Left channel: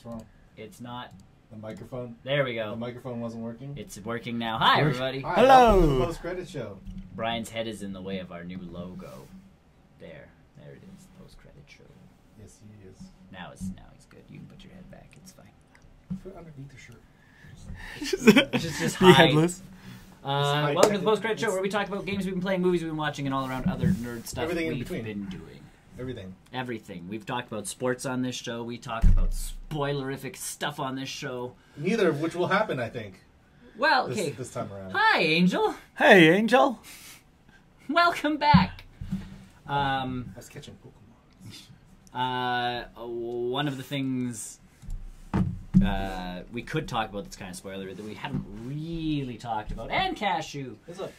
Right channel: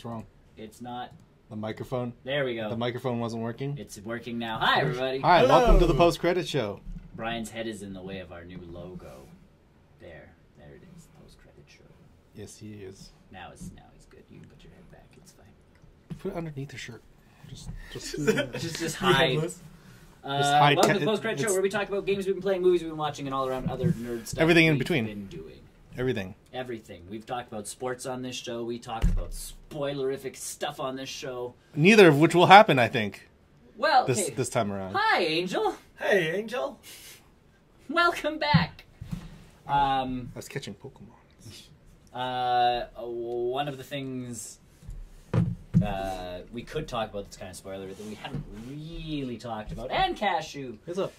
What's wrong? It's not. The microphone? There we go. The microphone wasn't working? It's working now. Hi, everybody. Hi, Hello. welcome to the post-credit show. Brian's head is in the way of our new logo. There it is. Post-credit show. Yes, he is. Now he's good. You can put your head back. It's fine. Put it underneath the shirt. Just Be hide. headless. Welcome to the Post-Credit Show, where we talk about games we've been playing, movies we've been watching, and all around other nerd stuff. Everything in we've between. Been doing. Everything. We've talked about sports on this show. We talked about spoilerific stuff on this show. Neither of which will happen, I think, Well, okay. this time around. Hi, Angel. Hey, Angel. Welcome back. I was catching Pokemon. One of the things we could talk about that's kind of spoiler that we haven't really talked about, and Cashew, What's up?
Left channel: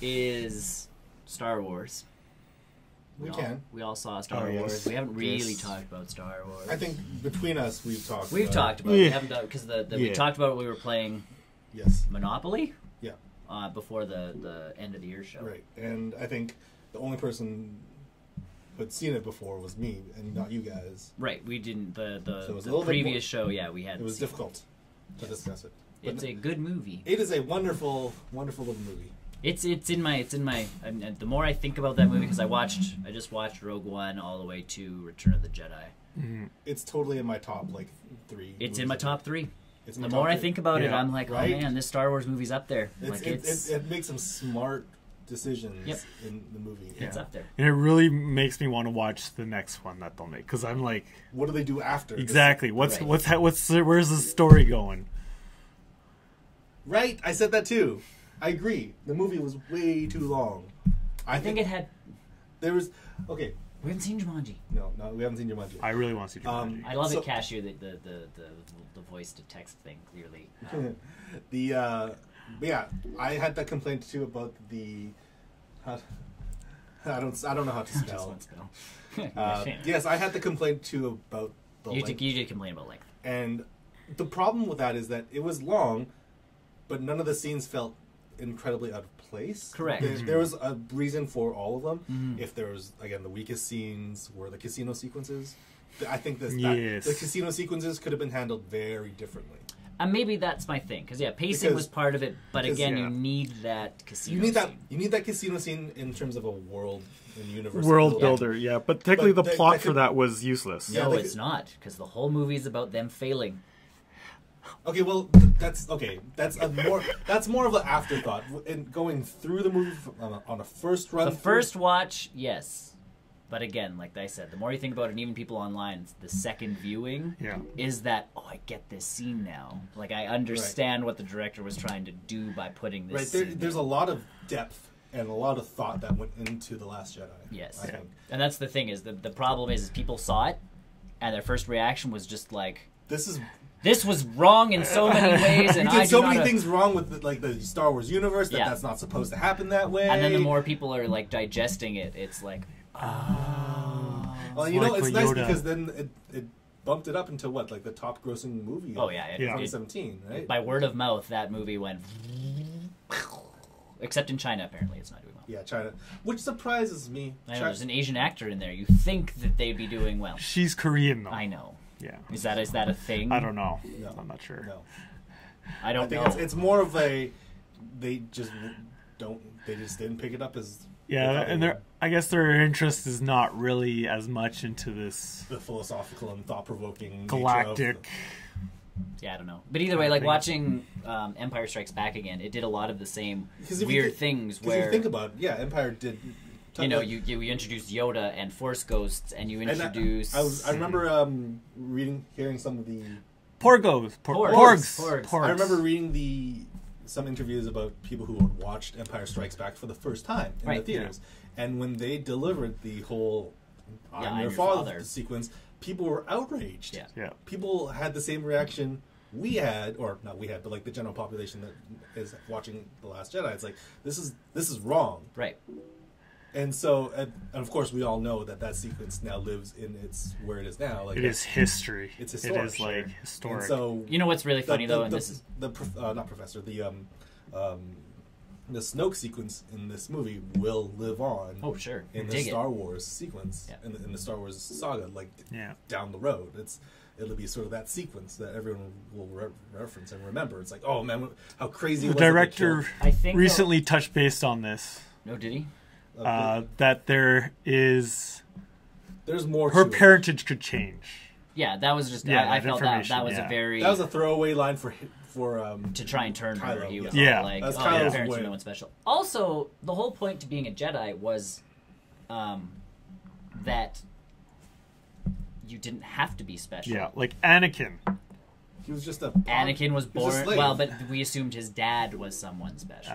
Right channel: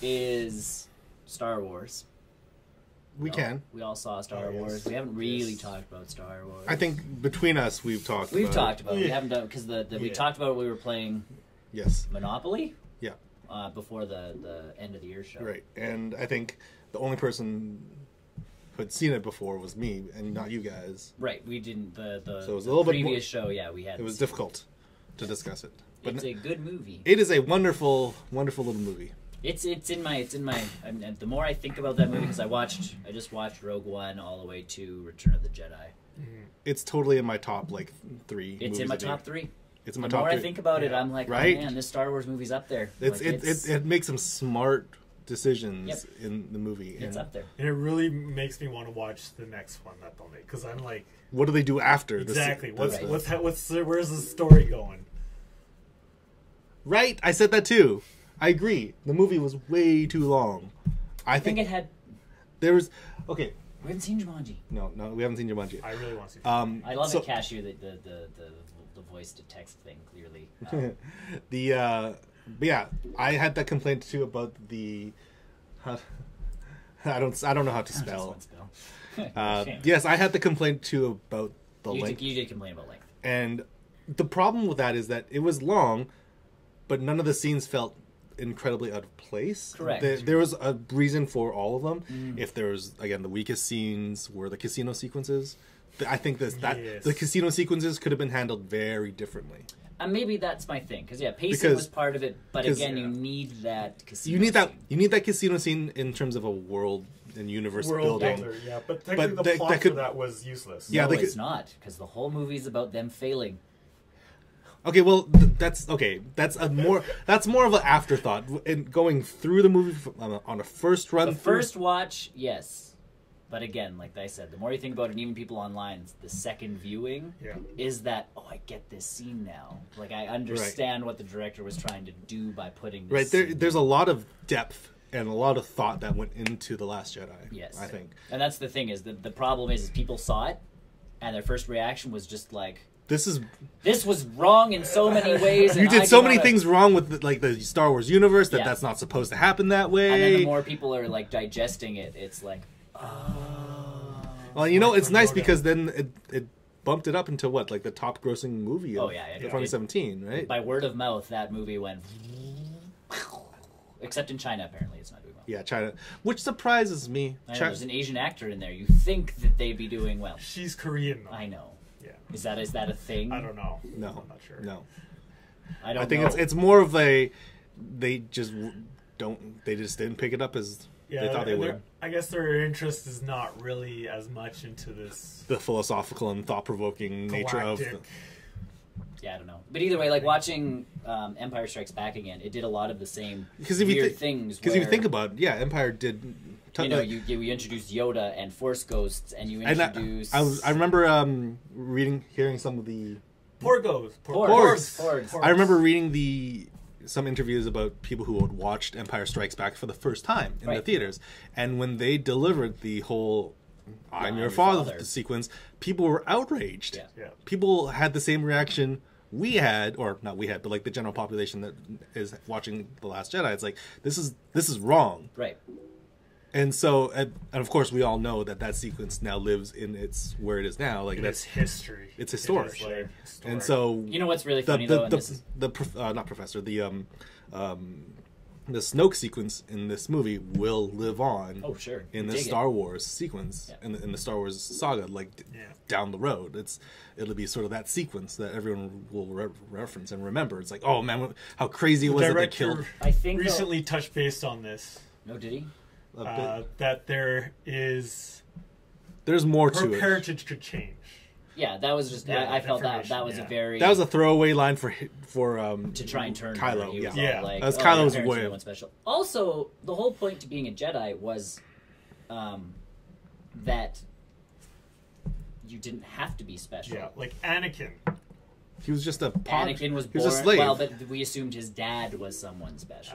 is Star Wars. We can. We all saw Star Oh, Wars. yes. We haven't really Yes. talked about Star Wars. I think between us, we've talked We've about talked about it. We haven't done because we Yeah. talked about we were playing Yes. Monopoly. Yeah. Before the end of the year show. Right. And I think the only person who had seen it before was me, and not you guys. Right. We didn't the So it was a the little bit previous show. Yeah, we had. It was difficult to discuss it. But It's a good movie. it is a wonderful, wonderful little movie. It's in my. I mean, the more I think about that movie, because I just watched Rogue One all the way to Return of the Jedi. It's totally in my top, 3. It's in my top 3. It's in my The top more I 3. think about it, I'm like, Right? oh man, this Star Wars movie's up there. It makes some smart decisions Yep. in the movie. It's up there. And it really makes me want to watch the next one that they'll make, because I'm like, What do they do after? exactly. This? Where's the story going? Right? I said that too. I agree. The movie was way too long. I think it had. There was... Okay. We haven't seen Jumanji. No, we haven't seen Jumanji. I really want to see. I love it, Cashew, the voice to text thing. Clearly, But yeah, I had that complaint too about the... I don't know how to spell. Yes, I had the complaint too about the length. You did complain about length. And the problem with that is that it was long, but none of the scenes felt incredibly out of place. Correct. There was a reason for all of them. If there was, again, the weakest scenes were the casino sequences. I think the casino sequences could have been handled very differently. Maybe that's my thing, because pacing was part of it, but again, you need that casino. You need that casino scene in terms of a world and universe builder, yeah. But technically, the plot for that was useless. Yeah, no, it's not, because the whole movie is about them failing. Okay, well, that's okay. That's more of an afterthought. In going through the movie on a first run. The first watch, yes. But again, like I said, the more you think about it, and even people online, the second viewing is that, oh, I get this scene now. Like, I understand what the director was trying to do by putting this scene. There's a lot of depth and a lot of thought that went into The Last Jedi. Yes. I think. And that's the thing, is the problem is people saw it, and their first reaction was just like, this was wrong in so many ways. And you did so many things wrong with the Star Wars universe that's not supposed to happen that way. And then the more people are like digesting it, it's like, oh. Well, it's nice because then it bumped it up into what, like the top grossing movie of 2017, right? By word of mouth, that movie went, except in China, apparently it's not doing well. Yeah, China, which surprises me. There's an Asian actor in there. You think that they'd be doing well. She's Korean, though. I know. Yeah. Is that a thing? I don't know. No, I'm not sure. No. I think it's more of a they just didn't pick it up as and I guess their interest is not really as much into this the philosophical and thought-provoking galactic. nature of I don't know. But either way, like watching Empire Strikes Back again, it did a lot lot of the same weird things. Because if you think about it, Empire did. You introduced Yoda and Force Ghosts, and you introduced. I remember hearing some of the Porgs. I remember reading some interviews about people who had watched Empire Strikes Back for the first time in the theaters, and when they delivered the whole "I'm your father" sequence, people were outraged. Yeah. People had the same reaction we had, or not we had, but like the general population that is watching The Last Jedi. It's like this is wrong, right? And so, and of course, we all know that sequence now lives in where it is now. Like it is history. It's historic. It is historic. And so, you know what's really funny though? Not professor. the Snoke sequence in this movie will live on. Oh, sure. In the Star Wars sequence, in the Star Wars saga, like down the road, it'll be sort of that sequence that everyone will reference and remember. It's like, oh man, how crazy it was. The director recently touched base on this. No, did he? That there's more. Her parentage could change. Yeah, that was just. I felt that was a very. That was a throwaway line for to try and turn Kylo. Her. Yeah, like, that's Kylo's way. Special. Also, the whole point to being a Jedi was that you didn't have to be special. Yeah, like Anakin. He was just a. Anakin was born. Well, but we assumed his dad was someone special.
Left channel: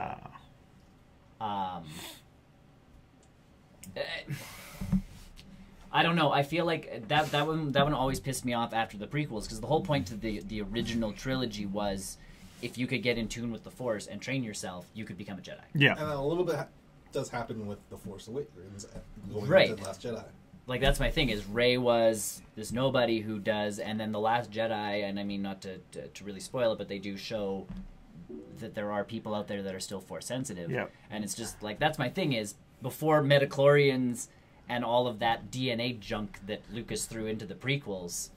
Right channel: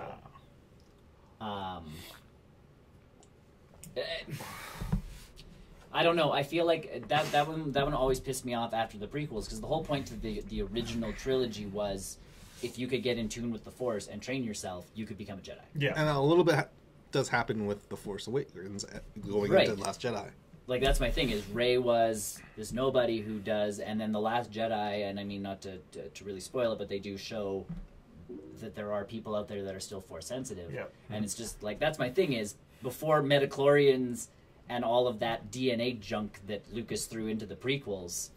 I don't know. I feel like that one always pissed me off after the prequels, because the whole point to the original trilogy was if you could get in tune with the Force and train yourself, you could become a Jedi. Yeah, and a little bit does happen with the Force Awakens going into the Last Jedi. Like, that's my thing, is Rey was this nobody who does, and then the Last Jedi, and I mean, not to really spoil it, but they do show that there are people out there that are still Force sensitive. Yeah. And it's just like, that's my thing, is before midichlorians and all of that DNA junk that Lucas threw into the prequels,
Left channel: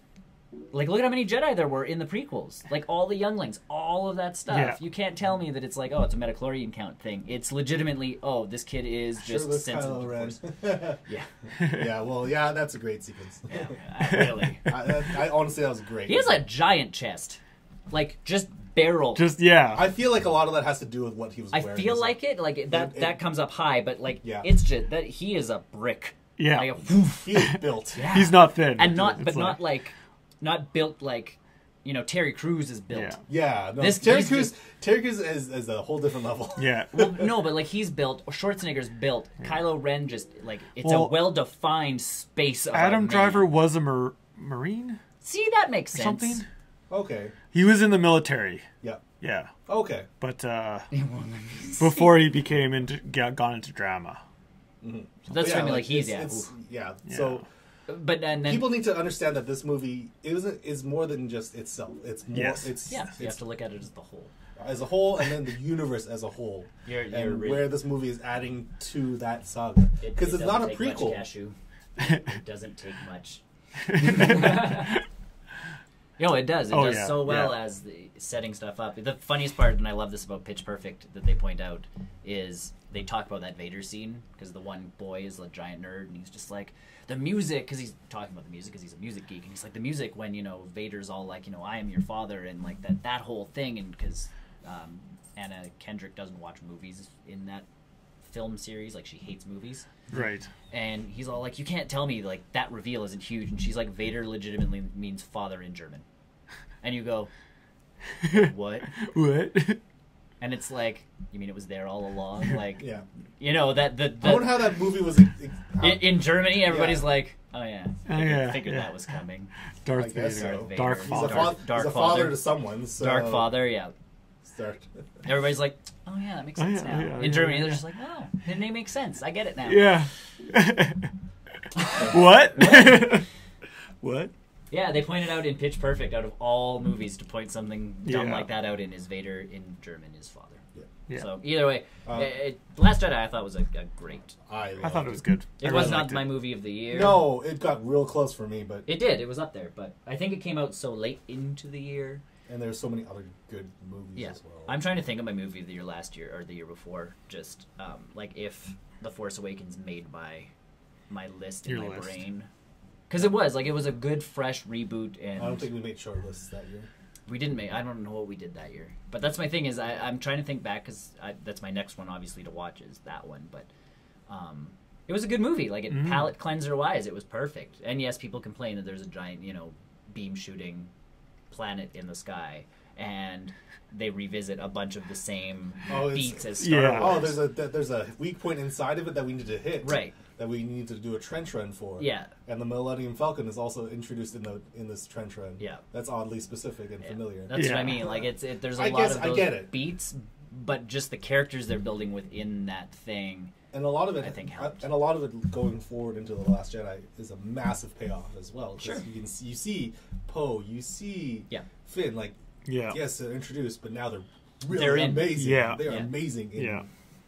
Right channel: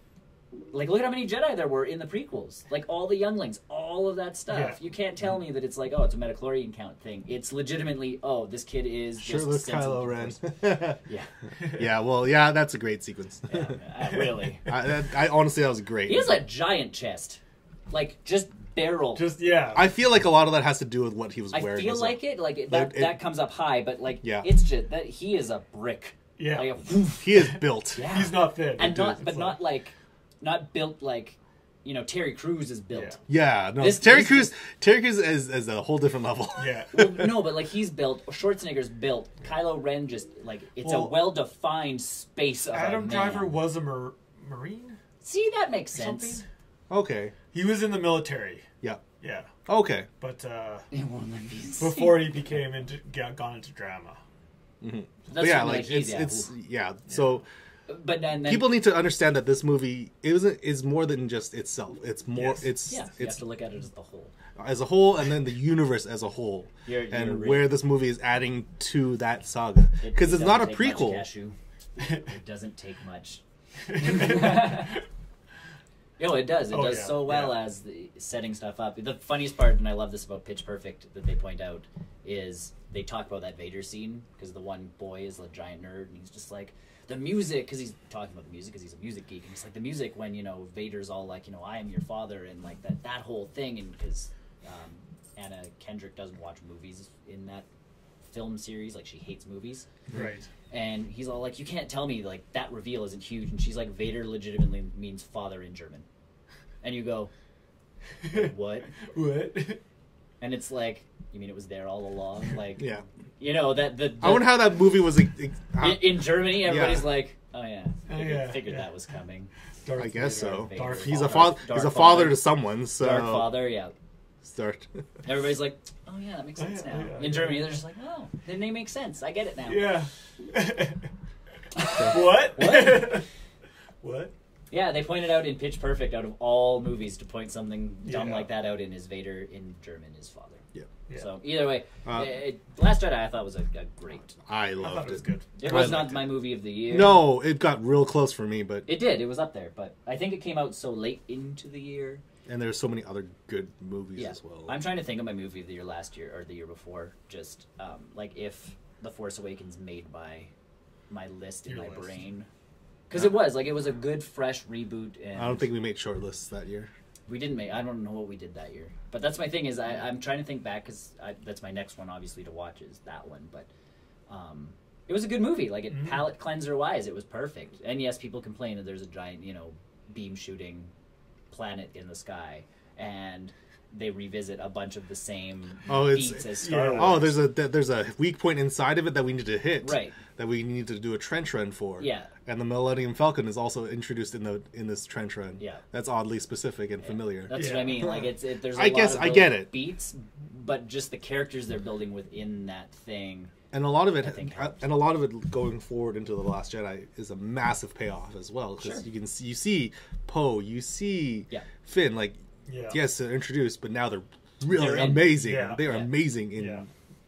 like, look at how many Jedi there were in the prequels. Like, all the younglings, all of that stuff. Yeah. You can't tell me that it's like, oh, it's a midichlorian count thing. It's legitimately, oh, this kid is just Kylo Ren. Yeah. Yeah, well, yeah, that's a great sequence. Yeah, really. I honestly, that was great. He has a giant chest. Like, just barrel. Just, yeah. I feel like a lot of that has to do with what he was wearing. I feel like it. Like, that comes up high, but, like, it's just that he is a brick. Yeah. Like he is built. Yeah. He's not thin. And not built like, you know, Terry Crews is built. Yeah. No, Terry Crews is a whole different level. Yeah. Well, no, but like, he's built. Schwarzenegger's built. Yeah. Kylo Ren just like, it's a well-defined space. Adam Driver was a Marine. See, that makes sense. Something. Okay. He was in the military. Yeah. Yeah. Okay. But before he gone into drama. Mm-hmm. So that's So. But then people need to understand that this movie is more than just itself. It's more. You have to look at it as a whole, and then the universe as a whole, and where this movie is adding to that saga. Because it's not a prequel. It doesn't take much. No, it does. It does so well as setting stuff up. The funniest part, and I love this about Pitch Perfect that they point out, is they talk about that Vader scene, because the one boy is a giant nerd, and he's just like, the music, because he's talking about the music, because he's a music geek, and he's like, the music when, you know, Vader's all like, you know, I am your father, and like that whole thing, and because Anna Kendrick doesn't watch movies in that film series, like, she hates movies. Right. And he's all like, you can't tell me, like, that reveal isn't huge, and she's like, Vader legitimately means father in German. And you go, what? What? And it's like, you mean it was there all along? Like, yeah. You know, I wonder how that movie was... in Germany, everybody's like, oh yeah. I figured yeah. that was coming. I guess so. Dark He's father. He's a father to someone, so... Dark father, yeah. Everybody's like, oh yeah, that makes sense now. In Germany, they're just like, oh, the name makes sense. I get it now. Yeah. What? What? Yeah, they pointed out in Pitch Perfect, out of all movies, to point something dumb like that out in is Vader in German is father. Yeah. So either way, Last Jedi I thought was a great. I thought it was good. It was not my movie of the year. No, it got real close for me, but it did. It was up there, but I think it came out so late into the year. And there's so many other good movies as well. I'm trying to think of my movie of the year last year or the year before. Just like if The Force Awakens made my list in my brain, because it was a good fresh reboot. And I don't think we made short lists that year. We didn't make. I don't know what we did that year. But that's my thing, is I'm trying to think back, because that's my next one, obviously, to watch is that one. But it was a good movie. Like, palate cleanser wise, it was perfect. And yes, people complain that there's a giant, you know, beam shooting planet in the sky, and they revisit a bunch of the same beats as Star Wars. Oh, there's a weak point inside of it that we need to hit. Right. That we need to do a trench run for. Yeah. And the Millennium Falcon is also introduced in this trench run. Yeah. That's oddly specific and familiar. That's what I mean. Like, there's a lot of those beats, but just the characters they're building within that thing. And a lot of it, going forward into The Last Jedi is a massive payoff as well. Because you see Poe, you see Finn. Like, yes, they're introduced, but now they're really amazing. Yeah. They are amazing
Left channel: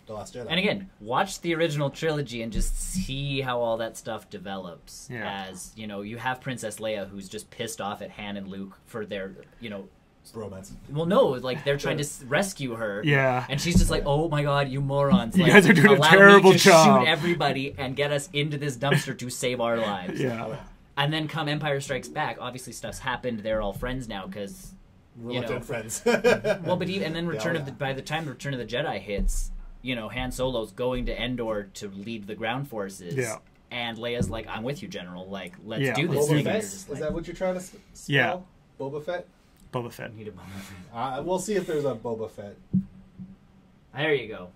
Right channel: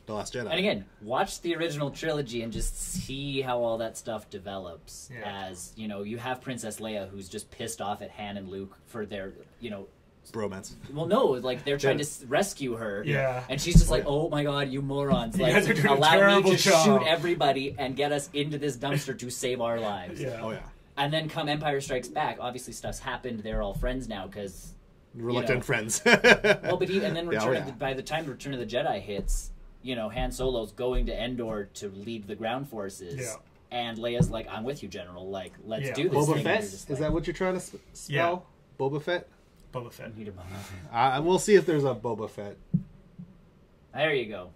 The Last Jedi. And again, watch the original trilogy and just see how all that stuff develops. Yeah. As, you know, you have Princess Leia who's just pissed off at Han and Luke for their, you know... Bromance. Well, no, like, they're trying to rescue her. Yeah. And she's just like, oh my god, you morons. You like, guys are doing a allow terrible me to job. shoot everybody and get us into this dumpster to save our lives. Yeah. Oh, yeah. And then come Empire Strikes Back, obviously stuff's happened, they're all friends now, because... Reluctant friends. Well, but and then by the time Return of the Jedi hits, you know, Han Solo's going to Endor to lead the ground forces. Yeah. And Leia's like, I'm with you, General. Like, let's do this. Boba thing. Fett? Like, Is that what you're trying to spell? Yeah. Boba Fett? Boba Fett. Need a Boba Fett. We'll see if there's a Boba Fett. There you go.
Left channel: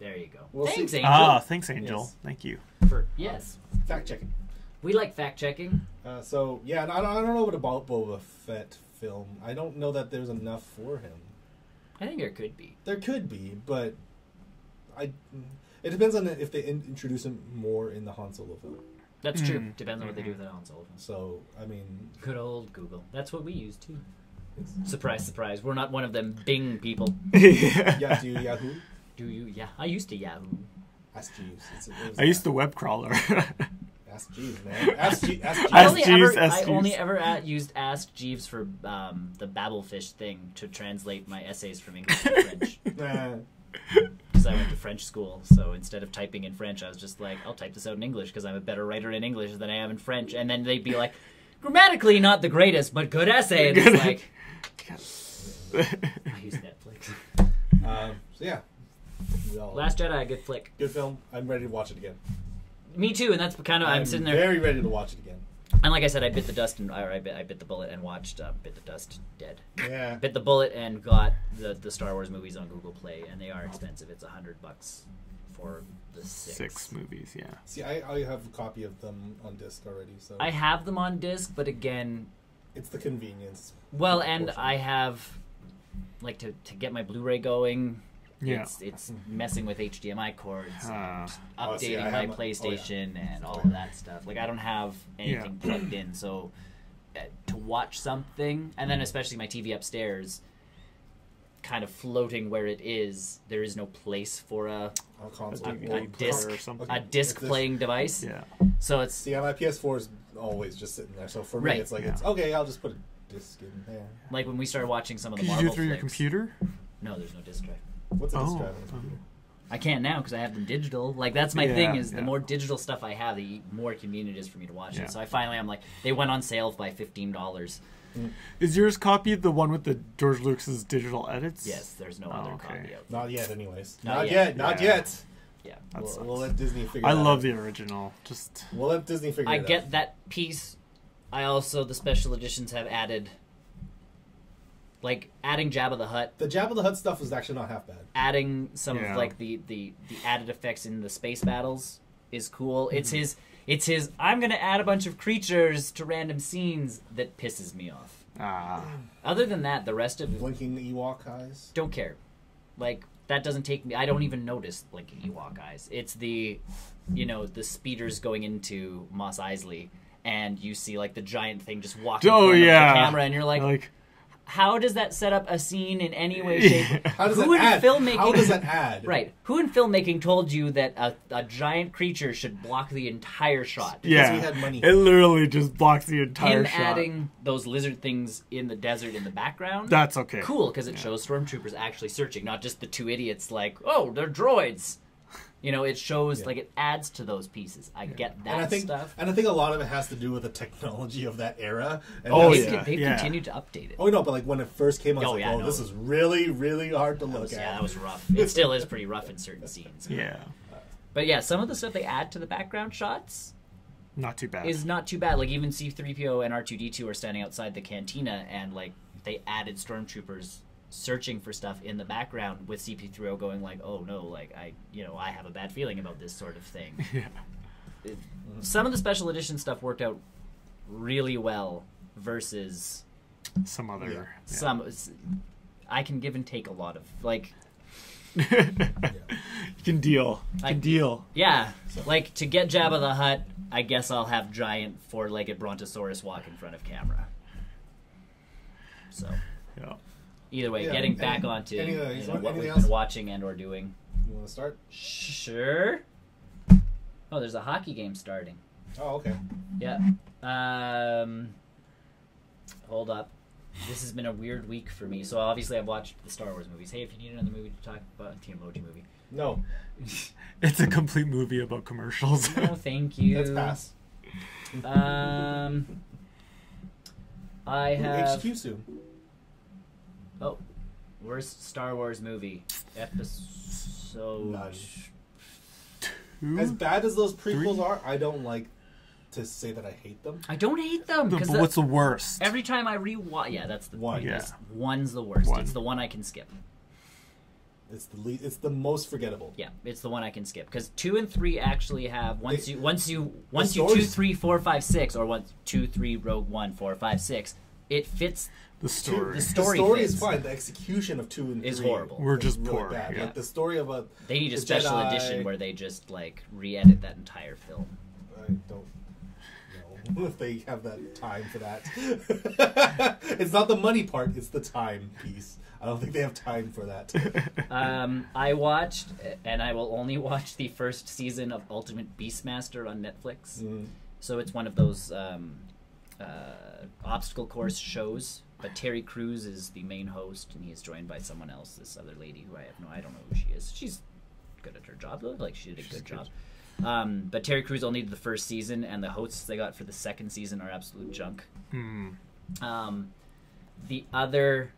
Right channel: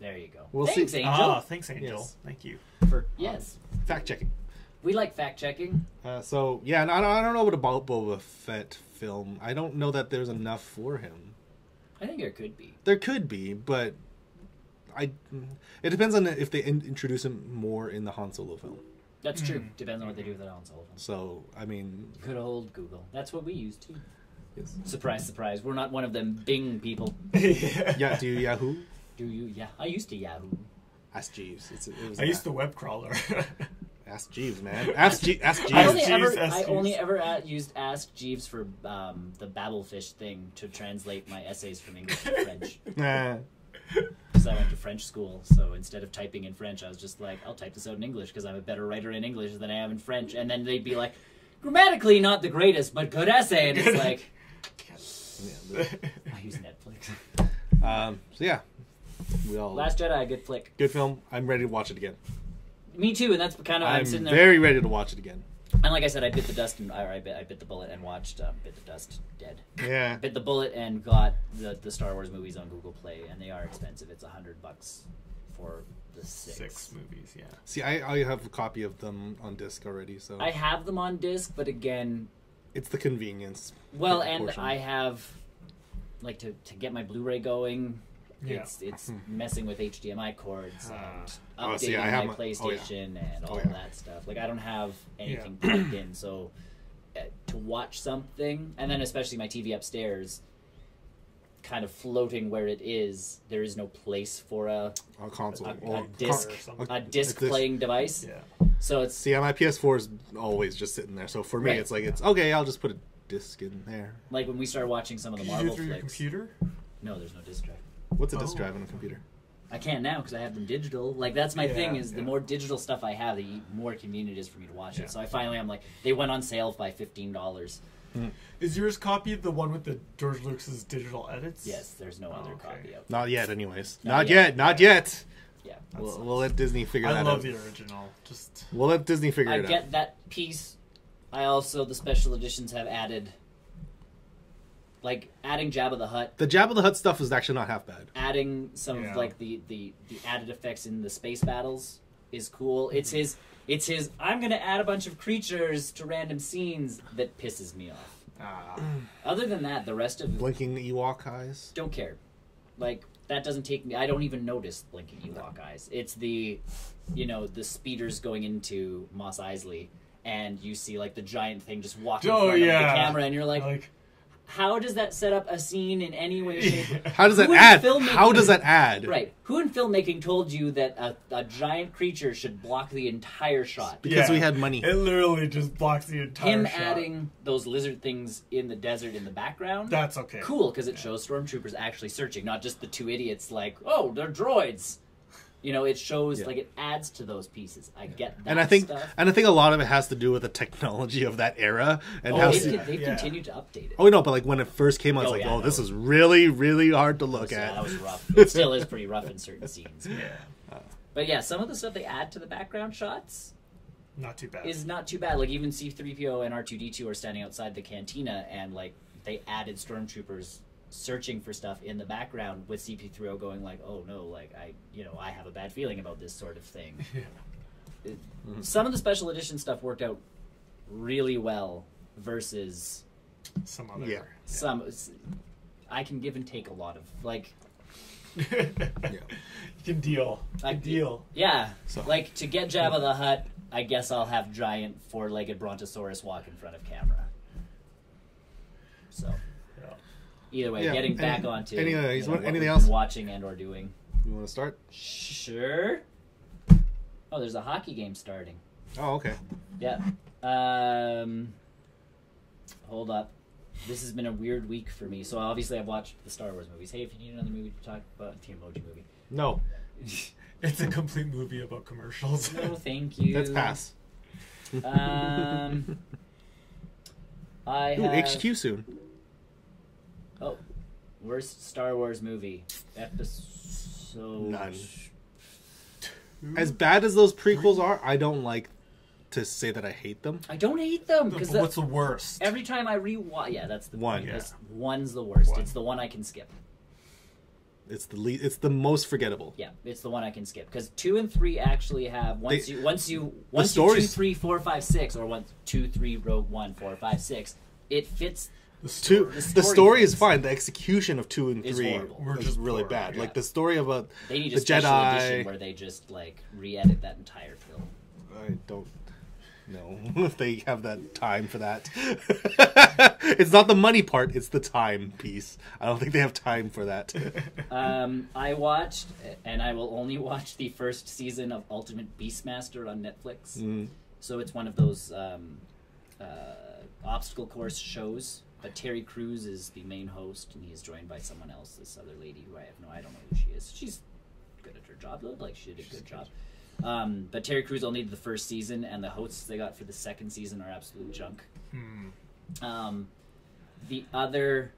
There you go. We'll Thanks, see. Angel. Thanks, Angel. Yes. Thank you. Yes. Fact checking. We like fact checking. So, yeah, I don't know what about Boba Fett film. I don't know that there's enough for him. I think there could be. There could be, but it depends on if they introduce him more in the Han Solo film. That's true. Depends on what they do with the Han Solo film. So, I mean... Good old Google. That's what we use, too. Yes. Surprise, surprise. We're not one of them Bing people. Yeah, do you Yahoo? Do you? Yeah. I used to Yahoo. Ask Jeeves. I used the web crawler. Ask Jeeves, man. Ask Jeeves. I only ever used Ask Jeeves for the Babelfish thing to translate my essays from English to French. Because I went to French school, so instead of typing in French, I was just like, I'll type this out in English because I'm a better writer in English than I am in French. And then they'd be like, grammatically not the greatest, but good essay. And it's like, I use Netflix. So yeah. Last Jedi, good flick. Good film. I'm ready to watch it again. Me too, and that's kind of I'm sitting there. Very ready to watch it again. And like I said, I bit the dust, I bit the bullet and watched Bit the Dust Dead. Yeah. Bit the bullet and got the Star Wars movies on Google Play, and they are expensive. It's $100 for the 6 movies. Yeah. See, I have a copy of them on disc already, so I have them on disc, but again, it's the convenience. Well, and I have like to get my Blu-ray going. Yeah. It's messing with HDMI cords, and updating my PlayStation and all of that stuff. Like, I don't have anything plugged in, so to watch something, and then especially my TV upstairs, kind of floating where it is, there is no place for a console, a disc playing device. Yeah. So it's my PS4 is always just sitting there. So for me, it's like it's okay. I'll just put a disc in there. Like when we started watching some of the Could Marvel you do it through flicks, your computer? No, there's no disc drive. What's a disc drive on a computer? I can't now because I have them digital. Like, that's my thing, is the more digital stuff I have, the more convenient it is for me to watch it. So I'm like, they went on sale by $15. Mm-hmm. Is yours copied the one with the George Lucas's digital edits? Yes, there's no other copy of Not yet, anyways. Not yet. Yeah. We'll let Disney figure it out. I love the original. We'll let Disney figure it out. I get that piece. The special editions have added... Like, adding Jabba the Hutt. The Jabba the Hutt stuff is actually not half bad. Adding some of, like, the added effects in the space battles is cool. Mm-hmm. It's his, I'm going to add a bunch of creatures to random scenes that pisses me off. Other than that, the rest of... Blinking Ewok eyes? Don't care. Like, that doesn't take me... I don't even notice blinking Ewok eyes. It's the speeders going into Mos Eisley, and you see, like, the giant thing just walking in front of the camera, and you're like how does that set up a scene in any way, shape? How does that add? How does that add? Right. Who in filmmaking told you that a giant creature should block the entire shot? Because we had money. It literally just blocks the entire shot. Adding those lizard things in the desert in the background. That's okay. Cool, because it shows stormtroopers actually searching, not just the two idiots like, oh, they're droids. It shows, like, it adds to those pieces. I get that stuff. And I think a lot of it has to do with the technology of that era. And they continue to update it. Oh, no, but, like, when it first came out, I was this is really, really hard to look at. Yeah, that was rough. It still is pretty rough in certain scenes. Yeah. But, yeah, some of the stuff they add to the background shots... Not too bad. Is not too bad. Like, even C-3PO and R2-D2 are standing outside the cantina, and, like, they added stormtroopers... searching for stuff in the background with CP3O going like, oh no, like I have a bad feeling about this sort of thing. Yeah. Some of the special edition stuff worked out really well versus some other. Yeah. Some I can give and take a lot of like. You can deal. Deal. Yeah, like to get Jabba the Hutt, I guess I'll have giant four-legged Brontosaurus walk in front of camera. So. Yeah. Either way, getting back onto anything else? watching and or doing. You want to start? Sure. Oh, there's a hockey game starting. Oh, okay. Yeah. Hold up. This has been a weird week for me. So obviously I've watched the Star Wars movies. Hey, if you need another movie to talk about, Team Emoji movie. No. It's a complete movie about commercials. Oh, thank you. Let's pass. I have... HQ soon. Oh. Worst Star Wars movie. Episode... None. As bad as those prequels are, I don't like to say that I hate them. I don't hate them. But what's the worst? Every time I rewatch... Yeah, that's the one. Yeah. One's the worst. It's the one I can skip. It's the most forgettable. Yeah, it's the one I can skip because 2 and 3 actually have once you 2, 3, 4, 5, 6 or 1, 2, 3, Rogue One, 4, 5, 6. It fits the story. The story is fine. The execution of 2 and 3 is horrible. We're just really poor, bad. Yeah. Like the story about they need the a special Jedi edition where they just like re-edit that entire film. I don't know if they have that time for that. It's not the money part; it's the time piece. I don't think they have time for that. I watched, and I will only watch the first season of Ultimate Beastmaster on Netflix. So it's one of those obstacle course shows. But Terry Crews is the main host, and he is joined by someone else, this other lady who I don't know who she is. She's good at her job, though. Like, she did a good job. But Terry Crews only did the first season, and the hosts they got for the second season are absolute junk. The other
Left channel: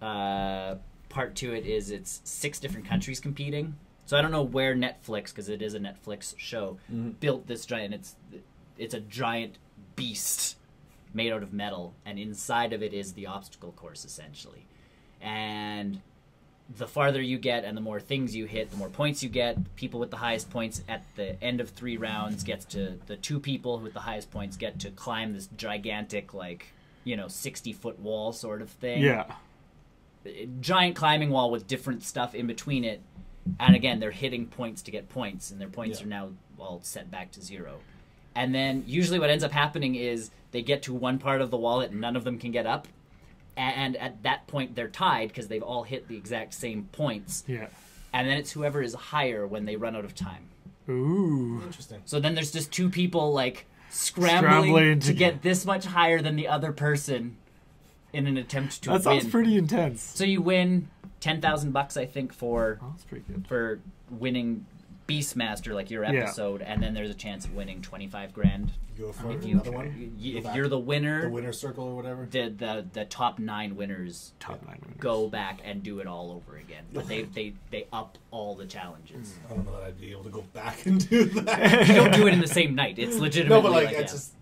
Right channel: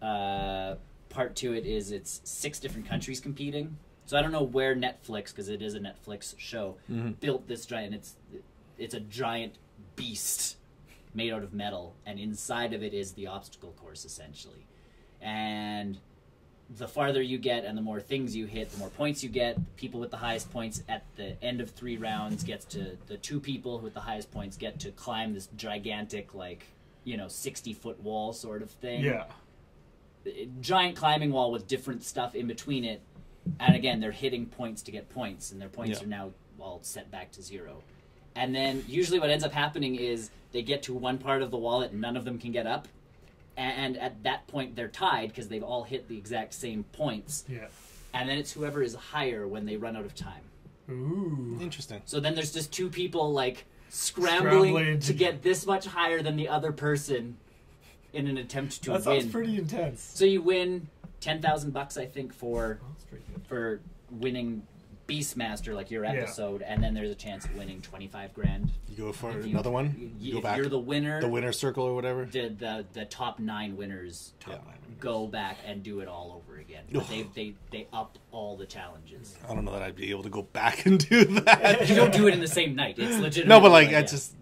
part to it is it's 6 different countries competing. So I don't know where Netflix, because it is a Netflix show, built this giant. It's a giant beast made out of metal, and inside of it is the obstacle course, essentially. And the farther you get and the more things you hit, the more points you get. People with the highest points at the end of 3 rounds gets to... The 2 people with the highest points get to climb this gigantic, like, 60-foot wall sort of thing. Yeah. Giant climbing wall with different stuff in between it. And again, they're hitting points to get points, and their points are now all set back to 0. And then usually what ends up happening is they get to one part of the wall that none of them can get up. And at that point, they're tied because they've all hit the exact same points. Yeah. And then it's whoever is higher when they run out of time. Ooh. Interesting. So then there's just 2 people, like, scrambling to get this much higher than the other person in an attempt to win. That sounds pretty intense. So you win $10,000, I think, for that's pretty good. For winning Beastmaster, like your episode, and then there's a chance of winning $25,000. You go for another one. If you're the winner, the winner's circle or whatever. The top 9 winners, go back and do it all over again. They up all the challenges. I don't know that I'd be able to go back and do that. You don't do it in the same night. It's legitimate. No, but like it's just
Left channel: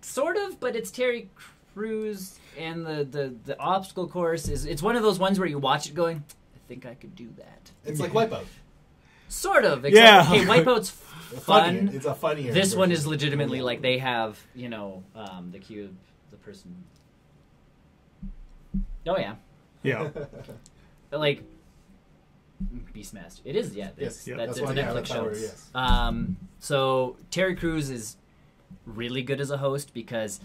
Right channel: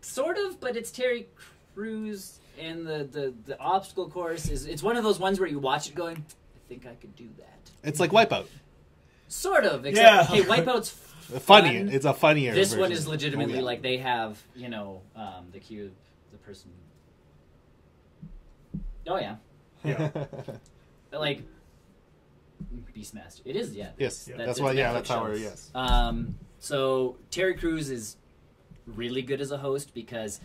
sort of. But it's Terry Crews, and the obstacle course it's one of those ones where you watch it going, I think I could do that. It's like Wipeout. Sort of. Yeah. Okay, Wipeout's funny. fun. It's a funnier. This version. one is legitimately like they have, the cue, the person. Oh yeah. Yeah. Like Beastmaster. It is, yeah. Yes. Yeah. That's why. Yeah. That's how. Yes. So Terry Crews is really good as a host because,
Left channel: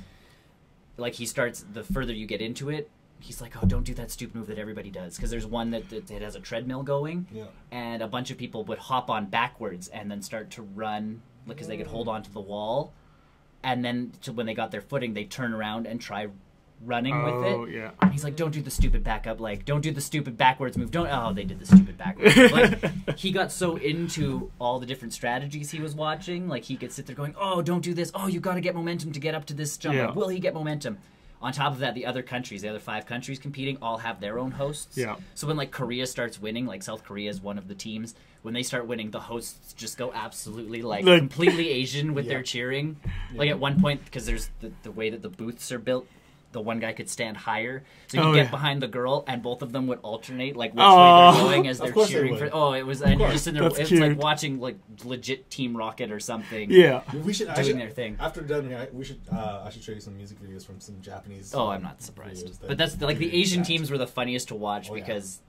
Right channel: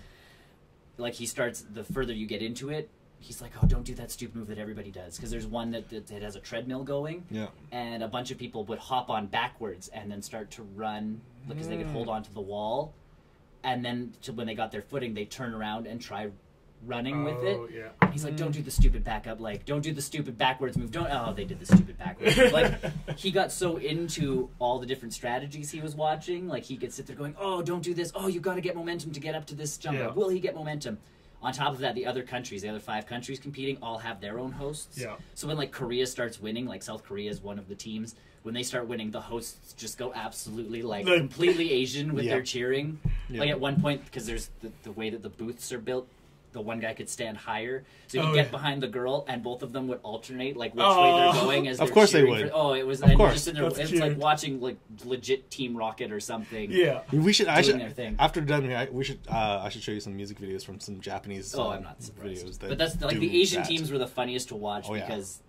like, he starts the further you get into it. He's like, oh, don't do that stupid move that everybody does. Because there's one that has a treadmill going. Yeah. And a bunch of people would hop on backwards and then start to run because they could hold onto the wall. And then when they got their footing, they turn around and try running with it. Oh, yeah. And he's like, don't do the stupid backup. Like, don't do the stupid backwards move. They did the stupid backwards move. Like, he got so into all the different strategies he was watching. Like, he could sit there going, oh, don't do this. Oh, you got to get momentum to get up to this jump. Yeah. Like, will he get momentum? On top of that, the other 5 countries competing all have their own hosts. Yeah. So when, like, Korea starts winning, like South Korea is one of the teams, when they start winning, the hosts just go absolutely, like completely Asian with their cheering. Yeah. Like, at one point, because there's the way that the booths are built, the one guy could stand higher. So he'd get behind the girl, and both of them would alternate, like, which way they're going as they're cheering. It was, and just in it's like watching, like, legit Team Rocket or something. Yeah. We should, their thing. After done, I should show you some music videos from some Japanese I'm not surprised. But that's, like, the Asian teams were the funniest to watch because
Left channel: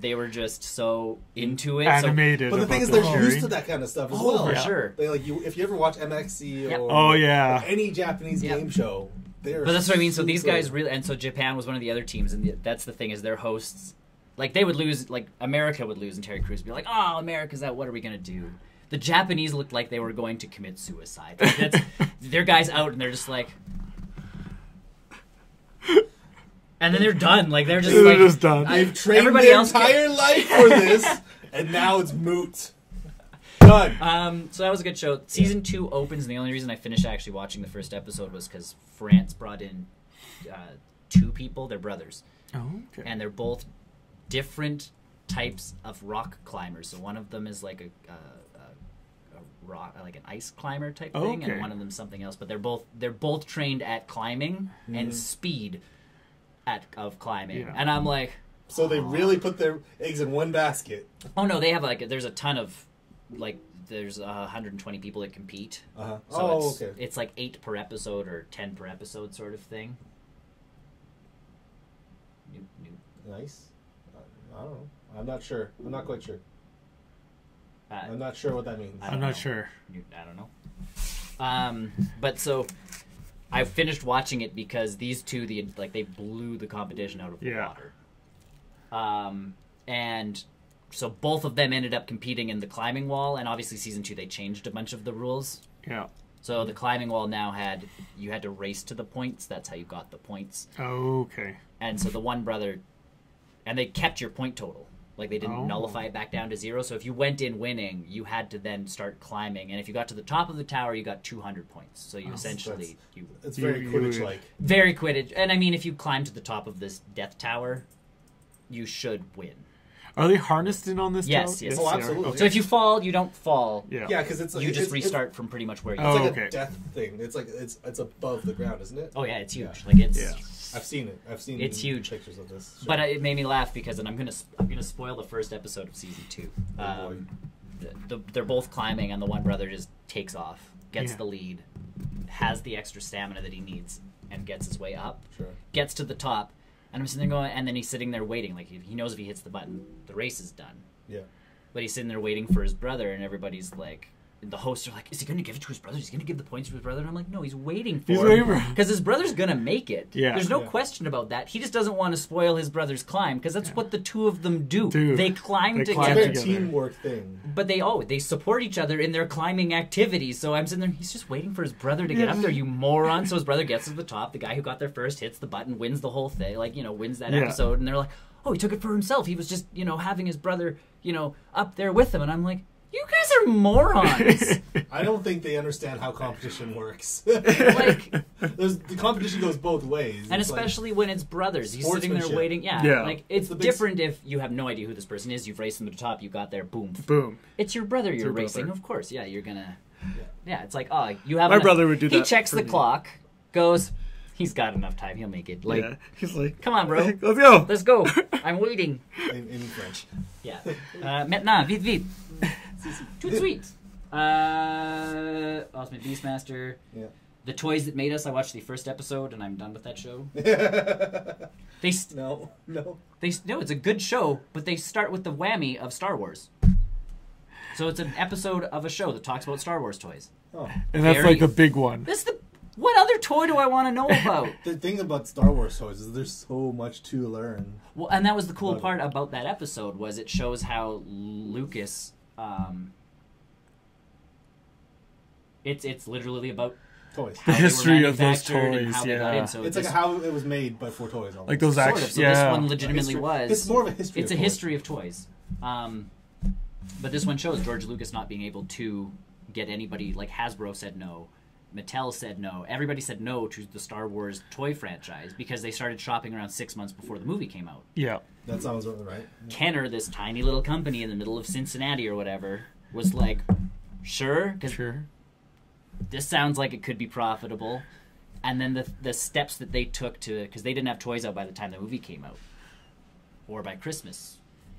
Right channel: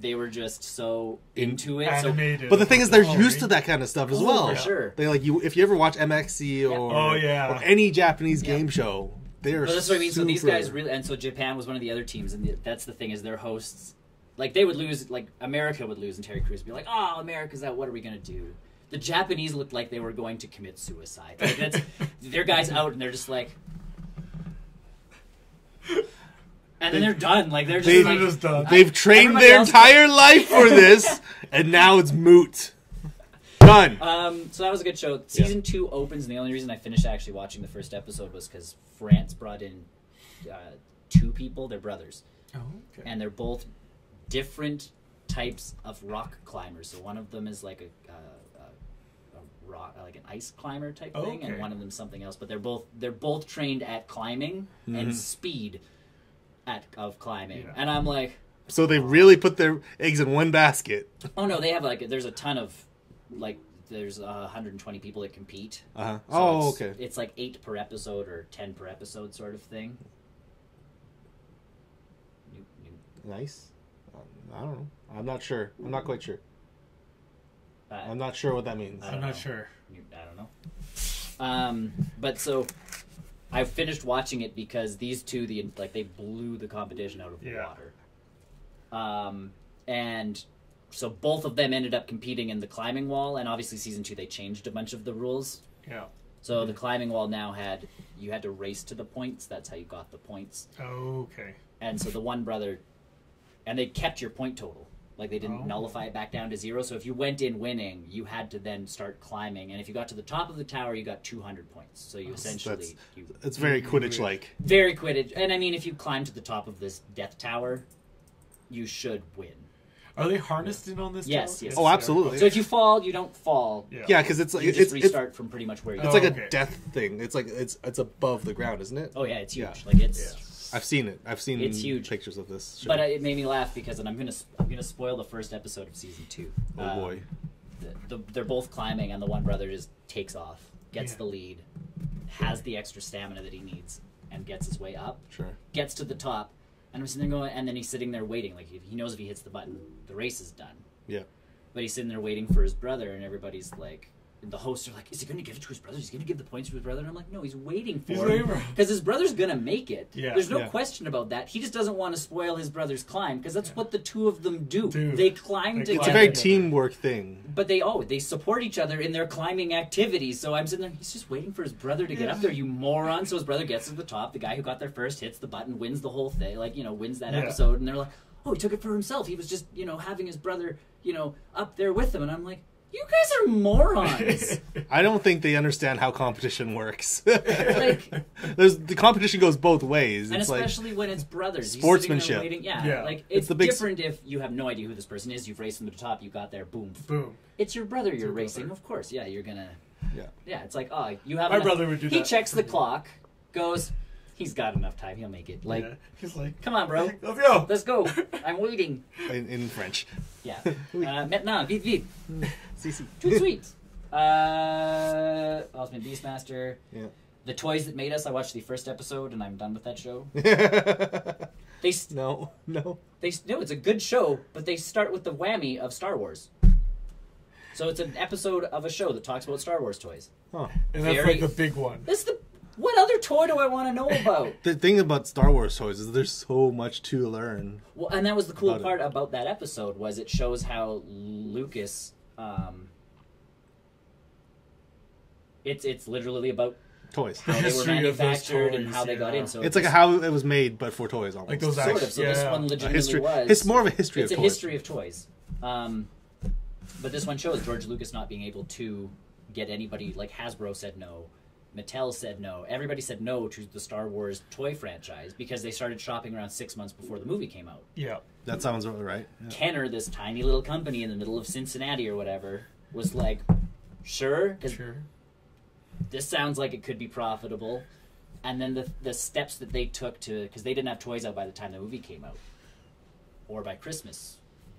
they were just so into it. Animated. But the thing is, they're used to that kind of stuff as well. For sure. They, like, if you ever watch MXC or any Japanese game show, but that's what I mean. So these guys really, and so Japan was one of the other teams, and that's the thing is their hosts like they would lose, like America would lose, and Terry Crews would be like, "Oh, America's out. What are we gonna do?" The Japanese looked like they were going to commit suicide. Like their guys out, and they're just like, and then they're done. Like they're just done. They've trained their entire life for this, and now it's moot. Done. So that was a good show. Season 2 opens, and the only reason I finished actually watching the first episode was because France brought in 2 people. They're brothers. Oh, okay. And they're both different types of rock climbers. So one of them is like a rock, like an ice climber type thing, and one of them's something else. But they're both trained at climbing and speed of climbing. Yeah. And I'm like, so they really put their eggs in one basket. Oh no, they have there's a ton of there's 120 people that compete. So okay. It's like 8 per episode or 10 per episode sort of thing. Nice. I don't know. I'm not sure. I'm not quite sure. I'm not sure what that means. I'm not sure. I don't know. But so I finished watching it because these two, they blew the competition out of the water. And so both of them ended up competing in the climbing wall, and obviously season 2 they changed a bunch of the rules. Yeah. So the climbing wall now you had to race to the points. That's how you got the points. Okay. And so the one brother, and they kept your point total. Like they didn't nullify it back down to 0. So if you went in winning, you had to then start climbing. And if you got to the top of the tower, you got 200 points. So you essentially... It's very Quidditch-like. Very Quidditch. And I mean, if you climb to the top of this death tower, you should win. Are they harnessed in on this tower? Yes. Oh, absolutely. So if you fall, you don't fall. Yeah, because it's like... You just restart from pretty much where you are. It's like a death thing. It's like it's above the ground, isn't it? Oh, yeah, it's huge. Yeah. Like it's... Yeah. I've seen it. It's huge. Pictures of this show. But it made me laugh because, and I'm gonna spoil the first episode of season 2. Oh boy! They're both climbing, and the one brother just takes off, gets the lead, has the extra stamina that he needs, and gets his way up. Sure. Gets to the top, and I'm sitting there going, and then he's sitting there waiting, like he knows if he hits the button, the race is done. Yeah. But he's sitting there waiting for his brother, and everybody's like. The hosts are like, is he going to give it to his brother? Is he going to give the points to his brother? And I'm like, no, he's waiting for him. Because his brother's going to make it. Yeah. There's no question about that. He just doesn't want to spoil his brother's climb, because that's what the two of them do. They climb together. It's a very teamwork thing. But they support each other in their climbing activities. So I'm sitting there, he's just waiting for his brother to get up there, you moron. So his brother gets to the top. The guy who got there first hits the button, wins the whole thing, wins that episode. And they're like, oh, he took it for himself. He was just, having his brother, up there with him. And I'm like, you guys are morons. I don't think they understand how competition works. The competition goes both ways. And especially when it's brothers. Sportsmanship. You're sitting there waiting. It's different if you have no idea who this person is. You've raced them to the top. You got there. Boom. Boom. It's your brother you're racing. Brother. Of course. Yeah, you're going to... Yeah, it's like, oh, you have... My brother would do that. He checks the clock, goes... He's got enough time. He'll make it. He's like, come on, bro. Let's go. Let's go. I'm waiting. In French. Yeah. Maintenant, vite, vite. Tout de suite. Ultimate Beastmaster. Yeah. The Toys That Made Us. I watched the first episode, and I'm done with that show. No. No, it's a good show, but they start with the whammy of Star Wars. So it's an episode of a show that talks about Star Wars toys. Oh. And that's like the big one. What other toy do I want to know about? The thing about Star Wars toys is there's so much to learn. Well, and that was the cool part about that episode, was it shows how Lucas... It's literally about... toys. The history of those toys, It's like how it was made, but for toys. Almost. Like those actually... So this one legitimately was... It's more of a history of toys. It's a history of toys. But this one shows George Lucas not being able to get anybody... Like Hasbro said no. Mattel said no. Everybody said no to the Star Wars toy franchise because they started shopping around 6 months before the movie came out. Yeah. That sounds right. Yeah. Kenner, this tiny little company in the middle of Cincinnati or whatever, was like, sure. This sounds like it could be profitable. And then the steps that they took to... Because they didn't have toys out by the time the movie came out. Or by Christmas.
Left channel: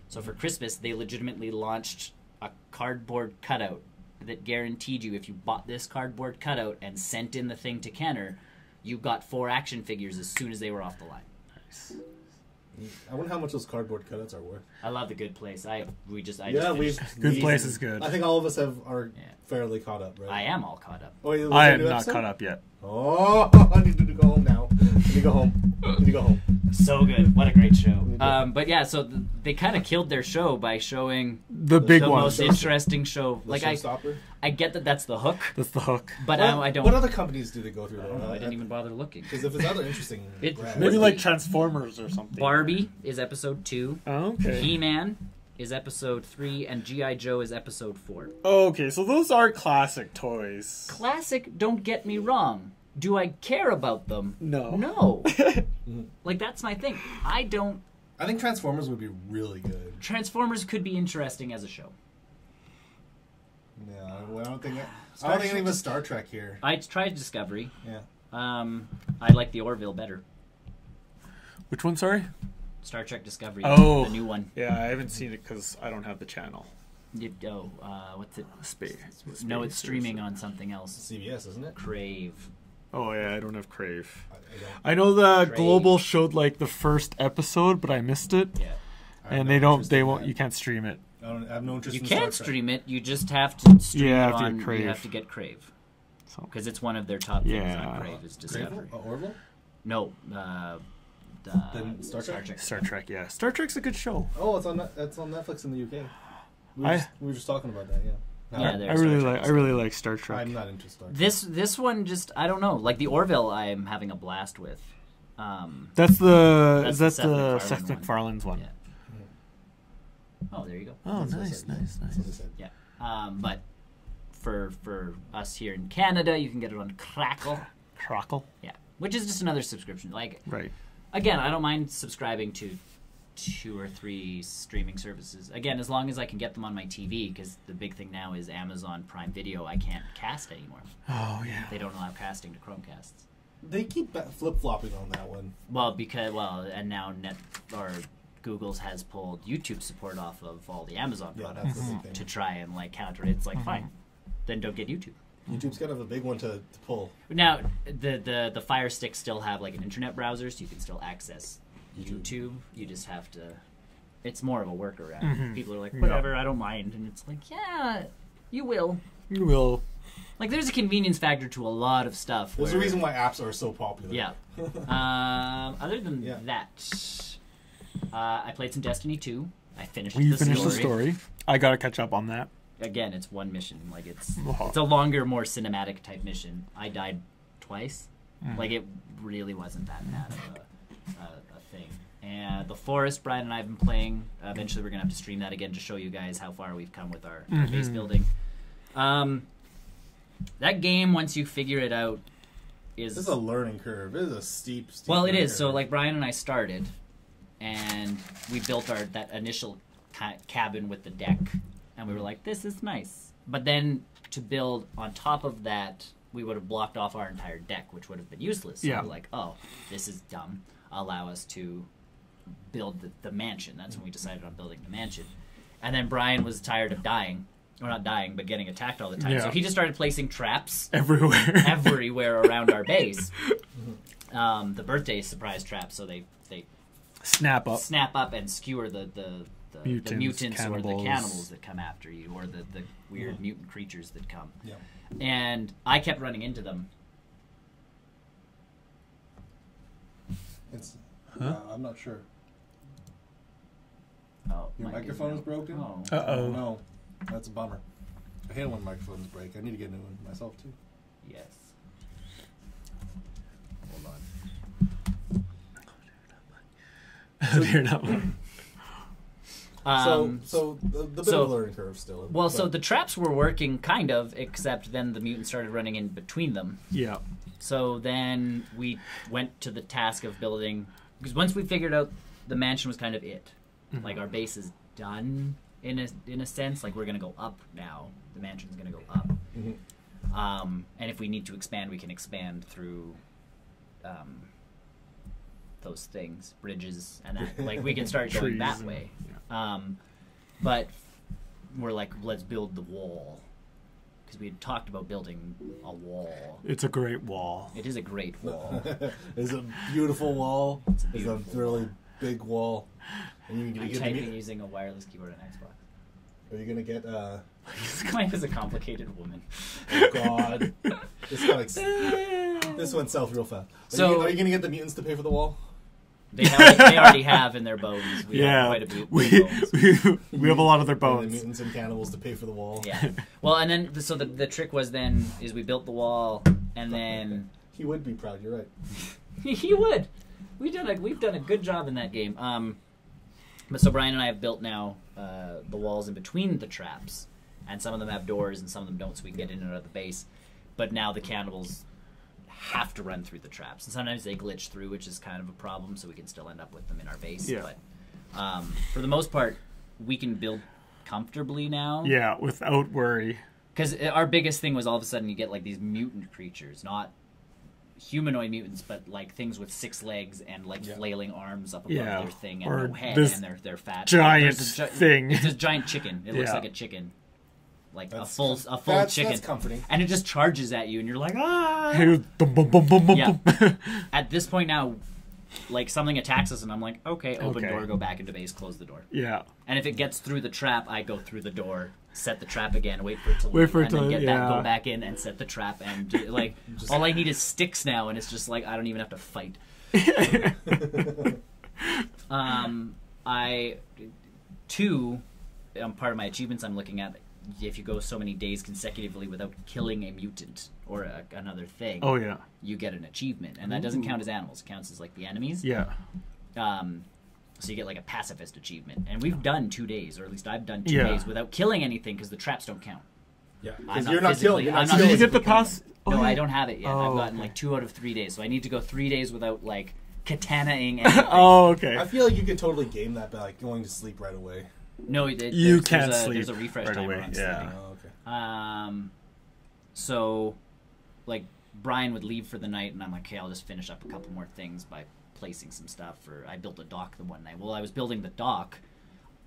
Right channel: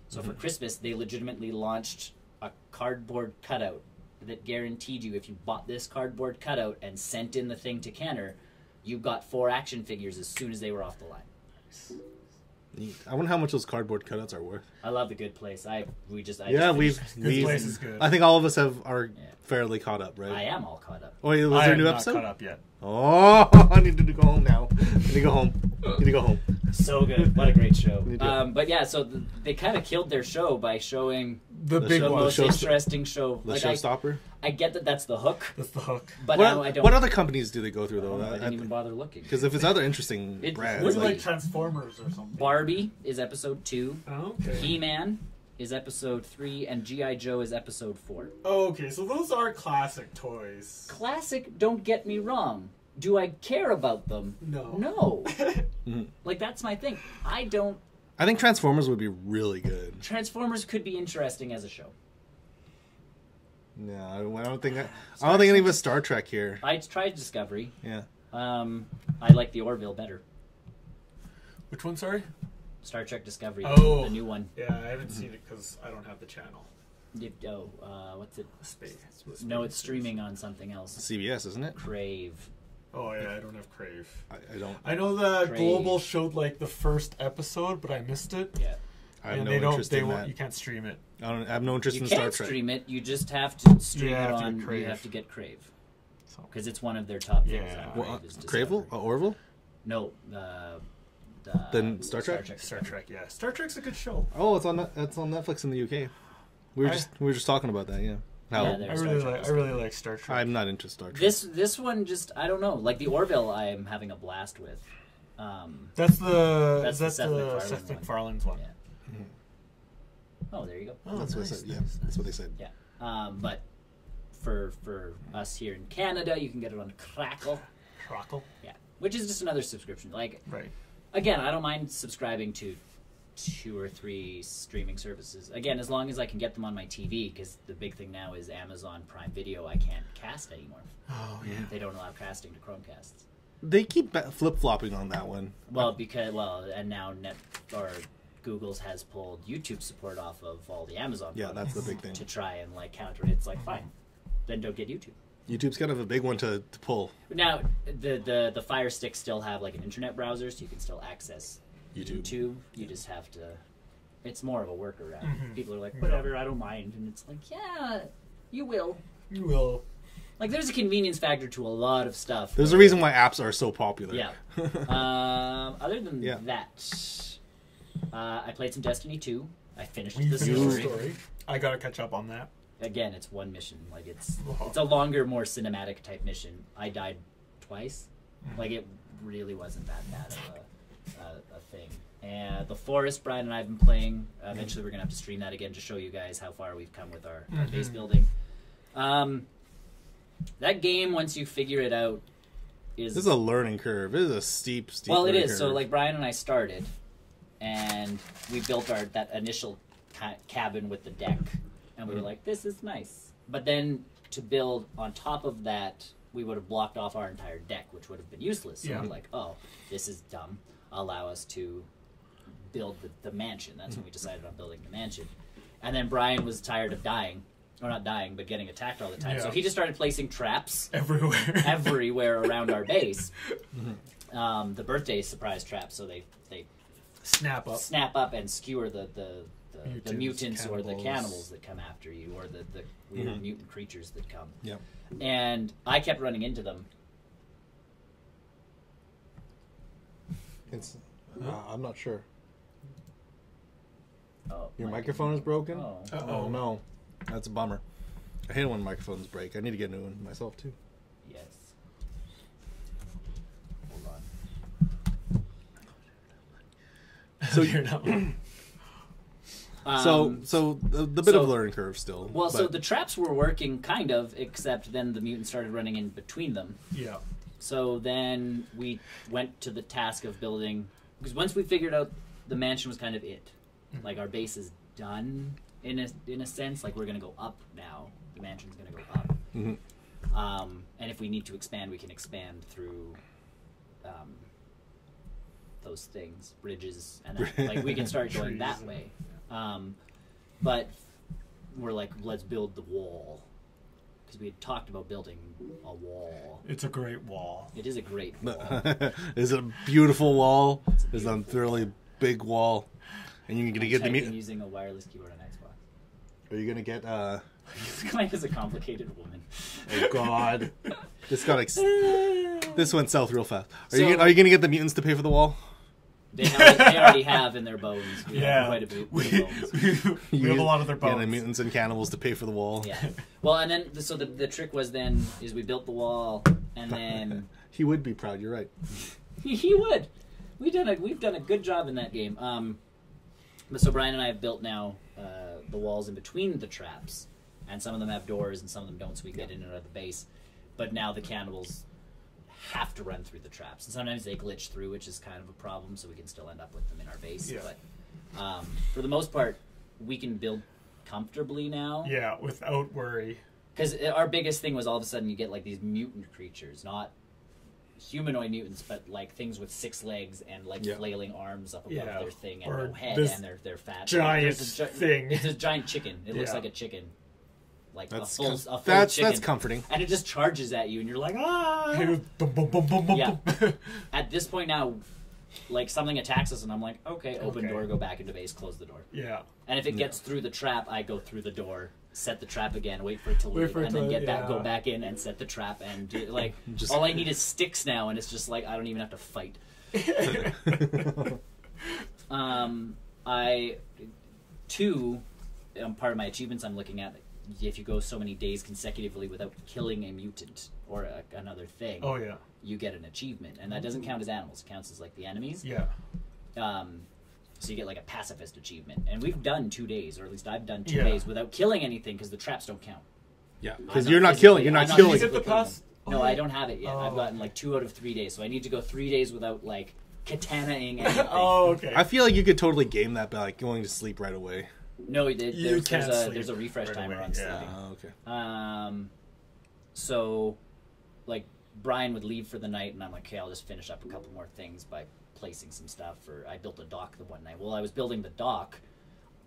So for Christmas, they legitimately launched a cardboard cutout that guaranteed you if you bought this cardboard cutout and sent in the thing to Kenner, you got 4 action figures as soon as they were off the line. Nice. I wonder how much those cardboard cutouts are worth. I love The Good Place. Good Place is good. I think all of us are fairly caught up, right? I am all caught up. Oh, I am not caught up yet. Oh, I need to go home now. I need to go home. So good. What a great show. But yeah, so they kind of killed their show by showing the big one. Most interesting show. The showstopper? I get that that's the hook. That's the hook. But now I don't. What other companies do they go through, though? I didn't even bother looking. Because if it's other interesting brands. Maybe like Transformers or something. Barbie is episode 2. Oh, okay. He-Man is episode 3, and G.I. Joe is episode 4. Okay, so those are classic toys. Classic, don't get me wrong. Do I care about them? No. No. Like, that's my thing. I don't... I think Transformers would be really good. Transformers could be interesting as a show. Yeah, I don't think that... I don't think any of us Star Trek here. I tried Discovery. Yeah. I like the Orville better. Which one, sorry? Star Trek Discovery. Oh. The new one. Yeah, I haven't seen it because I don't have the channel. What's it? Space. No, it's streaming on something else. CBS, isn't it? Crave. Oh yeah, I don't have Crave. I know the Crave. Global showed like the first episode, but I missed it. Yeah. And they won't. You can't stream it. I have no interest You in Star can't Trek. stream it. You just have to stream Yeah, it have to on, get Crave. You have to get Crave. Because So it's one of their top things Yeah. on Crave. Is Discovery. Crave? Orville? No. Then Star Trek? Star Trek, yeah. Star Trek's a good show. Oh, that's on Netflix in the UK. We were just talking about that, yeah. Yeah, I really like Star Trek. I'm not into Star Trek. This one just, I don't know. Like the Orville, I am having a blast with. That's the That's Seth the Seth MacFarlane's one. Yeah. Oh, there you go. Oh, That's what nice, they said, yeah. nice. That's what they said. Yeah. But for us here in Canada, you can get it on Crackle. Crackle. Yeah. Which is just another subscription. Like, Right. again, I don't mind subscribing to 2 or 3 streaming services. Again, as long as I can get them on my TV, because the big thing now is Amazon Prime Video. I can't cast anymore. Oh yeah. They don't allow casting to Chromecasts. They keep flip-flopping on that one. And now Google's has pulled YouTube support off of all the Amazon Yeah, products that's the big thing. to try and like counter it. It's like, fine, then don't get YouTube. YouTube's kind of a big one to pull. Now, the Fire Sticks still have like an internet browser, so you can still access YouTube. You just have to... It's more of a workaround. People are like, whatever, I don't mind. And it's like, yeah, you will. You will. Like, there's a convenience factor to a lot of stuff. There's a reason why apps are so popular. Yeah. Other than that, I played some Destiny 2. I finished the story. I gotta catch up on that. Again, it's one mission. Like it's a longer, more cinematic type mission. I died twice. Like it really wasn't that bad of a thing. And The Forest, Brian and I have been playing. Eventually, we're gonna have to stream that again to show you guys how far we've come with our base building. That game, once you figure it out, This is a learning curve. It is a steep well, it is. curve. So, like, Brian and I started, and we built that initial cabin with the deck, and we were like, this is nice. But then, to build on top of that, we would have blocked off our entire deck, which would have been useless. So we're like, oh, this is dumb. Allow us to build the mansion. That's when we decided on building the mansion. And then Brian was tired of dying. Or not dying, but getting attacked all the time. Yeah. So he just started placing traps everywhere around our base. The birthday surprise traps, so they snap up and skewer the mutants or the cannibals that come after you, or the weird mutant creatures that come. Yeah. And I kept running into them. I'm not sure. Oh, your microphone is broken? Oh. Oh no. That's a bummer. I hate it when microphones break. I need to get a new one myself too. Yes. Hold on. So the bit of a learning curve still. Well, so the traps were working kind of, except then the mutants started running in between them. Yeah. So then we went to the task of building, because once we figured out the mansion was kind of it, like our base is done. In a sense, like we're going to go up now. The mansion's going to go up. And if we need to expand, we can expand through those things, bridges, and that. Like we can start going that way. But we're like, let's build the wall. Because we had talked about building a wall. It's a great wall. It is a great wall. It's a beautiful wall. It's a really big wall. And you're going to get using a wireless keyboard on Xbox. Are you going to get... This guy is a complicated woman. Oh, God. This went south real fast. Are you going to get the mutants to pay for the wall? They already have in their bones. We have a lot of their bones. The mutants and cannibals to pay for the wall. Yeah. Well, and then so the trick was then is we built the wall, and then he would be proud. You're right. He would. We've done a good job in that game. But so Brian and I have built now the walls in between the traps, and some of them have doors and some of them don't, so we can get in and out of the base. But now the cannibals have to run through the traps, and sometimes they glitch through, which is kind of a problem. So we can still end up with them in our base. Yeah. But for the most part, we can build comfortably now. Yeah, without worry. Because our biggest thing was all of a sudden you get like these mutant creatures, not humanoid mutants, but like things with 6 legs and like flailing arms up above their thing, and or no head, this and they're fat. Giant thing. It's a giant chicken. It looks like a chicken. Like a full chicken. That's comforting. And it just charges at you, and you're like, ah! At this point now, like something attacks us, and I'm like, okay, open door, go back into base, close the door. Yeah. And if it gets through the trap, I go through the door, set the trap again, wait for it to leave, and then go back in and set the trap, and like all I need is sticks now, and it's just like I don't even have to fight. Part of my achievements I'm looking at. If you go so many days consecutively without killing a mutant or another thing, you get an achievement, and that doesn't count as animals. It counts as like the enemies. Yeah. So you get like a pacifist achievement, and we've done 2 days, or at least I've done 2 days without killing anything because the traps don't count. Yeah, because you're not killing. You're not killing. Did you get the pass? No, I don't have it yet. I've gotten like 2 out of 3 days, so I need to go 3 days without like katana-ing anything. Okay. I feel like you could totally game that by like going to sleep right away. No, you can't sleep there's a refresh right timer away. on Yeah. Oh, okay. So, like, Brian would leave for the night, and I'm like, okay, I'll just finish up a couple more things by placing some stuff. I built a dock the one night. Well, I was building the dock.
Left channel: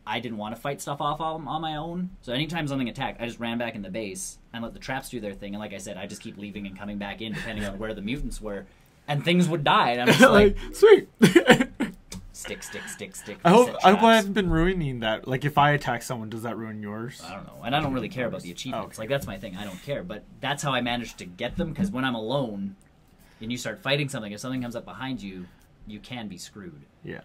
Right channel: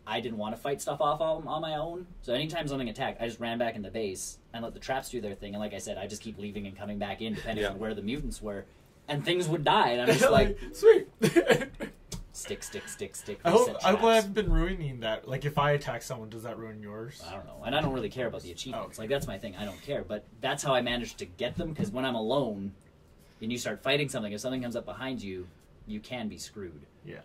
I didn't want to fight stuff off on my own. So anytime something attacked, I just ran back in the base and let the traps do their thing. And like I said, I just keep leaving and coming back in, depending on where the mutants were. And things would die. And I'm just like, sweet. Stick. I hope I haven't been ruining that. Like, if I attack someone, does that ruin yours? I don't know. And I don't really care about the achievements. Like, that's my thing. I don't care. But that's how I managed to get them, because when I'm alone and you start fighting something, if something comes up behind you, you can be screwed. Yeah.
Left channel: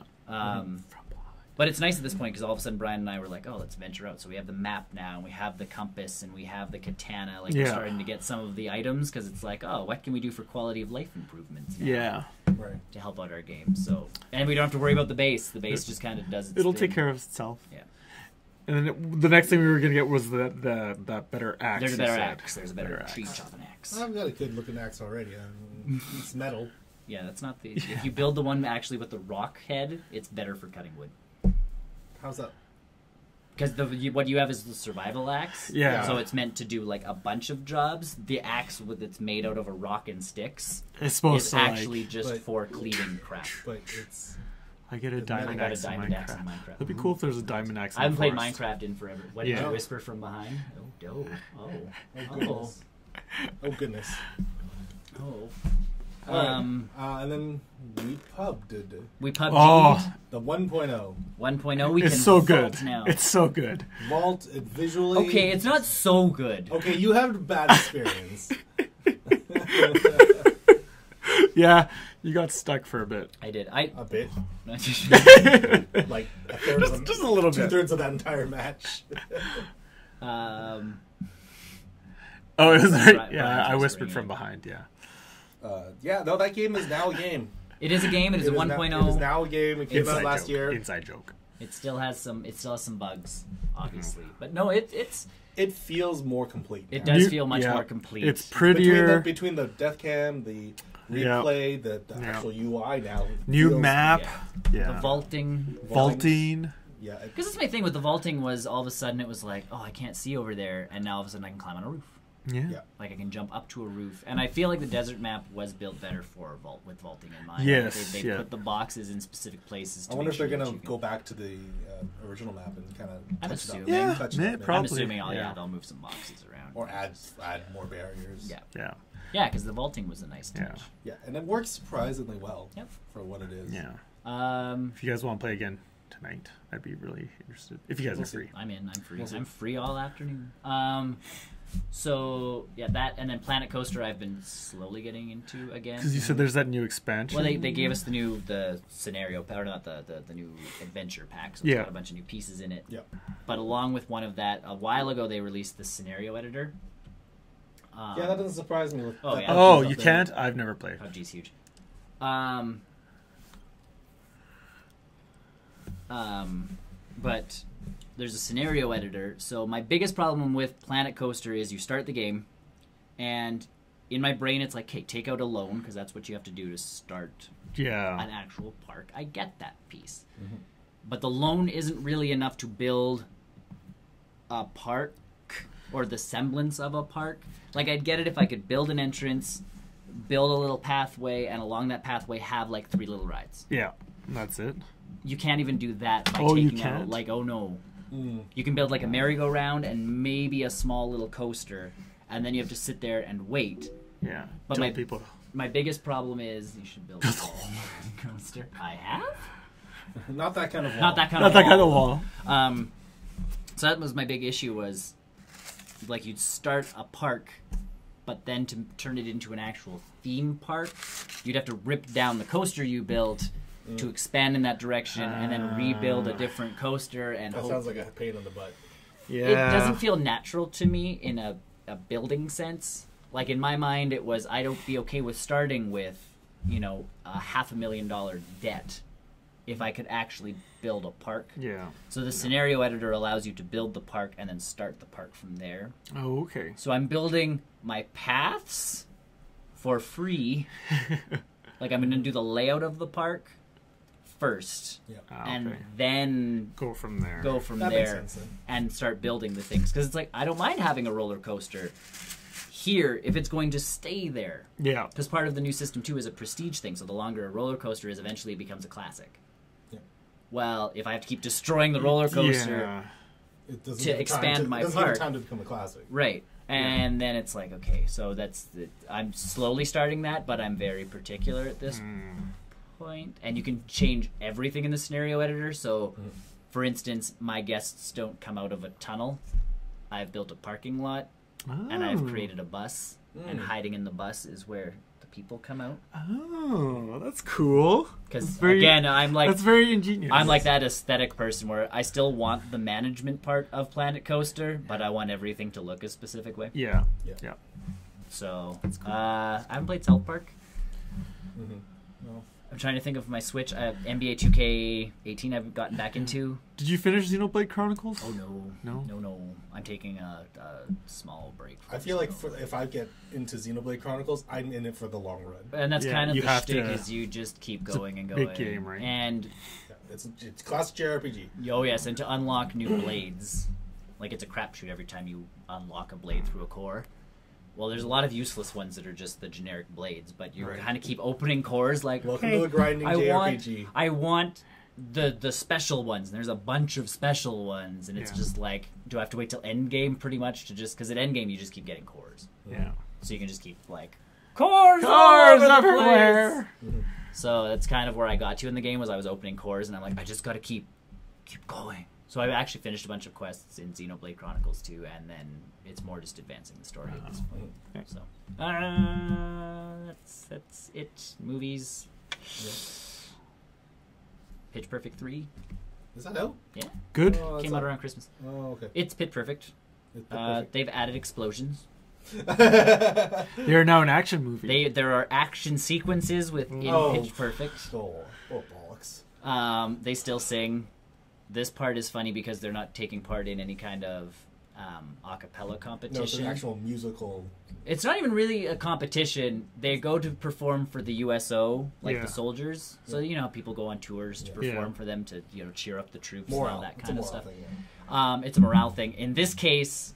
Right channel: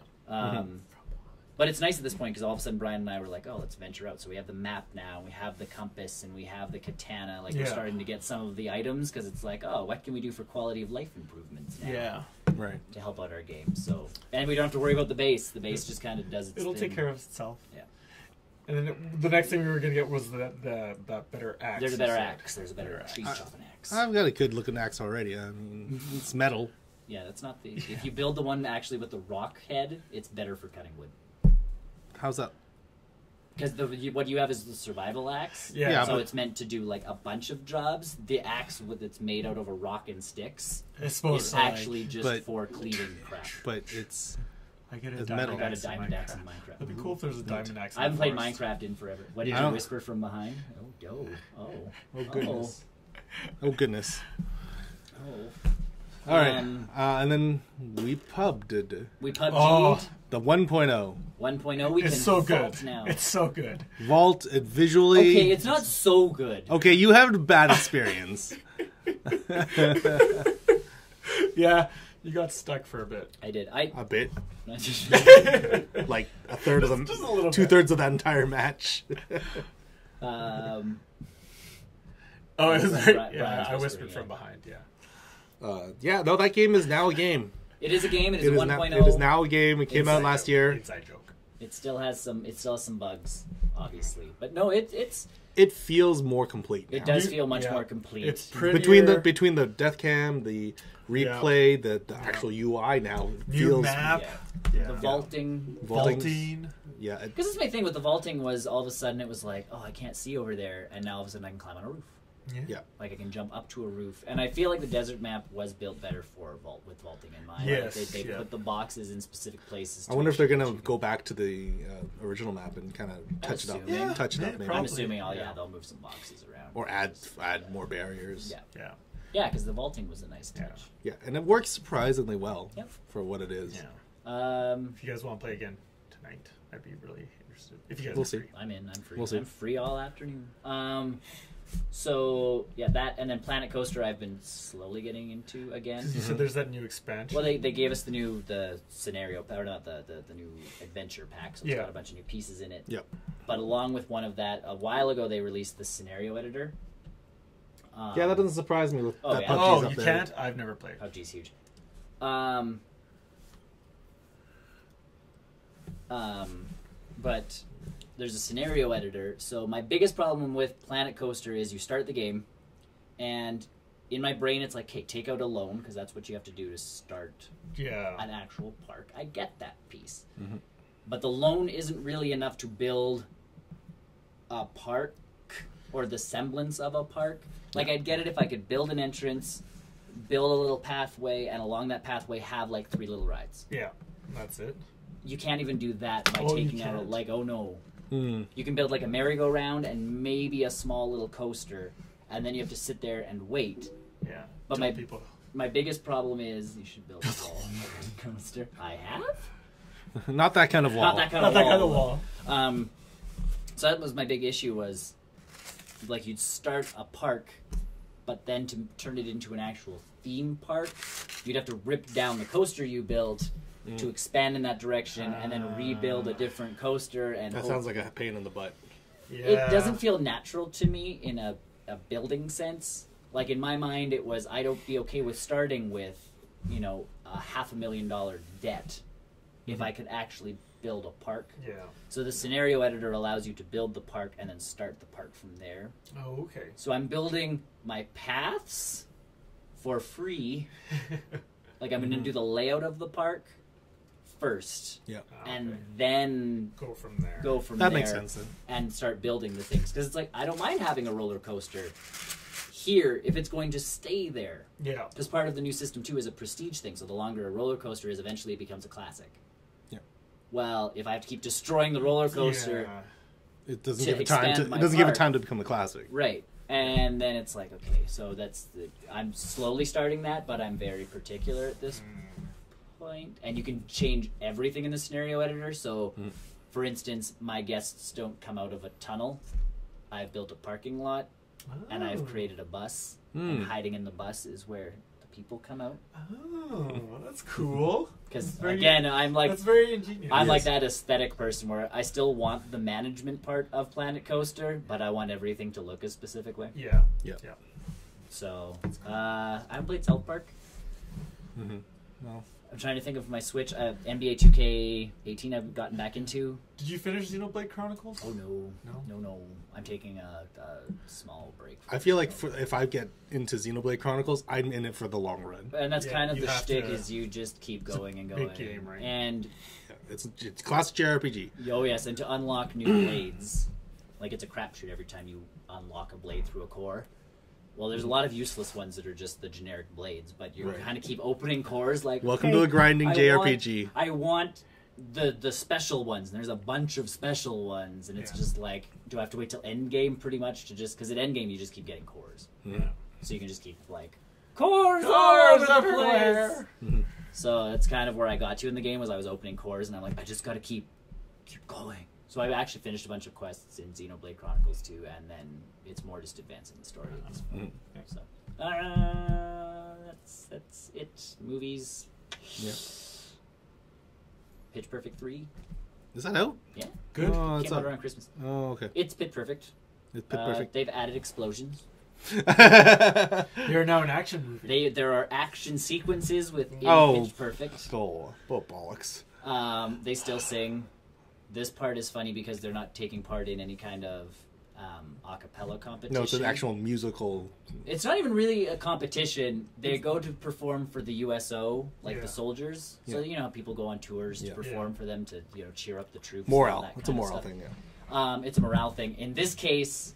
But it's nice at this point, because all of a sudden Brian and I were like, oh, let's venture out. So we have the map now, and we have the compass, and we have the katana. Like, we're starting to get some of the items, because it's like, oh, what can we do for quality of life improvements now? Yeah. Right. To help out our game. So, and we don't have to worry about the base. The base just kind of does its It'll thing. take care of itself. Yeah. And then the next thing we were going to get was the better axe. There's a better axe. There's a better tree chopping axe. I've got a good looking axe already. It's metal. Yeah, that's not the... If you build the one actually with the rock head, it's better for cutting wood. How's that? Because what you have is the survival axe. Yeah. So it's meant to do like a bunch of jobs. The axe that's made out of a rock and sticks. It's supposed to actually just for cleaning crap. But it's... I get a diamond axe in Minecraft. That'd be cool if there's a diamond axe in I haven't the played Minecraft in forever. What did you whisper from behind? Oh goodness. Oh. All right, and then we pubbed. We pubbed. Oh, the 1.0. 1.0. It's so good. Now. It's so good. Vault visually. Okay, it's not so good. Okay, you have a bad experience. Yeah, you got stuck for a bit. I did. A bit. Like a third of them. Just a little bit. 2/3 of that entire match. Oh, it was right. Yeah, I whispered from behind. Yeah. No, that game is now a game. It is a game. It is 1.0. It is now a game. It came out last year. Inside joke. It still has some bugs, obviously, but no, it feels more complete. It does feel much more complete. It's prettier between the death cam, the replay, the actual UI now. New map. The vaulting. Yeah. Because that's my thing with the vaulting was all of a sudden it was like, oh, I can't see over there, and now all of a sudden I can climb on a roof. Yeah. Like I can jump up to a roof, and I feel like the desert map was built better for with vaulting in mind. Yes, they put the boxes in specific places. I wonder if they're gonna go back to the original map and kind of touch it up. Yeah, probably. I'm assuming, they'll move some boxes around or add more barriers. Yeah. Yeah, because the vaulting was a nice touch. Yeah, and it works surprisingly well for what it is. Yeah. If you guys want to play again tonight, I'd be really interested. If you guys are free, I'm in. I'm free. I'm free all afternoon. So yeah, that and then Planet Coaster I've been slowly getting into again. Because you said there's that new expansion. Well, they gave us the scenario, or not the new adventure pack. So it's got a bunch of new pieces in it. Yep. But along with one of that, a while ago they released the scenario editor. Yeah, that doesn't surprise me. You can't? I've never played. Oh, geez, huge. But there's a scenario editor. So my biggest problem with Planet Coaster is you start the game, and in my brain it's like, hey, take out a loan, because that's what you have to do to start an actual park. I get that piece. Mm-hmm. But the loan isn't really enough to build a park or the semblance of a park. Like, I'd get it if I could build an entrance, build a little pathway, and along that pathway have, like, 3 little rides. Yeah, that's it. You can't even do that. You can't? Like, oh, no. You can build, like, a merry-go-round and maybe a small little coaster, and then you have to sit there and wait. Yeah, but people. My biggest problem is you should build a coaster. I have? Not that kind of wall. Not that kind of wall. So that was my big issue was, like, you'd start a park, but then to turn it into an actual theme park, you'd have to rip down the coaster you built to expand in that direction and then rebuild a different coaster. And that sounds like a pain in the butt. Yeah. It doesn't feel natural to me in a building sense. Like, in my mind, it was, I'd be okay with starting with, a $500,000 debt if I could actually build a park. Yeah. So the scenario editor allows you to build the park and then start the park from there. Oh, okay. So I'm building my paths for free. Like, I'm going to do the layout of the park first. Yeah. And then go from there. That makes sense. And start building the things. Because it's like, I don't mind having a roller coaster here if it's going to stay there. Yeah. Because part of the new system, too, is a prestige thing. So the longer a roller coaster is, eventually it becomes a classic. Yeah. Well, if I have to keep destroying the roller coaster it doesn't give it time to become a classic. Right. And then it's like, okay, so I'm slowly starting that, but I'm very particular at this point. And you can change everything in the scenario editor. So, for instance, my guests don't come out of a tunnel. I've built a parking lot. And I've created a bus, and hiding in the bus is where the people come out. Oh, that's cool. Because, again, that's very ingenious. I'm like that aesthetic person where I still want the management part of Planet Coaster, but I want everything to look a specific way. Yeah. So, that's cool. I haven't played South Park. No. I'm trying to think of my Switch. NBA 2K18 I've gotten back into. Did you finish Xenoblade Chronicles? Oh, no. No. I'm taking a small break. I feel like if I get into Xenoblade Chronicles, I'm in it for the long run. And that's kind of the shtick, is you just keep going and going. Big game, right? And it's classic JRPG. Oh, yes, and to unlock new blades, like, it's a crapshoot every time you unlock a blade through a core. Well, there's a lot of useless ones that are just the generic blades, but you kind of keep opening cores like, welcome to a grinding JRPG. I want the special ones, and there's a bunch of special ones, and it's just like, do I have to wait till end game pretty much to just, because at end game you just keep getting cores. Yeah. So you can just keep like, cores everywhere! So that's kind of where I got to in the game, was I was opening cores, and I'm like, I just gotta keep going. So I actually finished a bunch of quests in Xenoblade Chronicles 2, and then it's more just advancing the story. So that's it. Movies. Yeah. Pitch Perfect 3. Is that out? Yeah. Good. Came out around Christmas. Oh, okay. It's Pitch Perfect. They've added explosions. They're now an action movie. There are action sequences within Pitch Perfect. Bollocks. They still sing. This part is funny because they're not taking part in any kind of a cappella competition. No, it's an actual musical. It's not even really a competition. They go to perform for the USO, like the soldiers. So, people go on tours to perform for them to, cheer up the troops. Morale. And that It's a kind of morale stuff. thing, It's a morale thing. In this case,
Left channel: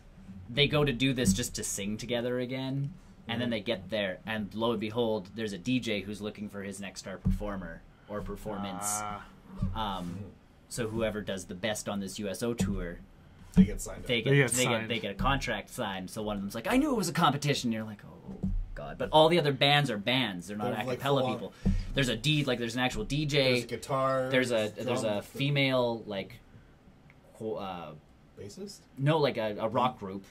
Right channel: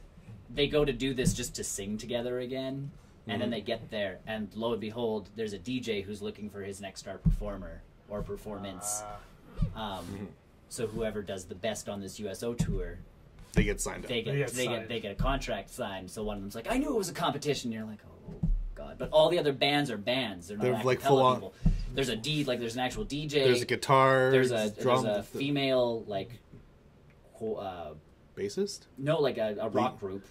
they go to do this just to sing together again. And then they get there, and lo and behold, there's a DJ who's looking for his next star performer or performance. So whoever does the best on this USO tour, they get signed up. They get a contract signed. So one of them's like, I knew it was a competition. And you're like, oh god! But all the other bands are bands. They're not like acapella people. There's there's an actual DJ. There's a guitar. There's a female like bassist? No, like a rock group.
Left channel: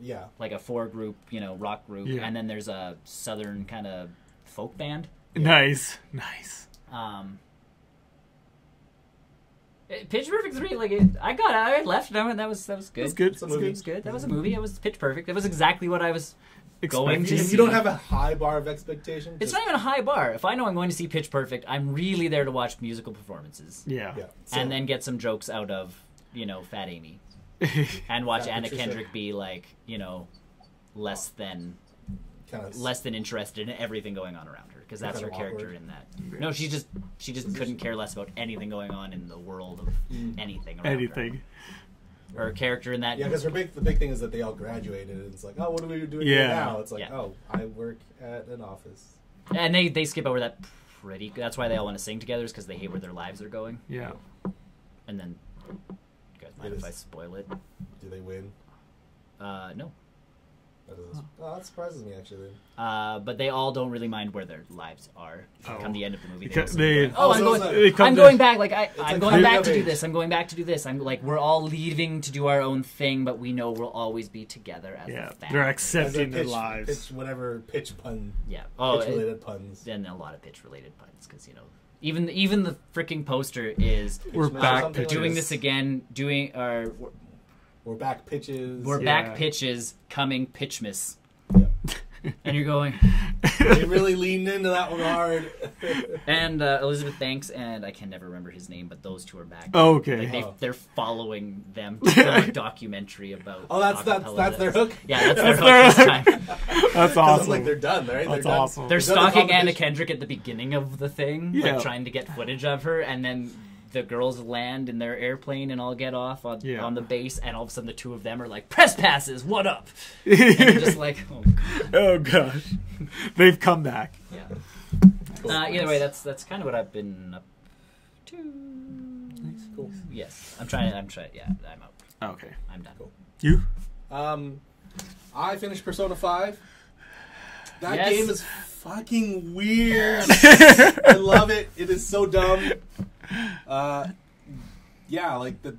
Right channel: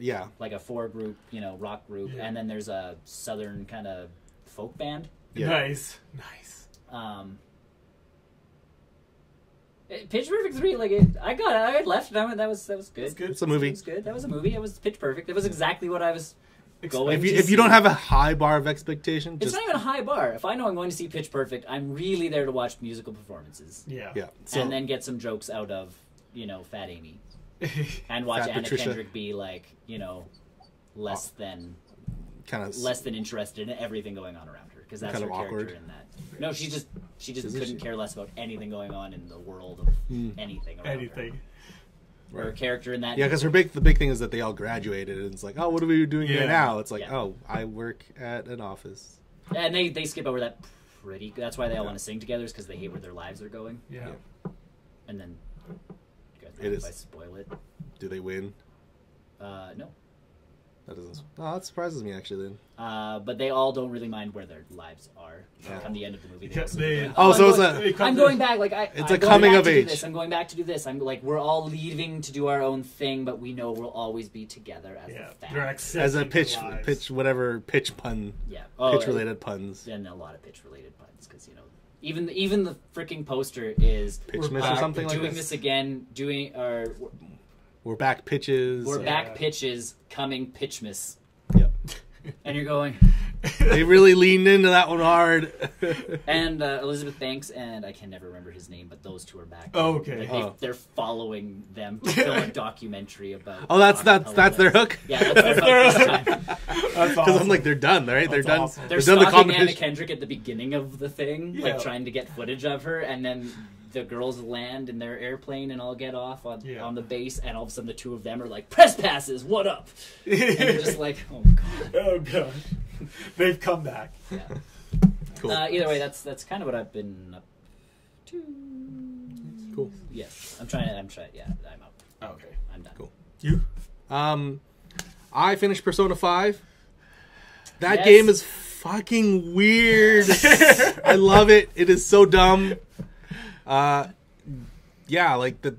Yeah. Like a 4-group, rock group. Yeah. And then there's a southern kind of folk band. Yeah. Nice. Pitch Perfect 3, I left them, and that was good. That's good. It's a movie. It was good. That was a movie. It was Pitch Perfect. That was exactly what I was going to see. If you don't have a high bar of expectation, it's not even a high bar. If I know I'm going to see Pitch Perfect, I'm really there to watch musical performances. Yeah. So, and then get some jokes out of, Fat Amy. And watch Anna Kendrick be less than interested in everything going on around her, because that's her character in that. No, she just couldn't care less about anything going on in the world of anything. Anything. Or her character in that. Yeah, because the big thing is that they all graduated, and it's like, oh, what are we doing here now? It's like, oh, I work at an office. And they skip over that pretty. That's why they all want to sing together, is because they hate where their lives are going. Yeah. And then, you guys mind if I spoil it? Do they win? No. That surprises me, actually, then. But they all don't really mind where their lives are. Come the end of the movie. I'm going back. I'm going back to do this. I'm going back to do this. I'm we're all leaving to do our own thing, but we know we'll always be together as a family. They're accepting their lives. Pitch pun. Yeah. Pitch-related puns. And a lot of pitch-related puns, because, even the freaking poster is... We're back doing this again, we're back pitches. We're back pitches, coming pitchmas. Yep. And you're going... They really leaned into that one hard. And Elizabeth Banks, and I can never remember his name, but those two are back. Oh, okay. They're following them to a documentary about... Oh, that's their hook? Yeah, that's their hook. That's awesome. It's like they're done, right? That's awesome. They're stalking Anna Kendrick at the beginning of the thing, trying to get footage of her, and then... The girls land in their airplane and all get off on the base, and all of a sudden the two of them are like, press passes, what up? And you're just like, oh gosh. They've come back. Yeah. Cool. Either way, that's kind of what I've been up to. Nice. Cool. Yes. I'm trying, I'm up. Okay. I'm done. Cool. You? I finished Persona 5. That game is fucking weird. I love it. It is so dumb.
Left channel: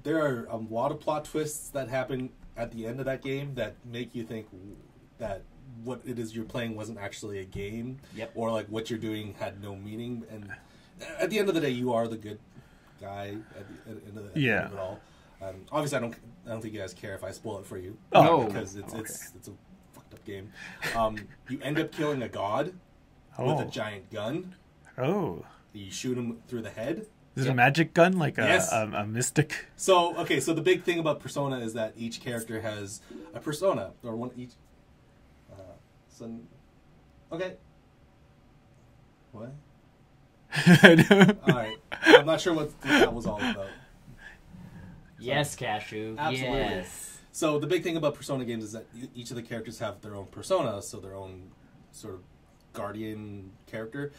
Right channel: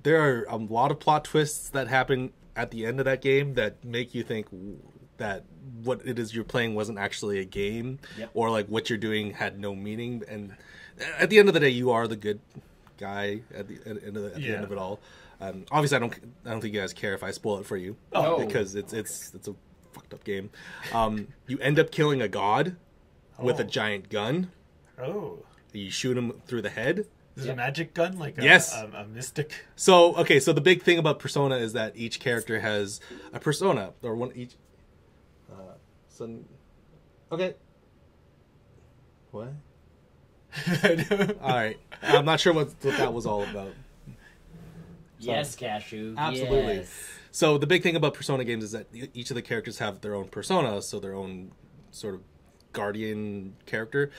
There are a lot of plot twists that happen at the end of that game that make you think that what it is you're playing wasn't actually a game, or like what you're doing had no meaning. And at the end of the day, you are the good guy at the end of it all. Obviously, I don't think you guys care if I spoil it for you, because it's a fucked up game. You end up killing a god with a giant gun. Oh, you shoot him through the head. Is it a magic gun, like a mystic? So the big thing about Persona is that each character has a persona, or one each. Okay. What? All right. I'm not sure what that was all about. Yes, Cashew. Absolutely. Yes. So the big thing about Persona games is that each of the characters have their own persona, so their own sort of guardian character.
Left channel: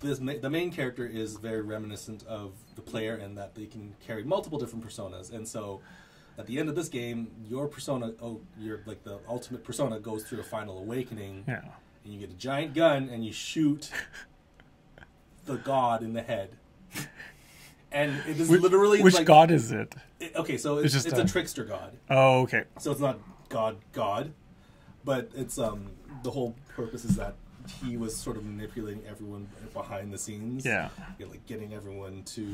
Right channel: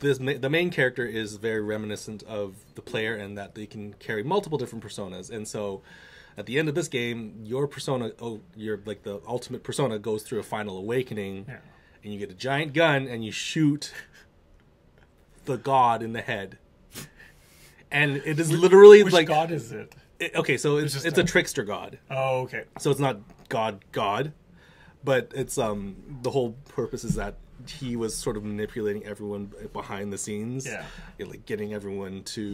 The main character is very reminiscent of the player in that they can carry multiple different personas, and so at the end of this game, your persona, the ultimate persona, goes through a final awakening, and you get a giant gun and you shoot the god in the head, and it is literally which god is it? It's a trickster god. Oh, okay. So it's not God, but it's the whole purpose is that he was sort of manipulating everyone behind the scenes. Yeah. Getting everyone to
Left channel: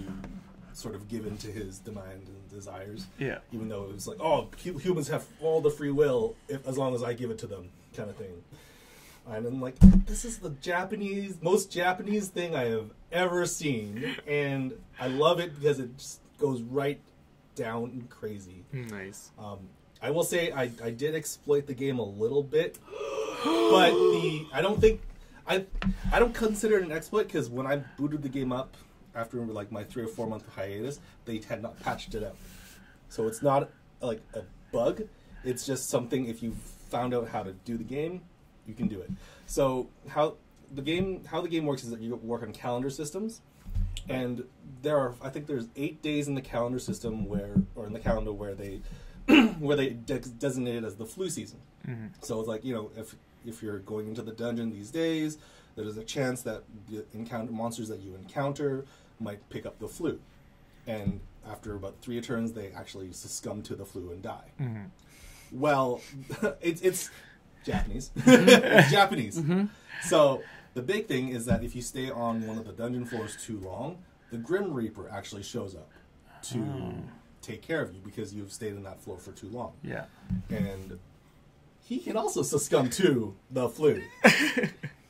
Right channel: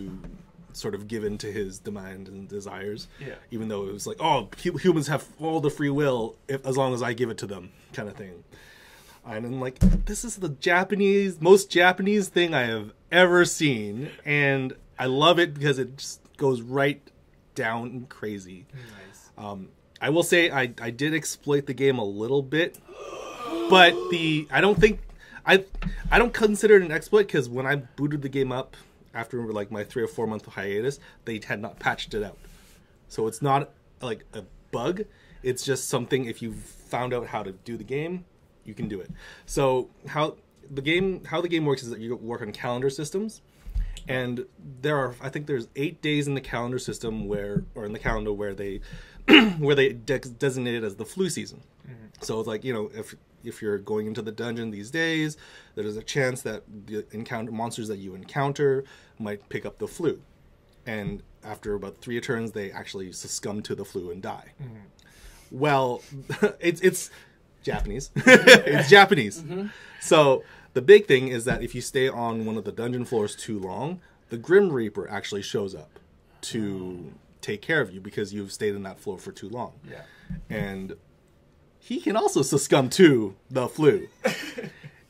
sort of give in to his demand and desires. Yeah. Even though it was like, oh, humans have all the free will as long as I give it to them, kind of thing. And I'm like, this is the most Japanese thing I have ever seen, and I love it because it just goes right down crazy. Nice. I will say I did exploit the game a little bit. But I don't consider it an exploit, because when I booted the game up after like my 3 or 4 month hiatus, they had not patched it out. So it's not like a bug. It's just something, if you found out how to do the game, you can do it. So how the game works is that you work on calendar systems, and I think there's 8 days in the calendar system where they designate it as the flu season. Mm-hmm. So it's like, if you're going into the dungeon these days, there's a chance that the monsters that you encounter might pick up the flu. And after about 3 turns, they actually succumb to the flu and die. Well, it's Japanese. It's Japanese. So the big thing is that if you stay on one of the dungeon floors too long, the Grim Reaper actually shows up to take care of you because you've stayed in that floor for too long. Yeah. And he can also succumb to the flu.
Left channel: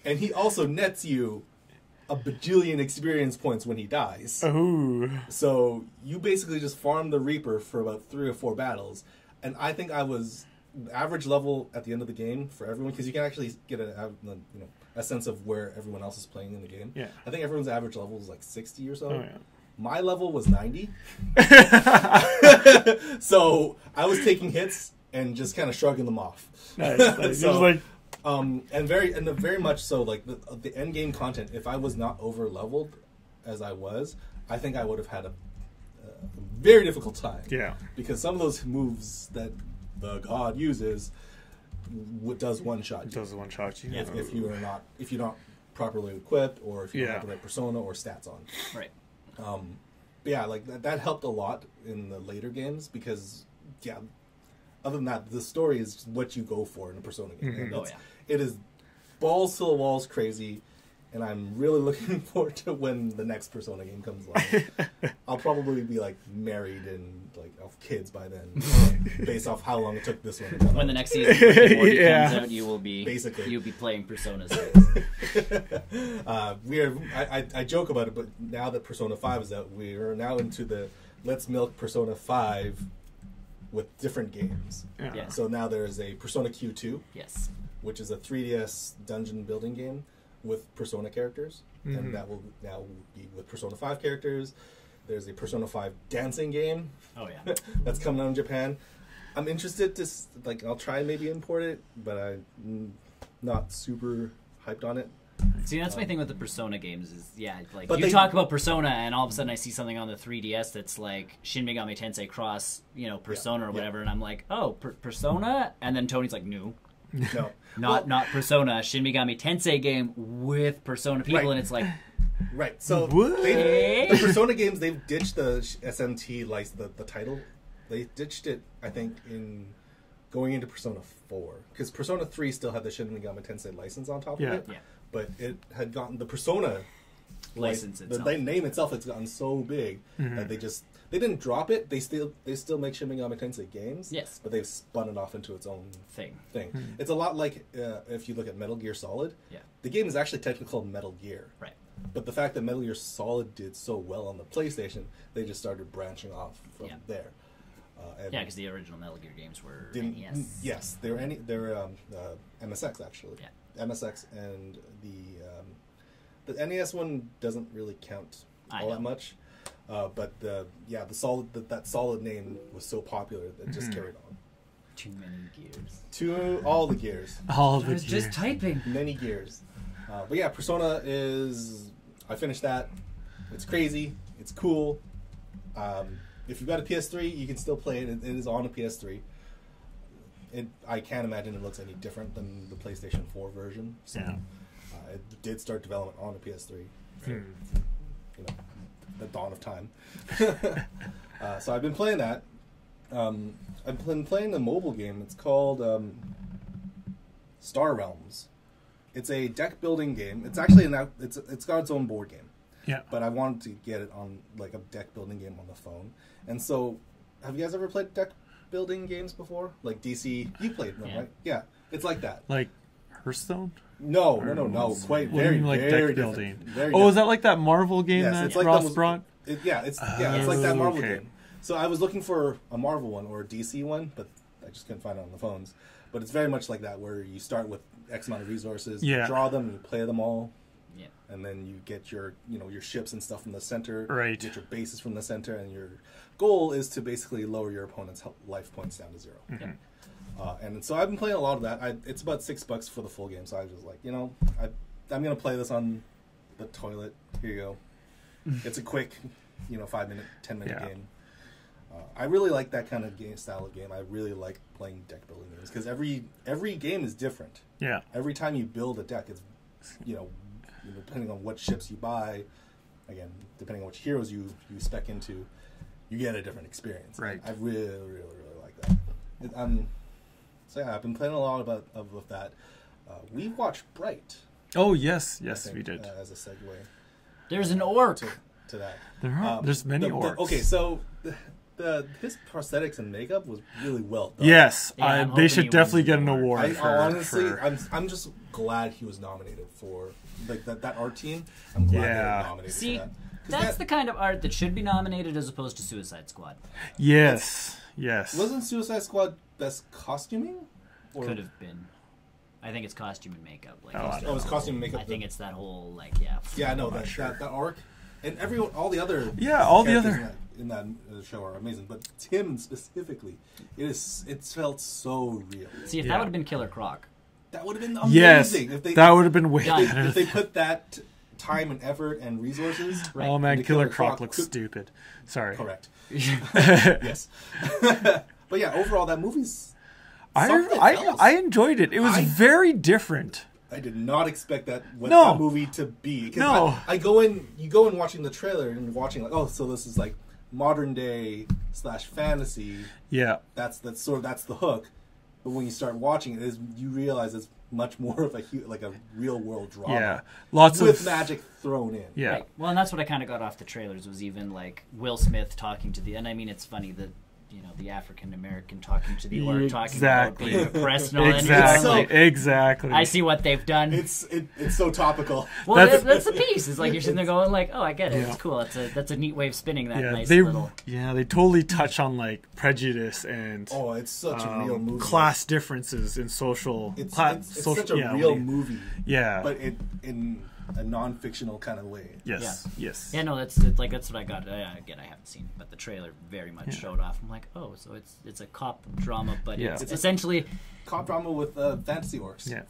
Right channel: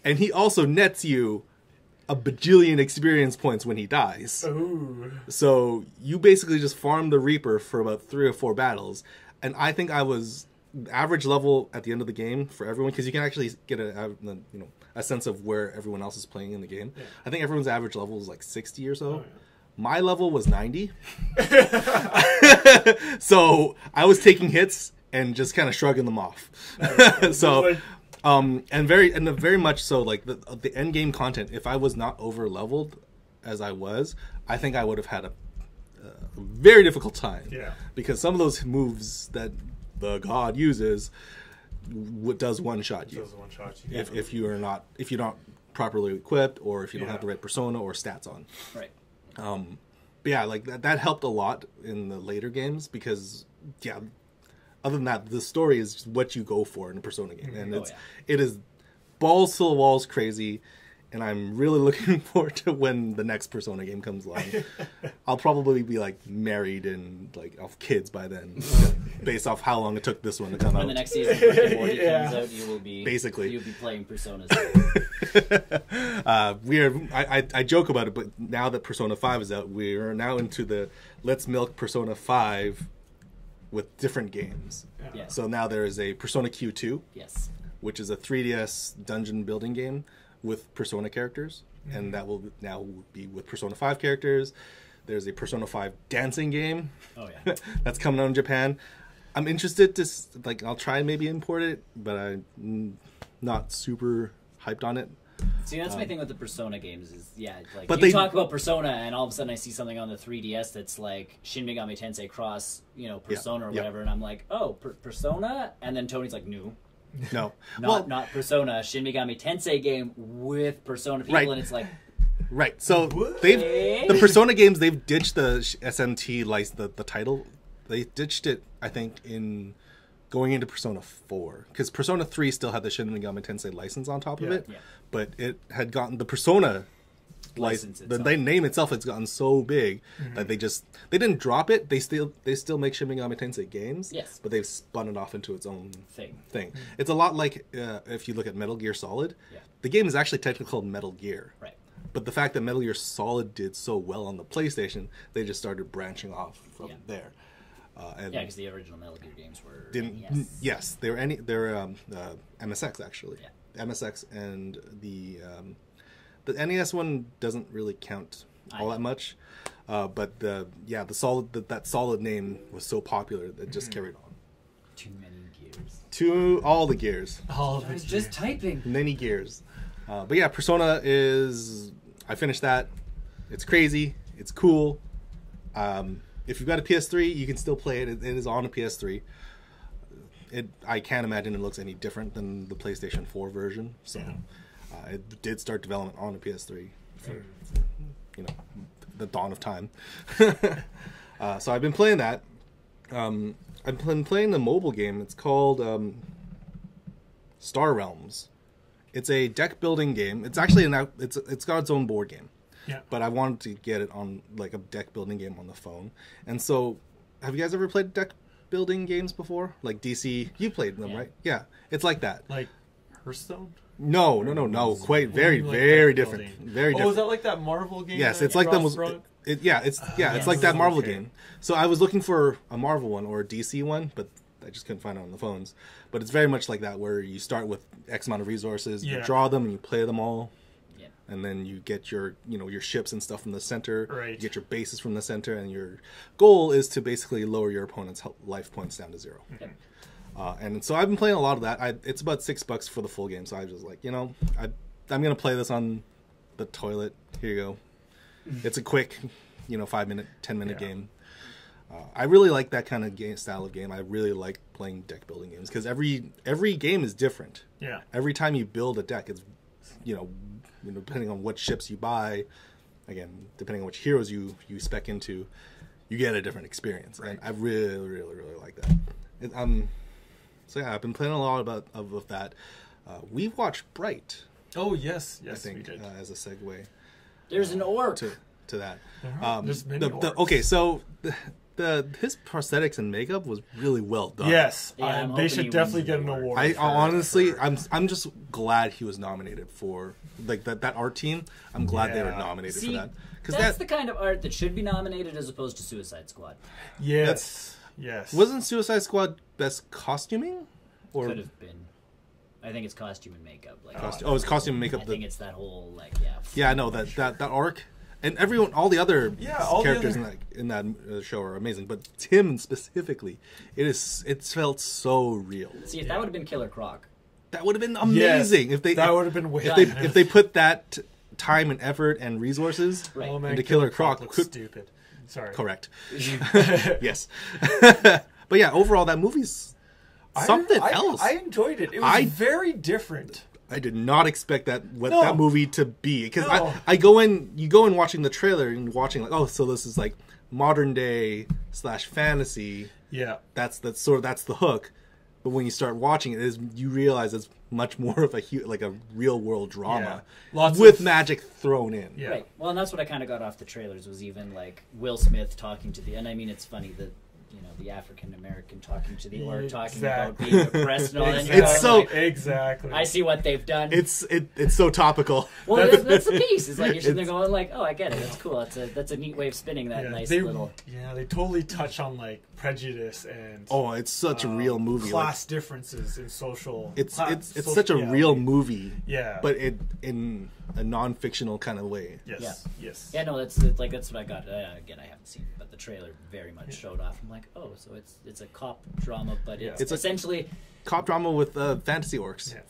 And he also nets you a bajillion experience points when he dies. Oh. So you basically just farm the Reaper for about 3 or 4 battles. And I think I was average level at the end of the game for everyone, because you can actually get a sense of where everyone else is playing in the game. Yeah. I think everyone's average level is like 60 or so. Oh, yeah. My level was 90. So I was taking hits and just kind of shrugging them off. Nice. So, and very much so, like the end game content, if I was not over leveled as I was, I think I would have had a very difficult time. Yeah. Because some of those moves that the god uses does one shot you. Does one shot you. If you're not properly equipped, or if you don't have the right persona or stats on. Right. But yeah, like that helped a lot in the later games, because other than that, the story is what you go for in a Persona game, and it is balls to the walls crazy. And I'm really looking forward to when the next Persona game comes along. I'll probably be like married and like have kids by then, based off how long it took this one to come out. When the next season comes out, you'll be playing Personas. I joke about it, but now that Persona 5 is out, we are now into the let's milk Persona 5 with different games. Yeah. Yeah. So now there is a Persona Q2, Yes. which is a 3DS dungeon building game with Persona characters, and that will now be with Persona 5 characters. There's a Persona 5 dancing game. Oh yeah. That's coming out in Japan. I'm interested to I'll try and maybe import it, but I'm not super hyped on it. See, that's my thing with the Persona games is, like, but you talk about Persona, and all of a sudden I see something on the 3DS that's like Shin Megami Tensei Cross, Persona or whatever, and I'm like, oh, Persona? And then Tony's like, no. No. Not Persona, Shin Megami Tensei game with Persona people, and it's like... Right, so the Persona games, they've ditched the SMT, the title. They ditched it, I think, in going into Persona 4. Because Persona 3 still had the Shin Megami Tensei license on top of it. Yeah. But it had gotten the Persona license. The name itself has gotten so big that they didn't drop it. They still make Shin Megami Tensei games. Yes. But they've spun it off into its own thing. Mm-hmm. It's a lot like if you look at Metal Gear Solid. Yeah. The game is actually technically called Metal Gear. Right. But the fact that Metal Gear Solid did so well on the PlayStation, they just started branching off from there. Because the original Metal Gear games were Yes, they're MSX actually. Yeah. MSX, and the NES one doesn't really count all that much. But that Solid name was so popular that it just carried on. Too many gears. All the gears. All the gears. Just typing. Many gears. But yeah, Persona is... I finished that. It's crazy. It's cool. If you've got a PS3, you can still play it. It is on a PS3. I can't imagine it looks any different than the PlayStation 4 version. So it did start development on a PS3. For, the dawn of time. So I've been playing that. I've been playing the mobile game. It's called Star Realms. It's a deck building game. It's actually it's got its own board game. Yeah. But I wanted to get it on like a deck building game on the phone. And so, have you guys ever played deck building games before? Like DC, you played them, right? Yeah. It's like that. Like Hearthstone? No. Quite very different. Very different. Is that like that Marvel game? Yes, it's like Ross brought? It's like that Marvel game. So I was looking for a Marvel one or a DC one, but I just couldn't find it on the phones. But it's very much like that, where you start with X amount of resources, you draw them, and you play them all, and then you get your ships and stuff from the center, right? You get your bases from the center, and your goal is to basically lower your opponent's life points down to 0. Mm-hmm. And so I've been playing a lot of that. It's about $6 for the full game, so I was just like, I'm gonna play this on the toilet. Here you go. It's a quick, 5-minute, 10-minute game. I really like that kind of style of game. I really like playing deck building games because every game is different. Yeah. Every time you build a deck, it's depending on what ships you buy, again, depending on which heroes you spec into, you get a different experience. Right. I really, really, really like that. So yeah, I've been playing a lot of that. We watched Bright. Oh yes, we did. As a segue. There's an orc to that. There's many orcs. Okay, so his prosthetics and makeup was really well done. Yes, they should definitely get an award. Honestly, I'm just glad he was nominated for like that art team. I'm glad they were nominated for that. That's the kind of art that should be nominated as opposed to Suicide Squad. Yes. Wasn't Suicide Squad best costuming? Or could have been. I think it's costume and makeup. It's costume and makeup. I think it's that whole Yeah, I know that arc, and everyone, all the other characters in that show are amazing, but Tim specifically, it felt so real. See, if that would have been Killer Croc, that would have been amazing. Yes, that would have been way. If they put that time and effort and resources. Right. Oh man, Killer Croc looks stupid. Sorry. Correct. Yes. But yeah, overall, that movie's. I enjoyed it. It was very different. I did not expect that movie to be. Because you go in watching the trailer and watching so this is like modern day / fantasy. Yeah. That's the hook. But when you start watching it, you realize it's much more of a real world drama. Yeah. Lots with magic thrown in. Yeah. Right. Well, and that's what I kind of got off the trailers was even like Will Smith talking to and I mean it's funny that the African American talking to the orc, talking about being oppressed. Exactly. I see what they've done. It's so topical. Well, that's the piece. It's like you're sitting there going like, oh, I get it. Yeah. It's cool. That's a neat way of spinning that nice little. Yeah, they totally touch on like prejudice and. Oh, it's such a real movie. Class differences in social. It's such a real movie. Yeah. But in a non-fictional kind of way. Yes. Yeah. Yes. Yeah. No, that's what I got. Again, I haven't seen it, but the trailer very much showed off. I'm like, oh, so it's a cop drama, but it's essentially cop drama with fantasy orcs. Yeah.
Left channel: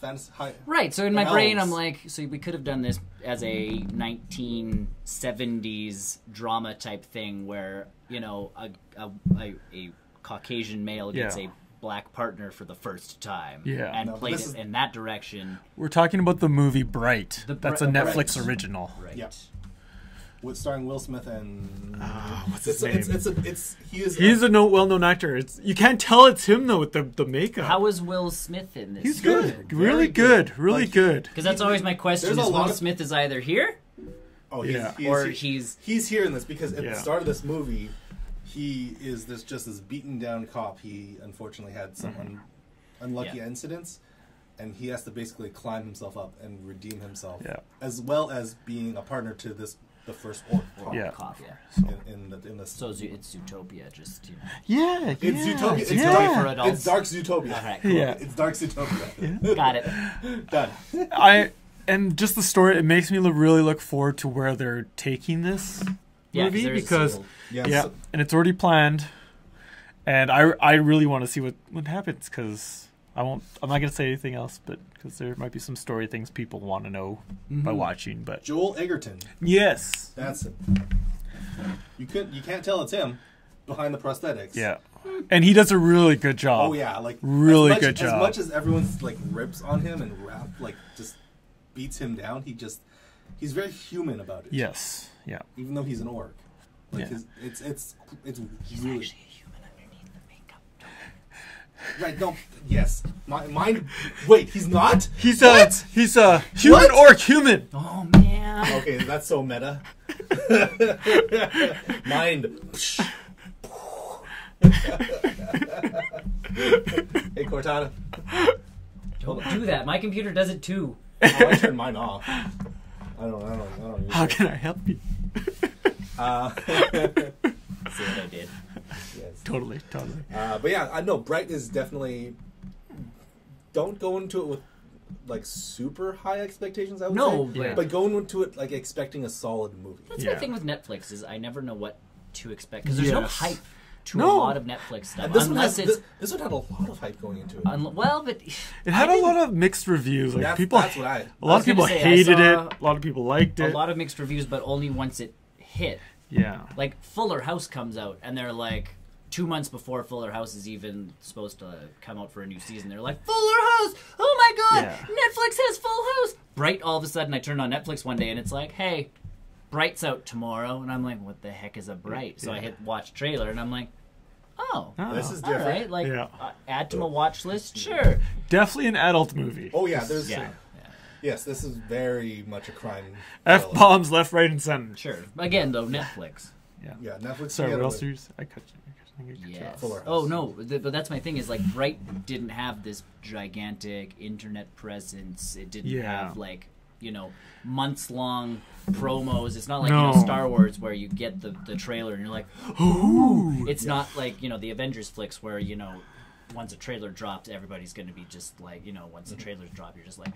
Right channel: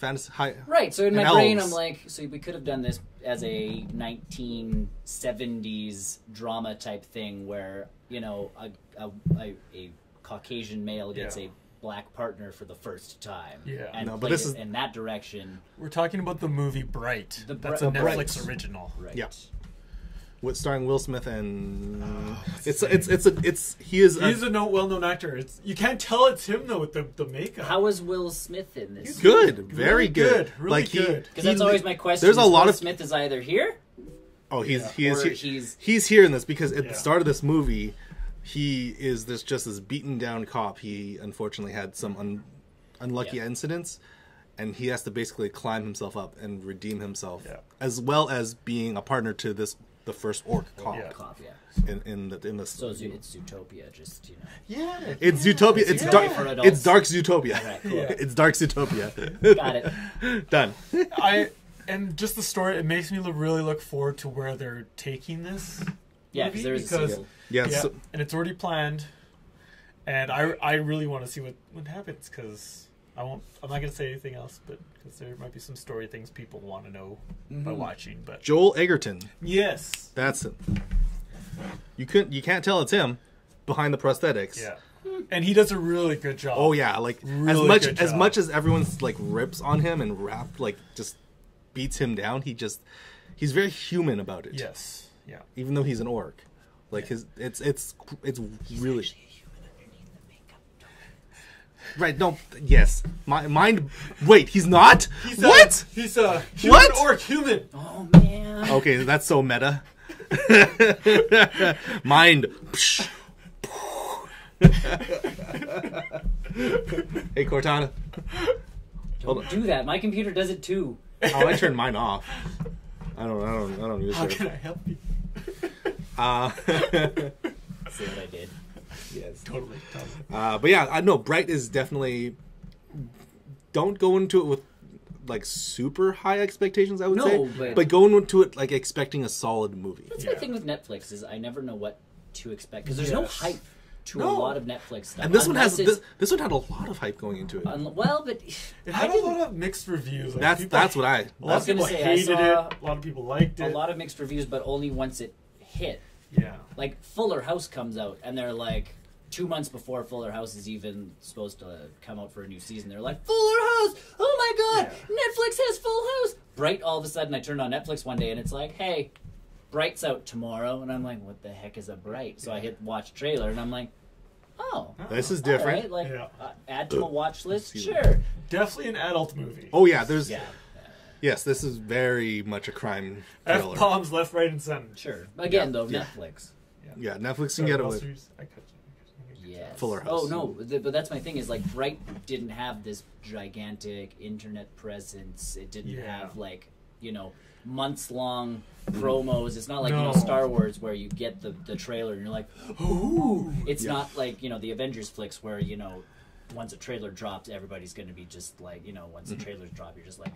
Right. So in my brain, I'm like, so we could have done this as a 1970s drama type thing where a Caucasian male gets a black partner for the first time. Yeah. And but this is in that direction. We're talking about the movie Bright. That's a Netflix original. Right. Yeah. With starring Will Smith and what's his name? He's a well-known actor. You can't tell it's him though with the makeup. How was Will Smith in this? He's good, really good. Because that's always my question. There's a lot of Smith is either here. Oh, he's here in this because at the start of this movie, he is just this beaten down cop. He unfortunately had some unlucky incidents, and he has to basically climb himself up and redeem himself, as well as being a partner to the first orc cop. In the so it's Zootopia, just it's Zootopia. It's dark Zootopia. Right, cool. Yeah, it's dark Zootopia. Got it. Done. And just the story, it makes me really look forward to where they're taking this movie because and it's already planned, and I really want to see what happens because I'm not going to say anything else, but because there might be some story things people want to know by watching. But Joel Egerton, yes, that's it. You can't tell it's him behind the prosthetics. Yeah, and he does a really good job. Oh yeah, really good job. As much as everyone's rips on him and just beats him down, he's very human about it. Yes, yeah. Even though he's an orc, it's really. Right, yes. Mine. Wait, he's not? He's a human orc human. Oh, man. Okay, that's so meta. Mind. Hey, Cortana. Don't do that. My computer does it too. Oh, I turned mine off. I don't use it. How can I help you? See what I did. Totally. But yeah, I know Bright is definitely. Don't go into it with super high expectations. I would say, but going into it expecting a solid movie. That's my thing with Netflix is I never know what to expect because there's no hype to a lot of Netflix stuff. And this one had a lot of hype going into it. But it had a lot of mixed reviews. A lot of people hated it. A lot of people liked it. A lot of mixed reviews, but only once it hit. Yeah. Fuller House comes out, and they're 2 months before Fuller House is even supposed to come out for a new season. They're like, Fuller House! Oh my god! Netflix has Full House! Bright, all of a sudden, I turned on Netflix one day, and it's like, hey, Bright's out tomorrow, and I'm like, what the heck is a Bright? So I hit watch trailer, and I'm like, oh, this is different. Right. Like, add to a watch list, sure. Definitely an adult movie. Oh yeah, there's. Yes, this is very much a crime. F-bombs left, right, and center. Sure. Again, though, Netflix. Yeah, Netflix. Sorry, what else I cut you. Yes. Oh no, but that's my thing. Is like Bright didn't have this gigantic internet presence. It didn't have like months long promos. It's not like Star Wars where you get the trailer and you're like, ooh. It's not like the Avengers flicks where once a trailer drops, everybody's going to be just like once the trailers drop, you're just like,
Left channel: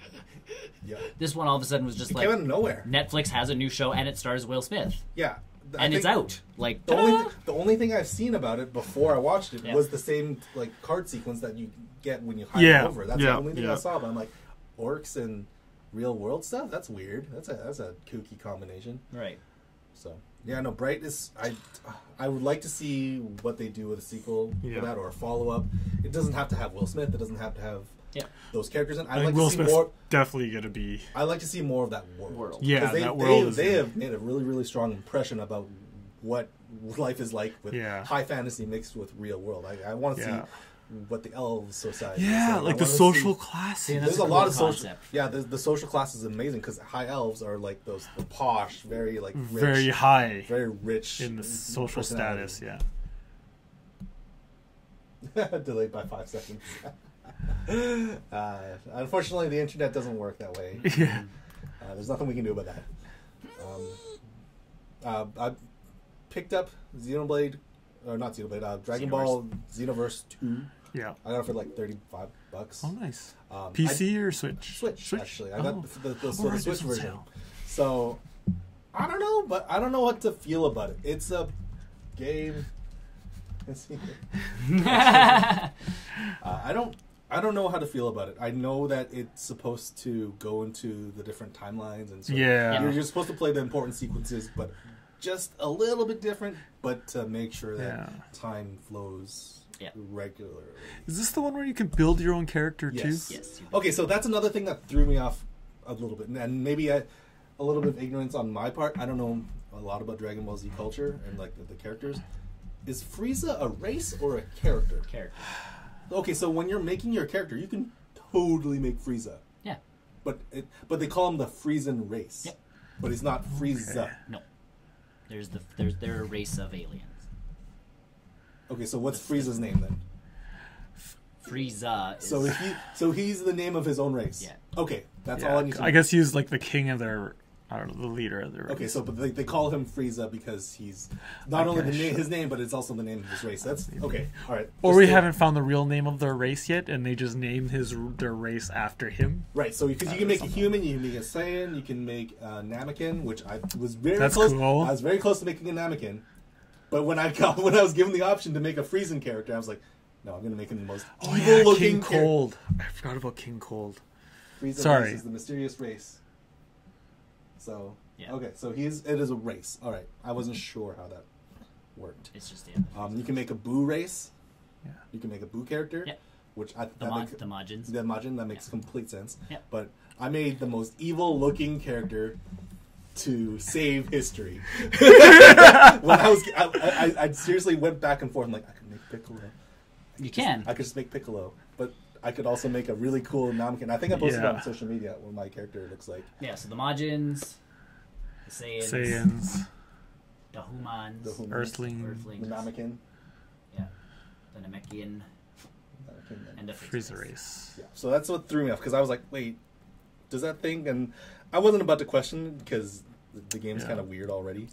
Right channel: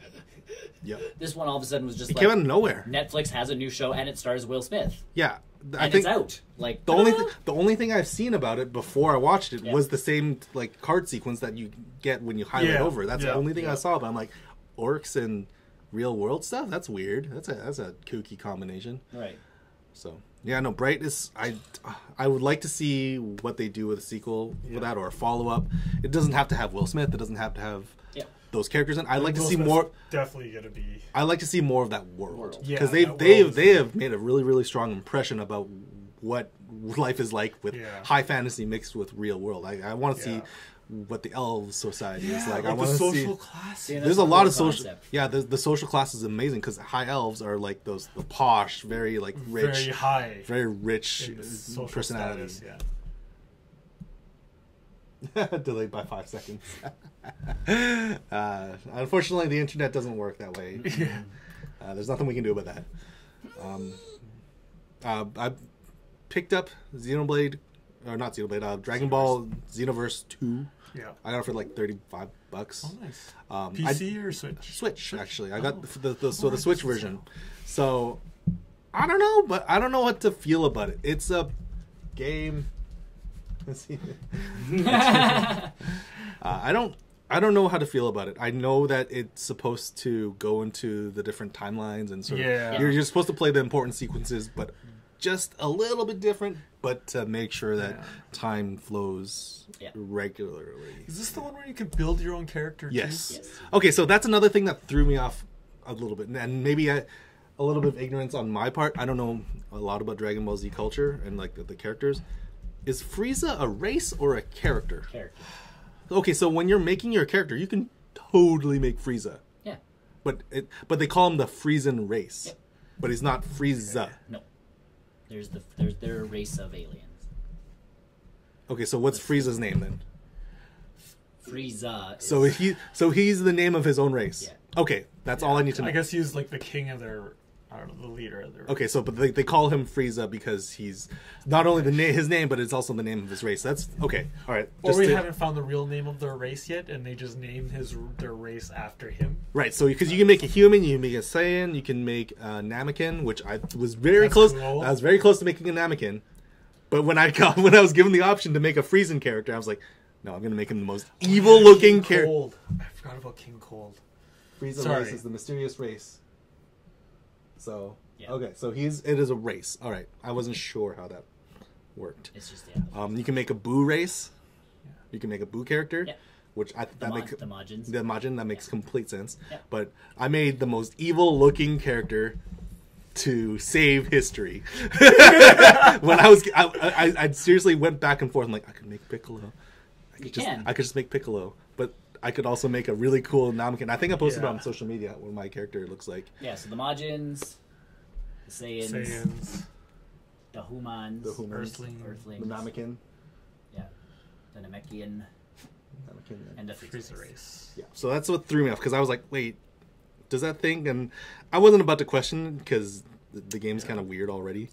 This one all of a sudden was just came out of nowhere. Netflix has a new show and it stars Will Smith. Yeah. And it's out. Like the only thing I've seen about it before I watched it was the same like card sequence that you get when you hide it over. That's the only thing I saw. But I'm like, orcs and real world stuff. That's weird. That's a kooky combination. Right. So no, Bright is. I would like to see what they do with a sequel for that or a follow up. It doesn't have to have Will Smith. It doesn't have to have those characters. And I like to see more. Definitely gonna be. I like to see more of that world. Yeah, because they have made a really really strong impression about what life is like with high fantasy mixed with real world. I want to see what the elves society is like the social class. There's a lot of social. Yeah, the social class is amazing because high elves are like the posh, very like rich, very high, very rich in the social status. Delayed by 5 seconds. Unfortunately, the internet doesn't work that way. There's nothing we can do about that. I picked up Xenoblade, or not Xenoblade, Dragon Ball Xenoverse 2. Yeah, I got it for like $35. Oh, nice. PC or Switch? Switch, actually. I got the Switch version. So I don't know, but I don't know what to feel about it. It's a game. I don't know how to feel about it. I know that it's supposed to go into the different timelines and you're supposed to play the important sequences, but just a little bit different, but to make sure that time flows regularly. Is this the one where you can build your own character too? Yes. Okay, so that's another thing that threw me off a little bit, and maybe a little bit of ignorance on my part. I don't know a lot about Dragon Ball Z culture and like the characters. Is Frieza a race or a character? Character. Okay, so when you're making your character, you can totally make Frieza. Yeah. But they call him the Friesan race. Yep. But he's not Frieza. Okay. No. They're a race of aliens. Okay, so what's Frieza's name then? Frieza. So he's the name of his own race. Yeah. Okay, that's all I need to know. I guess he's like the king of their. I don't know, the leader of the race. Okay, so but they call him Frieza because he's not only his name, but it's also the name of his race. That's okay. All right. Or we haven't found the real name of their race yet, and they just named their race after him. Right. So because you can make a human, you can make a Saiyan, you can make a Namekin, which I was very close. Cool. I was very close to making a Namekin, but when I was given the option to make a Friesan character, I was like, no, I'm going to make him the most evil-looking character. I forgot about King Cold. Frieza race is the mysterious race. So okay, so it is a race. All right, I wasn't sure how that worked. It's just you can make a Boo race. Yeah. You can make a Boo character, which the Majins. The Majin, that makes complete sense. Yeah. But I made the most evil-looking character to save history. When I seriously went back and forth. I'm like, I could make Piccolo. I could just make Piccolo, but I could also make a really cool Namekin. I think I posted it on social media what my character looks like. Yeah, so the Majins, the Saiyans, the Humans, Earthlings, the Namekin. Yeah, the Namekian, and the Frieza race. Yeah, so that's what threw me off because I was like, wait, does that thing? And I wasn't about to question because the game's kind of weird already.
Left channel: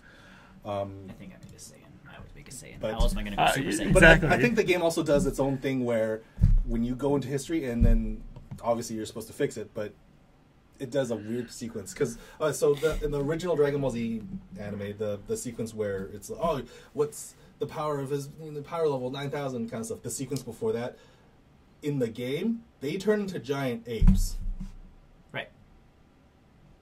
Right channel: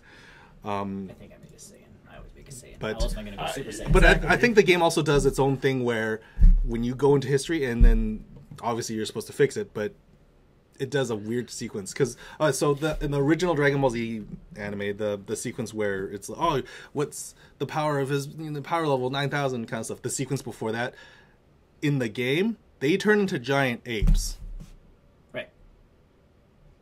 I think I made a Saiyan. I would make a Saiyan. But, How else am I going to go Super Saiyan? But I think the game also does its own thing where when you go into history and then obviously you're supposed to fix it, but it does a weird sequence because in the original Dragon Ball Z anime, the sequence where it's what's the power of his the power level 9,000 kind of stuff. The sequence before that in the game they turn into giant apes, right?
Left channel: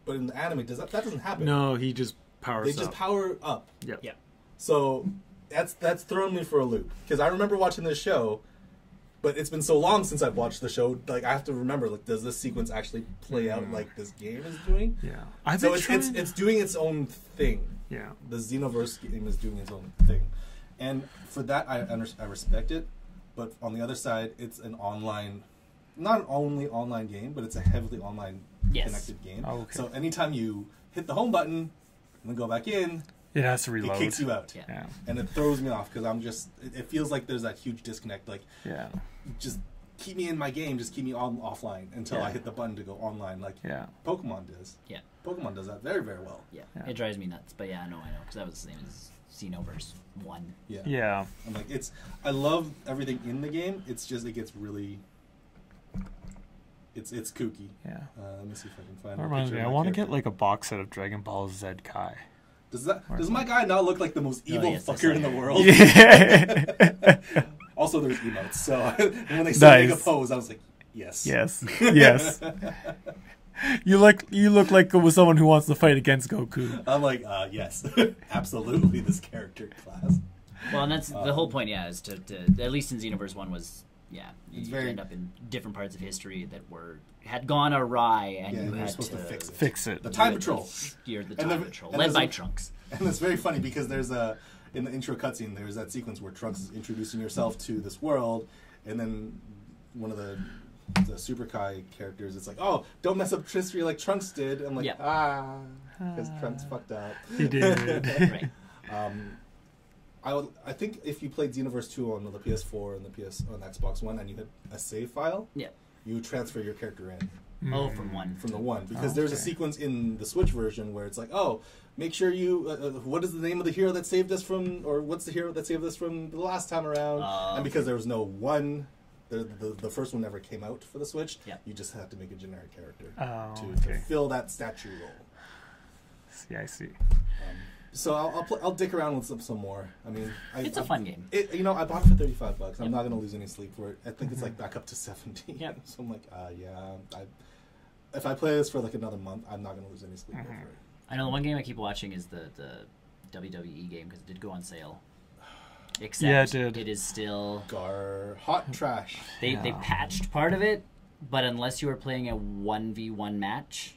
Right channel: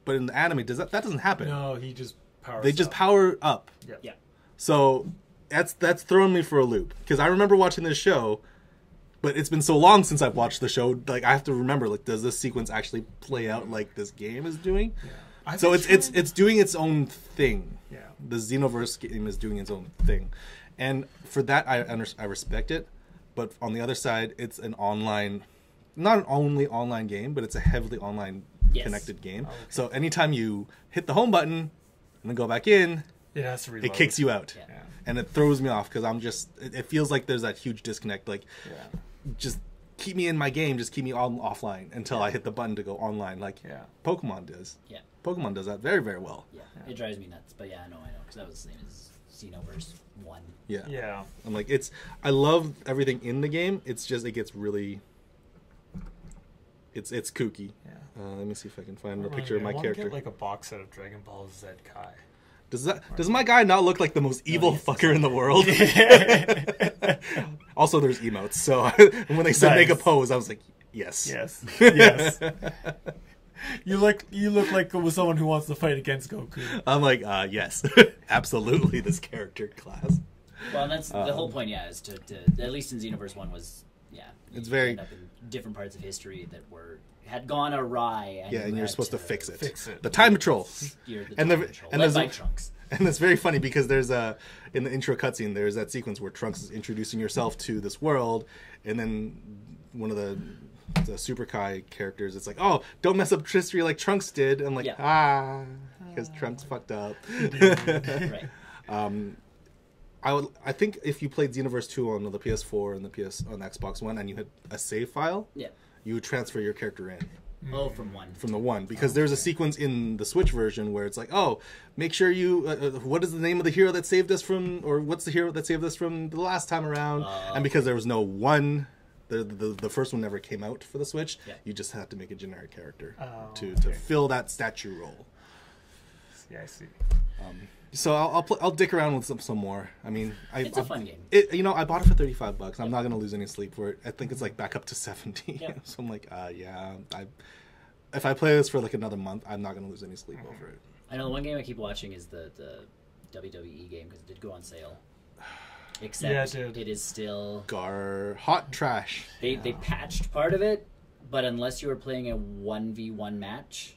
But in the anime, that doesn't happen. No, he just powers. They just power up. Yep. Yeah. So that's thrown me for a loop because I remember watching this show. but it's been so long since I've watched the show. Like I have to remember, like, does this sequence actually play out like this game is doing? Yeah. So it's doing its own thing. Yeah. The Xenoverse game is doing its own thing, and for that I respect it. But on the other side, it's an online, not an only online game, but it's a heavily online connected game. Oh, okay. So anytime you hit the home button and then go back in, it has to reload. It kicks you out. Yeah. And it throws me off because it feels like there's that huge disconnect. Like, just keep me in my game, just keep me offline until I hit the button to go online. Like Pokemon does. Yeah. Pokemon does that very, very well. Yeah. It drives me nuts. But I know. Because that was the same as Xenoverse 1. Yeah. Yeah. I'm like, I love everything in the game. It's just, it gets really... It's kooky. Yeah. Let me see if I can find a picture of my I want character. to get like a box set of Dragon Ball Z Kai. Does my guy not look like the most evil fucker in the world? Also, there's emotes. So when they said make a pose, I was like, yes. Yes. Yes. You look like someone who wants to fight against Goku. I'm like, yes. Absolutely, this character class. Well, and that's the whole point, is to at least in Xenoverse 1 was, it's very... end up in different parts of history that had gone awry, and you're supposed to fix it. Fix it. The time patrol. Led by Trunks. And it's very funny because there's in the intro cutscene, there's that sequence where Trunks is introducing yourself to this world, and then one of the Super Kai characters, it's like, oh, don't mess up history like Trunks did. And I'm like, because Trunks fucked up. He did. Right. I think if you played Xenoverse 2 on the PS4 and on the Xbox One, and you had a save file, you would transfer your character in. Oh, from the one. Because there's a sequence in the Switch version where it's like, oh, make sure you, what is the name of the hero that saved us from, or what's the hero that saved us from the last time around? And because there was no one, the first one never came out for the Switch, you just had to make a generic character to fill that statue role. Yeah, I see. So I'll dick around with some more. I mean, it's a fun game. I bought it for $35. I'm not going to lose any sleep for it. I think it's like back up to 70. Yeah. So I'm like, if I play this for like another month, I'm not going to lose any sleep over it. I know the one game I keep watching is the WWE game because it did go on sale. Except it did. It is still hot trash. They patched part of it, but unless you were playing a 1v1 match,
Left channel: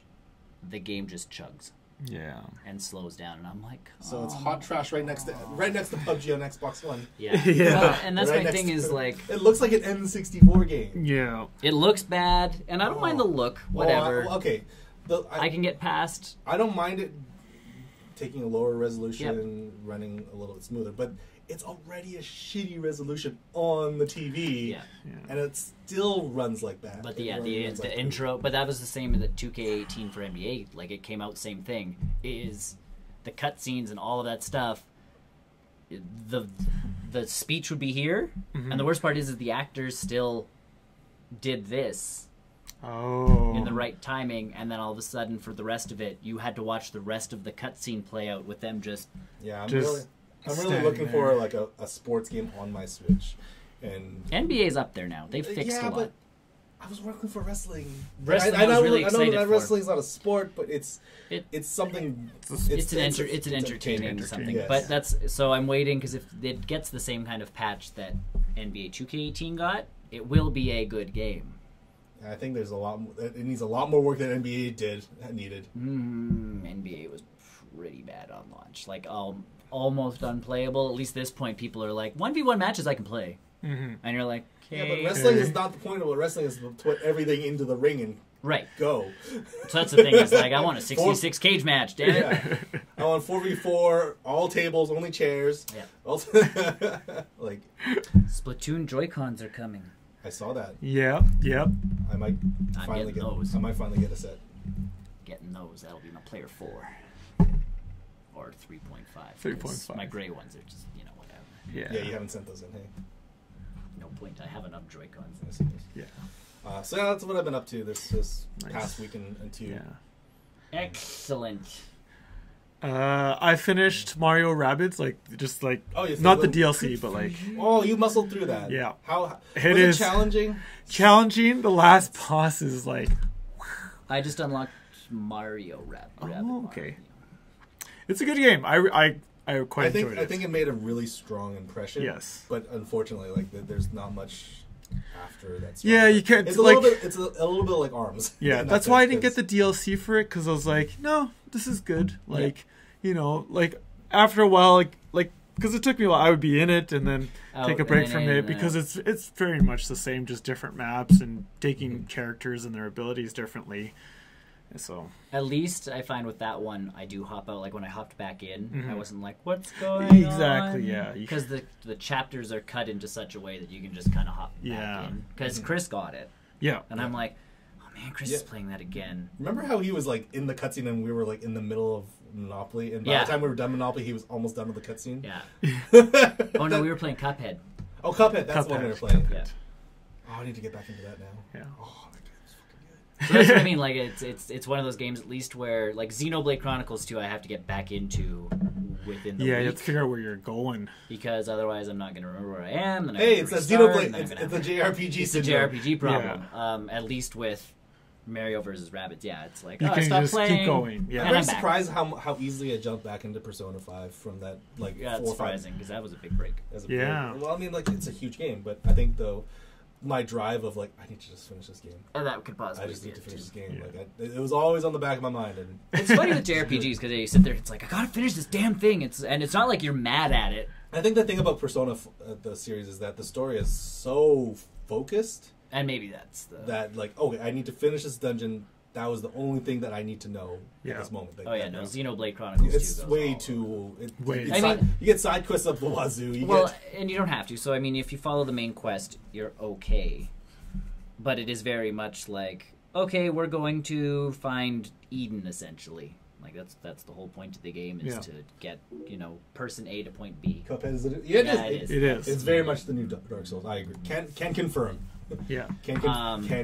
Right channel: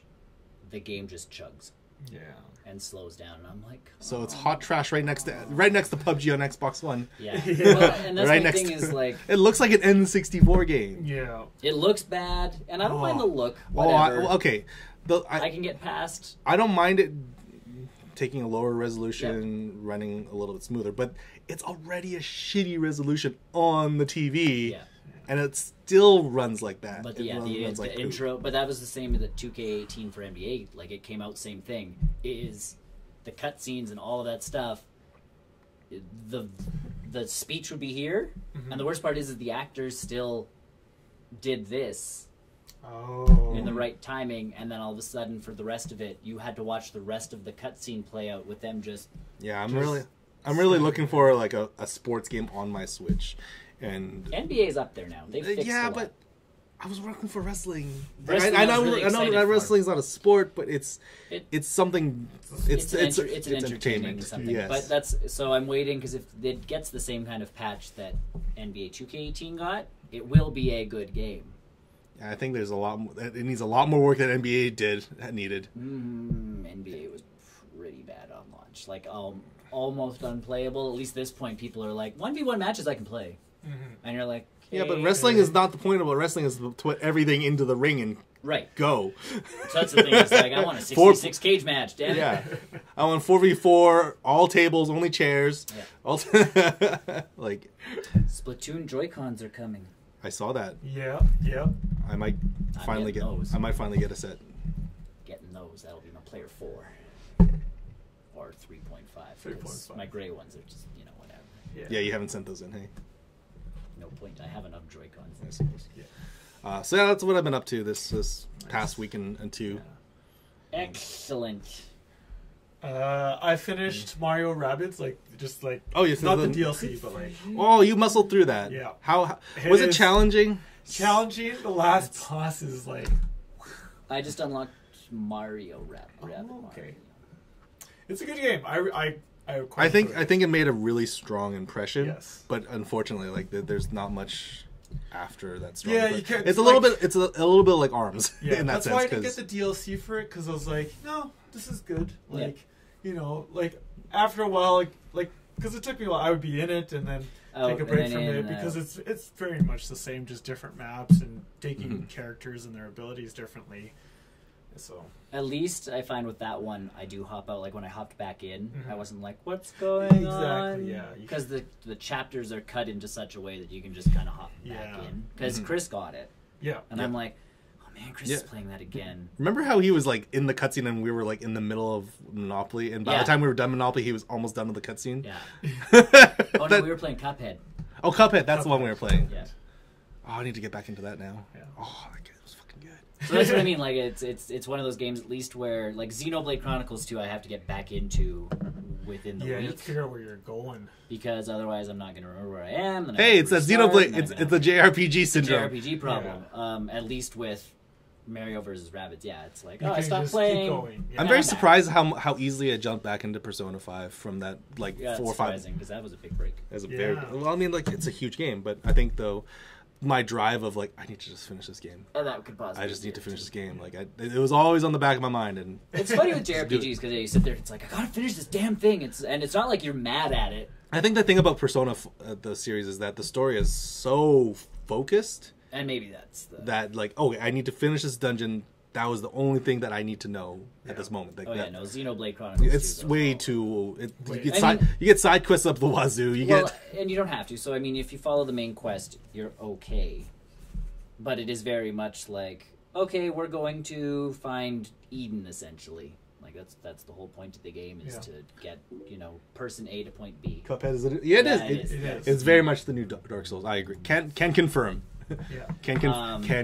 the game just chugs. Yeah. And slows down, and I'm like, so it's hot trash right next to PUBG on Xbox One. Yeah. Well, and that's my thing is like, it looks like an N64 game. Yeah. It looks bad, and I don't mind the look. Whatever. Okay. I can get past. I don't mind it taking a lower resolution, running a little bit smoother, but it's already a shitty resolution on the TV, and it still runs like that. But the intro, but that was the same as the 2K18 for NBA. Like, it came out, same thing. Is the cutscenes and all of that stuff. The speech would be here, and the worst part is that the actors still did this. In the right timing, and then all of a sudden, for the rest of it, you had to watch the rest of the cutscene play out with them just. Yeah, I'm really looking for like a sports game on my Switch, and NBA's up there now. They've fixed a lot. But I was looking for wrestling. I know that wrestling's not a sport, but it's something. It's an entertainment something. Yes. But that's so I'm waiting because if it gets the same kind of patch that NBA 2K18 got, it will be a good game. I think there's a lot. It needs a lot more work than NBA needed. NBA was pretty bad on launch, like almost unplayable. At least at this point, people are like 1v1 matches I can play, and you're like, yeah, but wrestling is not the point of it. Wrestling is to put everything into the ring and go. So that's the thing. It's like I want a 6v6 cage match, damn it. Yeah, I want 4v4, all tables, only chairs. Yeah. Like Splatoon Joy-Cons are coming. I saw that. Yeah. I might finally get those. I might finally get a set. Getting those. That'll be my player 4 or 3.5. 3.5. My gray ones are just whatever. Yeah, you haven't sent those in, hey? No point. I have enough Joy-Cons. Yeah. So that's what I've been up to this past week and two. Yeah. Excellent. I finished Mario Rabbids, not the DLC, but like. Oh, you muscled through that. Yeah. How was it challenging? Challenging. The last boss is like. I just unlocked Mario Rabbids. Oh, okay. It's a good game. I quite enjoyed it. I think it made a really strong impression. Yes. But unfortunately, like there's not much after that. Yeah, you can't. It's a little bit. It's a little bit like ARMS. Yeah, that's why I didn't get the DLC for it, because I was like, no, this is good. Like, you know, like after a while, like because it took me a while, I would be in it and then take a break from it, because it's very much the same, just different maps and taking characters and their abilities differently. So at least I find with that one, I do hop out. Like when I hopped back in, I wasn't like, "What's going on?" Exactly, yeah. Because the chapters are cut into such a way that you can just kind of hop back in. Because Chris got it, and I'm like, "Oh man, Chris is playing that again." Remember how he was like in the cutscene and we were like in the middle of Monopoly, and by the time we were done Monopoly, he was almost done with the cutscene. Yeah. Oh no, we were playing Cuphead. Oh, Cuphead. That's the one we were playing. Yeah. Oh, I need to get back into that now. Yeah. Oh, that game was fucking good. So that's what I mean. Like it's one of those games at least where like Xenoblade Chronicles 2, I have to get back into within the week, you have to figure out where you're going, because otherwise I'm not going to remember where I am. Hey, it's a Xenoblade. It's a JRPG syndrome. JRPG problem. Yeah. At least with Mario vs. Rabbids, it's like you can just playing. keep going. Yeah. I'm very surprised how easily I jumped back into Persona 5 from that 4 or 5. Because that was a big break. Well, I mean, like it's a huge game, but I think though my drive of like I need to just finish this game. Oh, that could possibly. I just need to finish this game. Yeah. Like it was always on the back of my mind, and it's funny with JRPGs because they sit there. It's like I gotta finish this damn thing. It's not like you're mad at it. I think the thing about Persona the series is that the story is so focused, and maybe that's that like I need to finish this dungeon. That was the only thing that I need to know at this moment. Like Xenoblade Chronicles. It's way too. You get side quests up the wazoo. And you don't have to. So I mean, if you follow the main quest, you're okay. But it is very much like, okay, we're going to find Eden essentially. Like that's the whole point of the game is to get person A to point B. Cuphead is it? Yeah, it is. It's very much the new Dark Souls. I agree. Can confirm. Yeah, can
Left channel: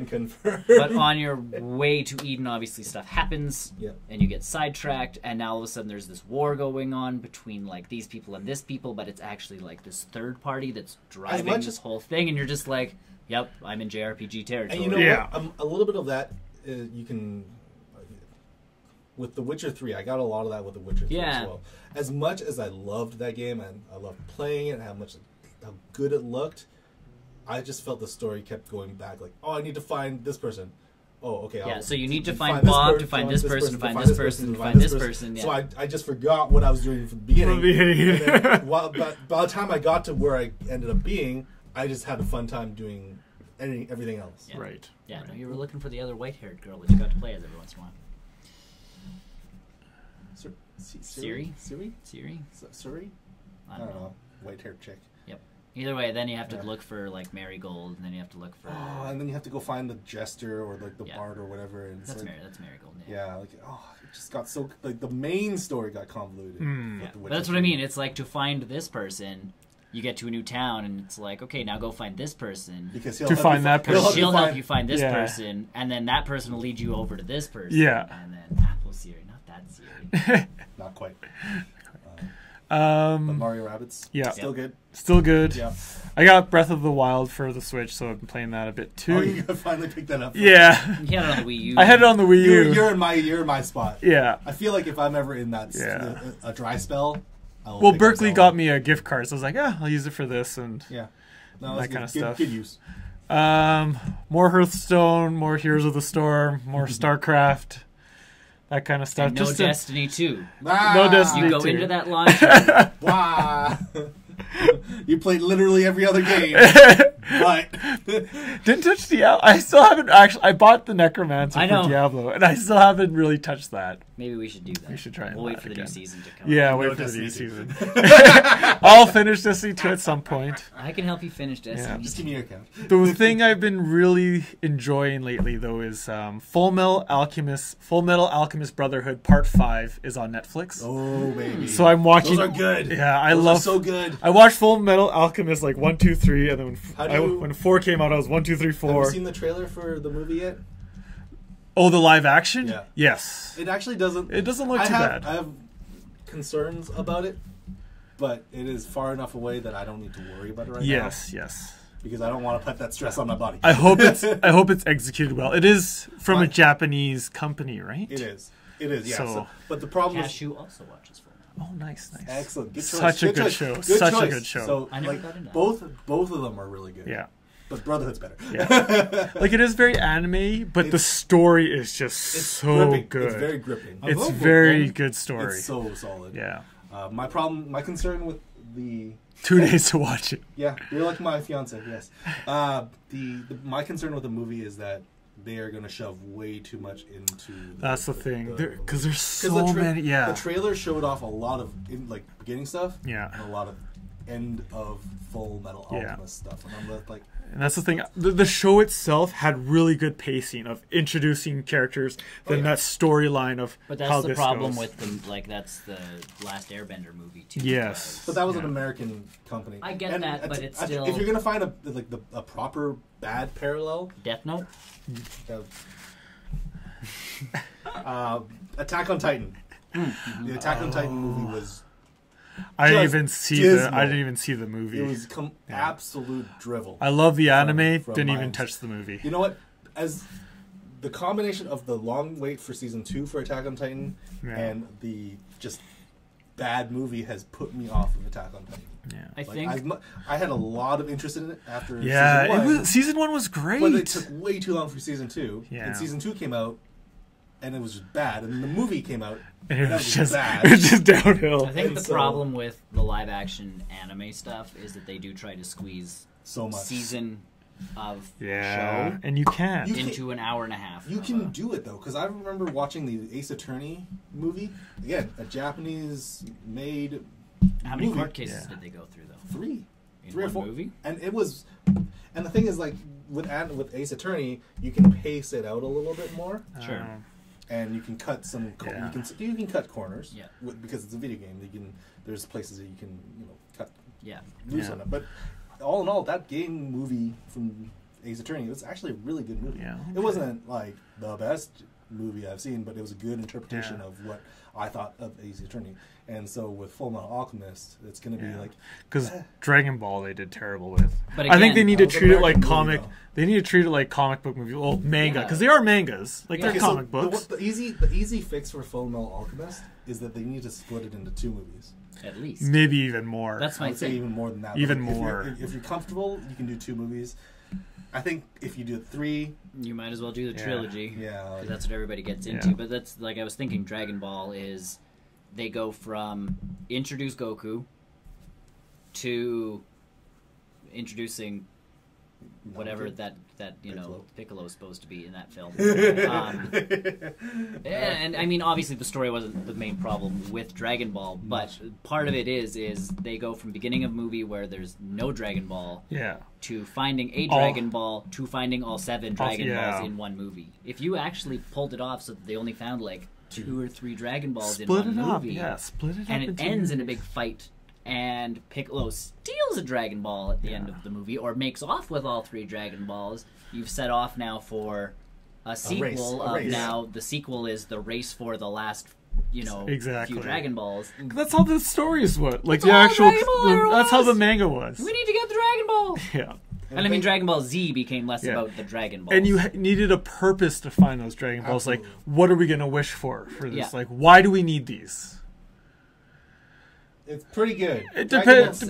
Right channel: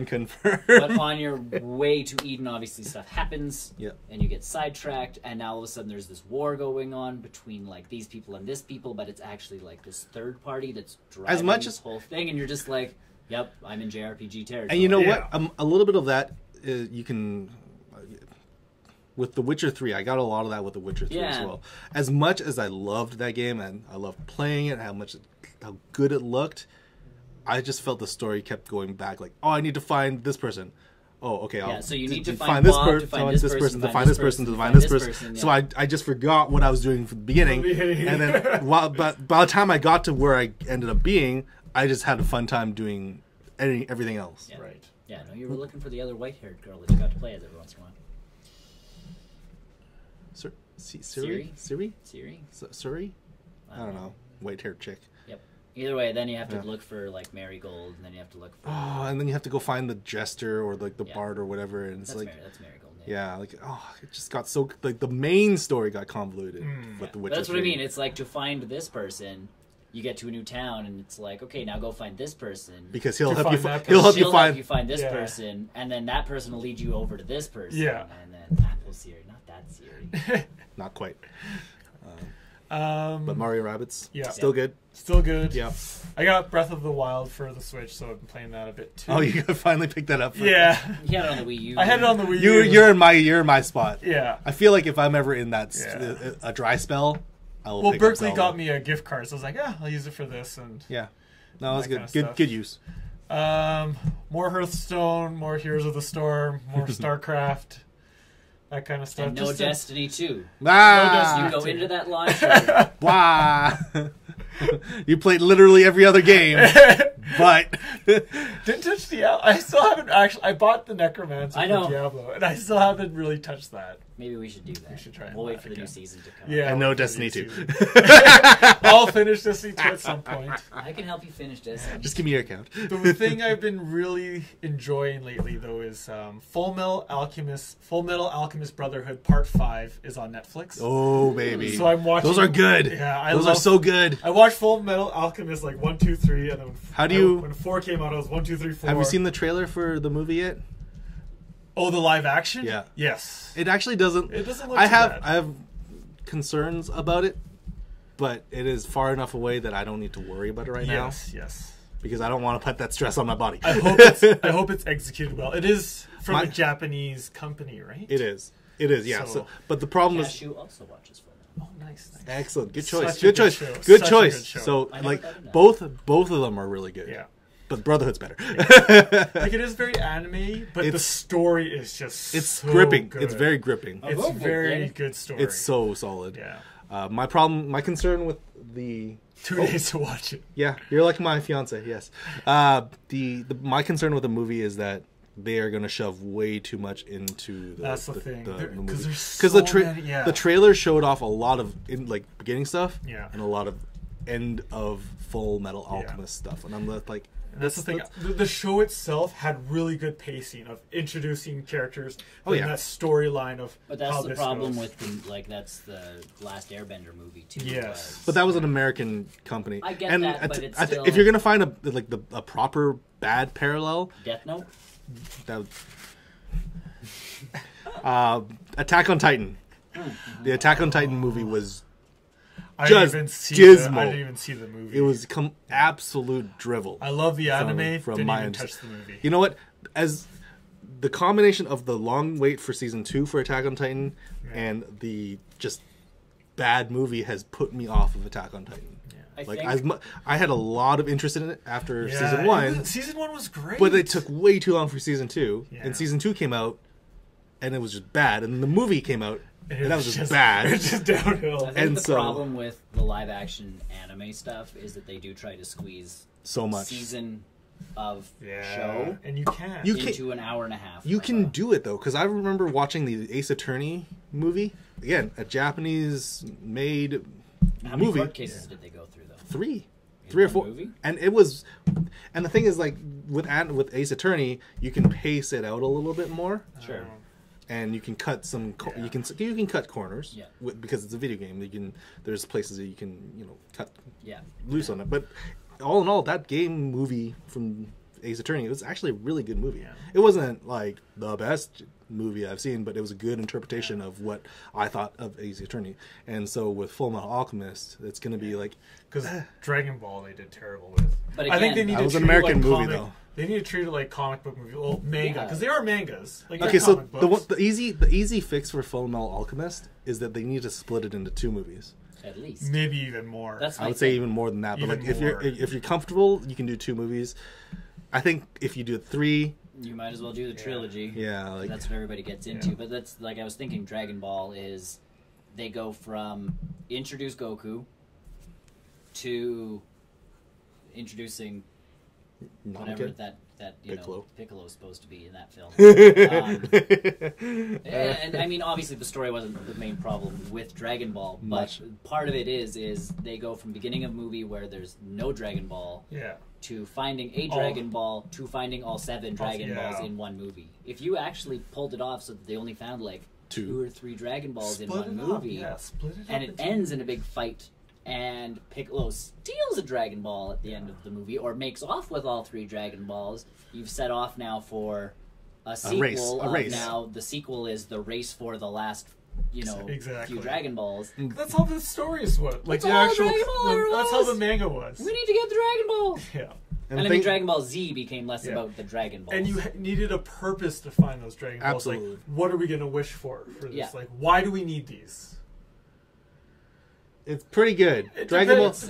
confirm. But on your way to Eden, obviously stuff happens, and you get sidetracked, and now all of a sudden there's this war going on between like these people and this people, but it's actually like this third party that's driving this whole thing, and you're just like, "Yep, I'm in JRPG territory." And you know what? A little bit of that you can. With The Witcher 3, I got a lot of that with The Witcher 3 as well. As much as I loved that game and I loved playing it, how good it looked. I just felt the story kept going back. Like, I need to find this person. Oh, okay. So you need to find Bob, to find this person, to find this person, to find this person. So I just forgot what I was doing from the beginning. And then, but by the time I got to where I ended up being, I just had a fun time doing everything else. Yeah. Right. Yeah. No, you were looking for the other white-haired girl that you got to play as every once in a while. Siri? Siri? I don't know. White-haired chick. Either way, then you have to look for like Marigold, and then you have to look for. Oh, and then you have to go find the jester or like the bard or whatever, and it's that's Marigold. Yeah, like it just got so like the main story got convoluted. That's what I mean. It's like to find this person, you get to a new town, and it's like, okay, now go find this person because he'll help you find this person, and then that person will lead you over to this person. Yeah, and then Siri, not that Siri. Not quite. But Mario Rabbids, still good. Yeah, I got Breath of the Wild for the Switch, so I've been playing that a bit too. Oh, you finally picked that up. Yeah, you had it on the Wii U. I had it on the Wii U. You're in my spot. Yeah, I feel like if I'm ever in that a dry spell, Berkeley got me a gift card, so I was like, I'll use it for this and that kind of stuff. Good use. More Hearthstone, more Heroes of the Storm, more StarCraft. That kind of stuff. And Destiny 2. No Destiny 2. You go into that launcher. Wow. You played literally every other game. But didn't touch Diablo. I still haven't actually. I bought the Necromancer for Diablo, and I still haven't really touched that. Maybe we should do that. We should try we'll that wait for again. the new season to come. Yeah, no Destiny 2. I'll finish Destiny 2 at some point. I can help you finish Destiny. Yeah, just give me your account. The thing I've been really enjoying lately, though, is Full Metal Alchemist Brotherhood Part 5 is on Netflix. Oh, baby. So I'm watching. Those are good. Yeah, Those are so good. I watched Full Metal Alchemist like 1, 2, 3, and then when 4 came out, I was 1, 2, 3, 4. Have you seen the trailer for the movie yet? Oh, the live action? Yeah. Yes. It actually doesn't. It doesn't look too bad. I have concerns about it, but it is far enough away that I don't need to worry about it right now. Yes. Because I don't want to put that stress on my body. I hope it's executed well. It is from a Japanese company, right? It is. Yeah. So, but the problem is. Cashew also watches for me. Oh, nice. Excellent. Good choice. Such a good show. Good Such choice. a good show. So, like, both of them are really good. Yeah. but Brotherhood's better. Yeah. Like it is very anime, but the story is just so gripping. good. It's very gripping. It's very good story. It's so solid. Yeah. My concern with the 2 days to watch it. Yeah, you're like my fiance. Yes. My concern with the movie is that they are going to shove way too much into. That's the thing, because there's so many. The trailer showed off a lot of beginning stuff. Yeah. And a lot of end of Full Metal Alchemist stuff, and I'm like. And that's the thing. The show itself had really good pacing of introducing characters, that storyline of how this goes. But that's the problem with that's the Last Airbender movie too. Yes, but that was an American company. I get that, but it's still... if you're gonna find a proper bad parallel, Death Note. Attack on Titan. The Attack on Titan movie was. I didn't even see the movie. It was absolute drivel. I love the anime. Didn't even touch the movie. You know what? As the combination of the long wait for season 2 for Attack on Titan and the just bad movie has put me off of Attack on Titan. I had a lot of interest in it after season 1. Season 1 was great, but it took way too long for season 2. Yeah. And season 2 came out, and it was just bad. And then the movie came out. And it was just bad. It's just downhill. I think the problem with the live action anime stuff is that they do try to squeeze so much season of show, and you can't into an hour and a half. You can do it though, because I remember watching the Ace Attorney movie. Again, a Japanese made How many court cases did they go through though? 3 or 4. Movie? And it was, and the thing is, like with Ace Attorney, you can pace it out a little bit more. Sure. And you can cut some. You can cut corners. Because it's a video game. There's places that you can cut loose on it. But all in all, that game movie from Ace Attorney, it was actually a really good movie. Yeah. It wasn't like the best movie I've seen, but it was a good interpretation of what I thought of Ace Attorney. And so with Full Metal Alchemist, it's going to be like because Dragon Ball they did terrible with. But again, I think they need to treat it like comic. They need to treat it like comic book movie, manga, because they are mangas. Like they're comic books. The easy fix for Full Metal Alchemist is that they need to split it into 2 movies. At least. Maybe even more. I would say even more than that. Even more. If you're comfortable, you can do 2 movies. I think if you do 3... You might as well do the trilogy. Yeah. That's what everybody gets into. But that's, like I was thinking, Dragon Ball is... They go from introduce Goku to introducing whatever that Piccolo is supposed to be in that film. And I mean, obviously the story wasn't the main problem with Dragon Ball, but part of it is they go from beginning of movie where there's no Dragon Ball to finding a Dragon Ball to finding all 7 Dragon Balls in one movie. If you actually pulled it off so that they only found like 2 or 3 Dragon Balls in one movie, split it up, and it ends in a big fight. And Piccolo steals a Dragon Ball at the end of the movie, or makes off with all 3 Dragon Balls. You've set off now for a sequel. A race. Now the sequel is the race for the last, few Dragon Balls. That's how the story is. Like the actual. That's how the manga was. We need to get the Dragon Ball. Yeah. And I mean, Dragon Ball Z became less about the Dragon Balls. And you needed a purpose to find those Dragon Balls. Absolutely. Like, what are we going to wish for this? Yeah. Like, why do we need these? It's pretty good. It depends.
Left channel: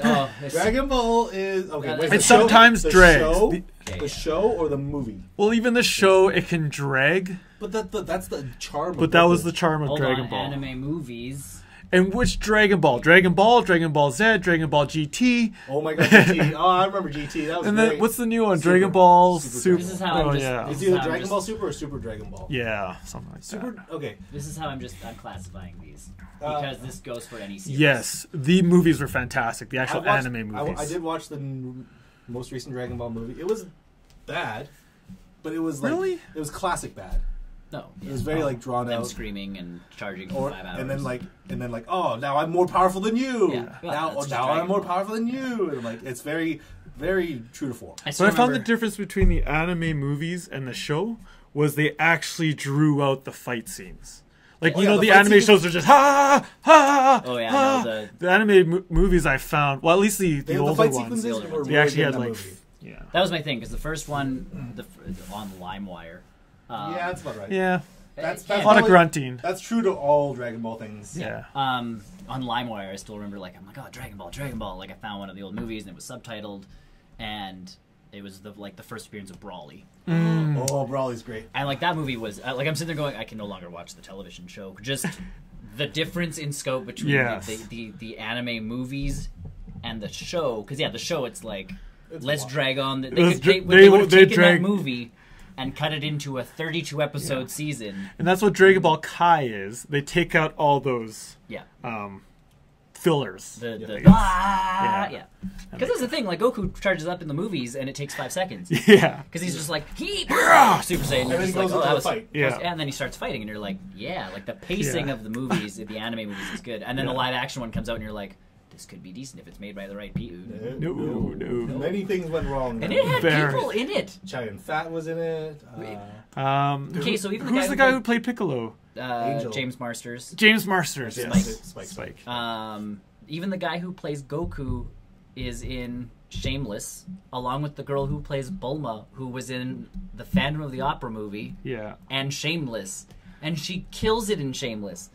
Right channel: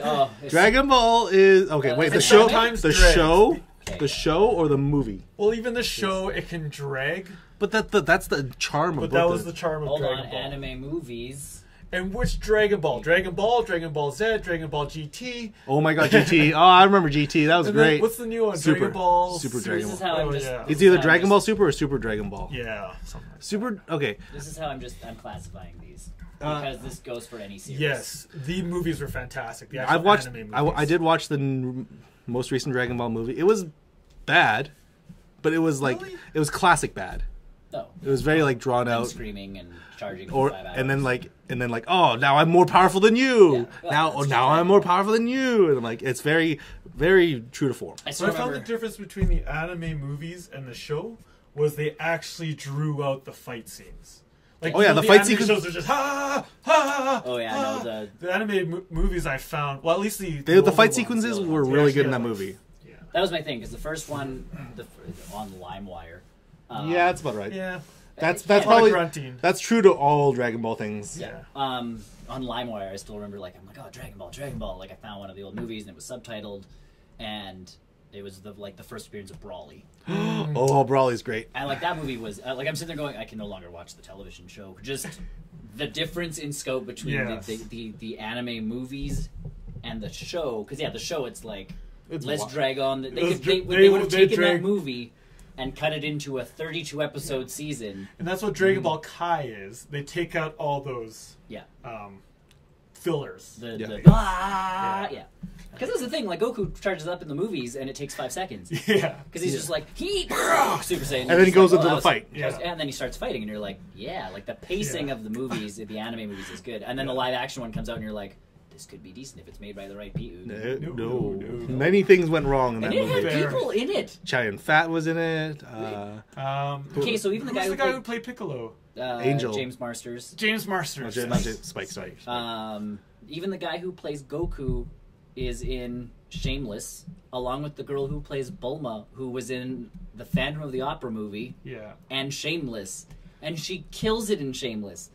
Dragon Ball is okay. Wait, it sometimes drags. The show or the movie? Well, even the show, it can drag. But that's the charm. But that was the charm of Dragon Ball. Anime movies. And which Dragon Ball? Dragon Ball Z, Dragon Ball GT. Oh my god, GT! Oh, I remember GT. That was and great. Then what's the new one? Dragon Ball Super. This is how It's either Dragon Ball Super or Super Dragon Ball. Yeah, something like Super. That. Okay. This is how I'm classifying these. Because this goes for any series. Yes, the movies were fantastic. The actual anime movies. I did watch the most recent Dragon Ball movie. It was bad, but it was like it was classic bad. No, it was very like drawn out, screaming and charging for 5 hours. and then like oh now I'm more powerful than you. Yeah. Well, now I'm more powerful than you. And like it's very very true to form. But I found the difference between the anime movies and the show was they actually drew out the fight scenes. Like, the anime shows are just The anime movies I found, well, at least the fight sequences were really good in that movie. Yeah. That was my thing, because the first one on LimeWire. Yeah, that's about right. Yeah. That's a lot of grunting. That's true to all Dragon Ball things. Yeah. On LimeWire, I still remember, like, I'm like, oh, Dragon Ball. Like, I found one of the old movies, and it was subtitled, and It was the first appearance of Brawly. Oh, Brawly's great. And like that movie was like I'm sitting there going, I can no longer watch the television show. Just the difference in scope between the anime movies and the show. Because the show it's like let's drag on. They drag that movie and cut it into a 32 episode season. And that's what Dragon Ball Kai is. They take out all those fillers. Because that's the thing, like Goku charges up in the movies and it takes 5 seconds. Yeah. Because he's just like, Super Saiyan. And then he goes into the fight. Yeah. And then he starts fighting and you're like, like the pacing of the movies, the anime movies is good. And then a live action one comes out and you're like, this could be decent if it's made by the right people. No. Many things went wrong in that movie. And it had people in it. Chai Fat was in it. Okay, so even who's the guy who played Piccolo? Angel. James Marsters. Spike. Even the guy who plays Goku is in Shameless, along with the girl who plays Bulma, who was in the Phantom of the Opera movie. Yeah. And Shameless, and she kills it in Shameless,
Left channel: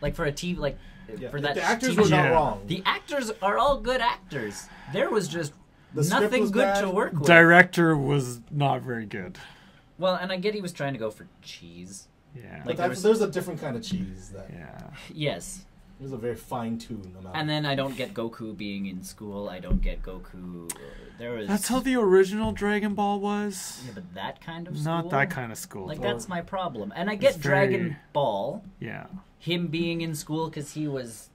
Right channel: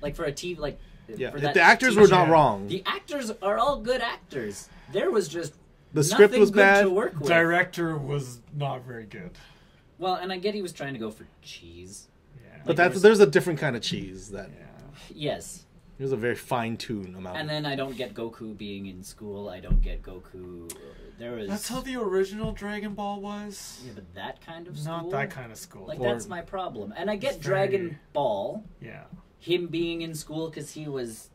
like for a TV like. Yeah. The actors were not wrong. The actors are all good actors. There was just the script was good bad. To work with. Director was not very good. Well, and I get he was trying to go for cheese. Yeah, but there's a different kind of cheese. Yes. There's a very fine-tuned amount. And then I don't get Goku being in school. I don't get Goku. That's how the original Dragon Ball was. Yeah, but that kind of school? Not that kind of school. Like, that's my problem. And I get Dragon Ball. Yeah. Him being in school because he was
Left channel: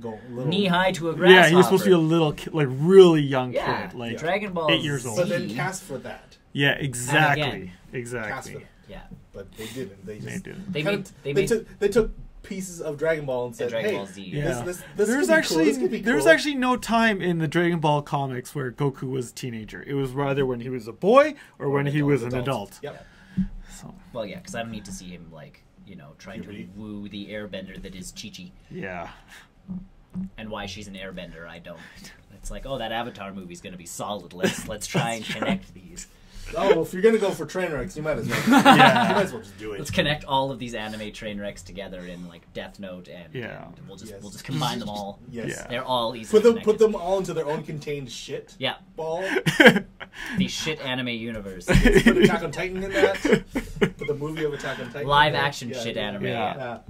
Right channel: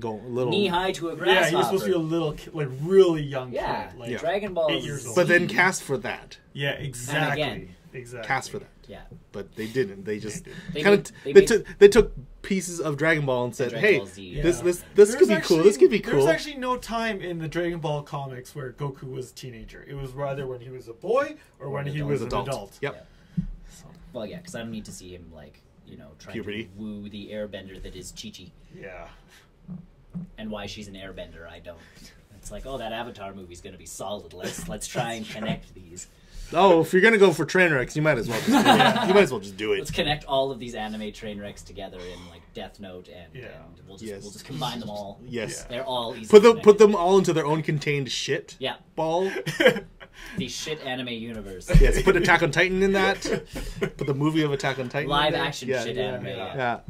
little knee-high to a grasshopper. Yeah, he was supposed to be a little kid, like really young kid. Like Dragon Ball 8 years old. But then cast for that. Yeah, exactly. Cast for that. Yeah. But they didn't. They just they took pieces of Dragon Ball and said, "Hey, this there's could be cool. This could be cool." There's actually no time in the Dragon Ball comics where Goku was a teenager. It was rather when he was a boy or when he was an adult. Yep. So. Well, yeah, because I don't need to see him trying to woo the airbender that is Chi-Chi. Yeah. And why she's an airbender, I don't. It's like, that Avatar movie's going to be solid. Let's try and connect these. Oh, if you're going to go for train wrecks, you might as well. You might as well just do it. Let's connect all of these anime train wrecks together in like Death Note, and we'll just combine them all. Yes, they're all easy. Put them all into their own contained shit. Yeah. Ball. The shit anime universe. Yes, put Attack on Titan in that. Put the movie of Attack on Titan. Live action shit anime. Yeah.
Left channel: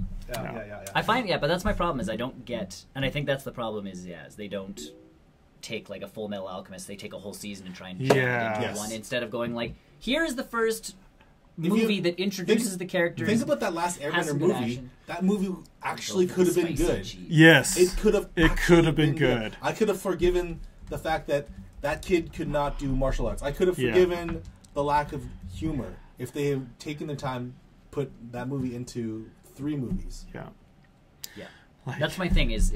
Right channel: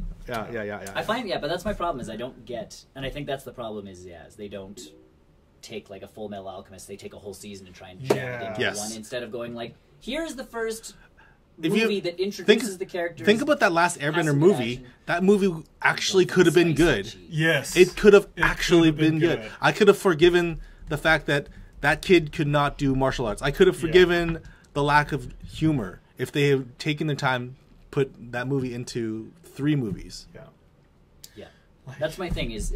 I find but that's my problem is I don't get, and I think that's the problem is they don't take like a Full Metal Alchemist. They take a whole season and try and do one instead of going like, here's the first movie that introduces the characters. Think about that last Airbender movie. Action. That movie actually could have been good. Yes, it could have. It could have been good. I could have forgiven the fact that kid could not do martial arts. I could have forgiven the lack of humor if they had taken the time put that movie into 3 movies. Yeah. That's my thing. Is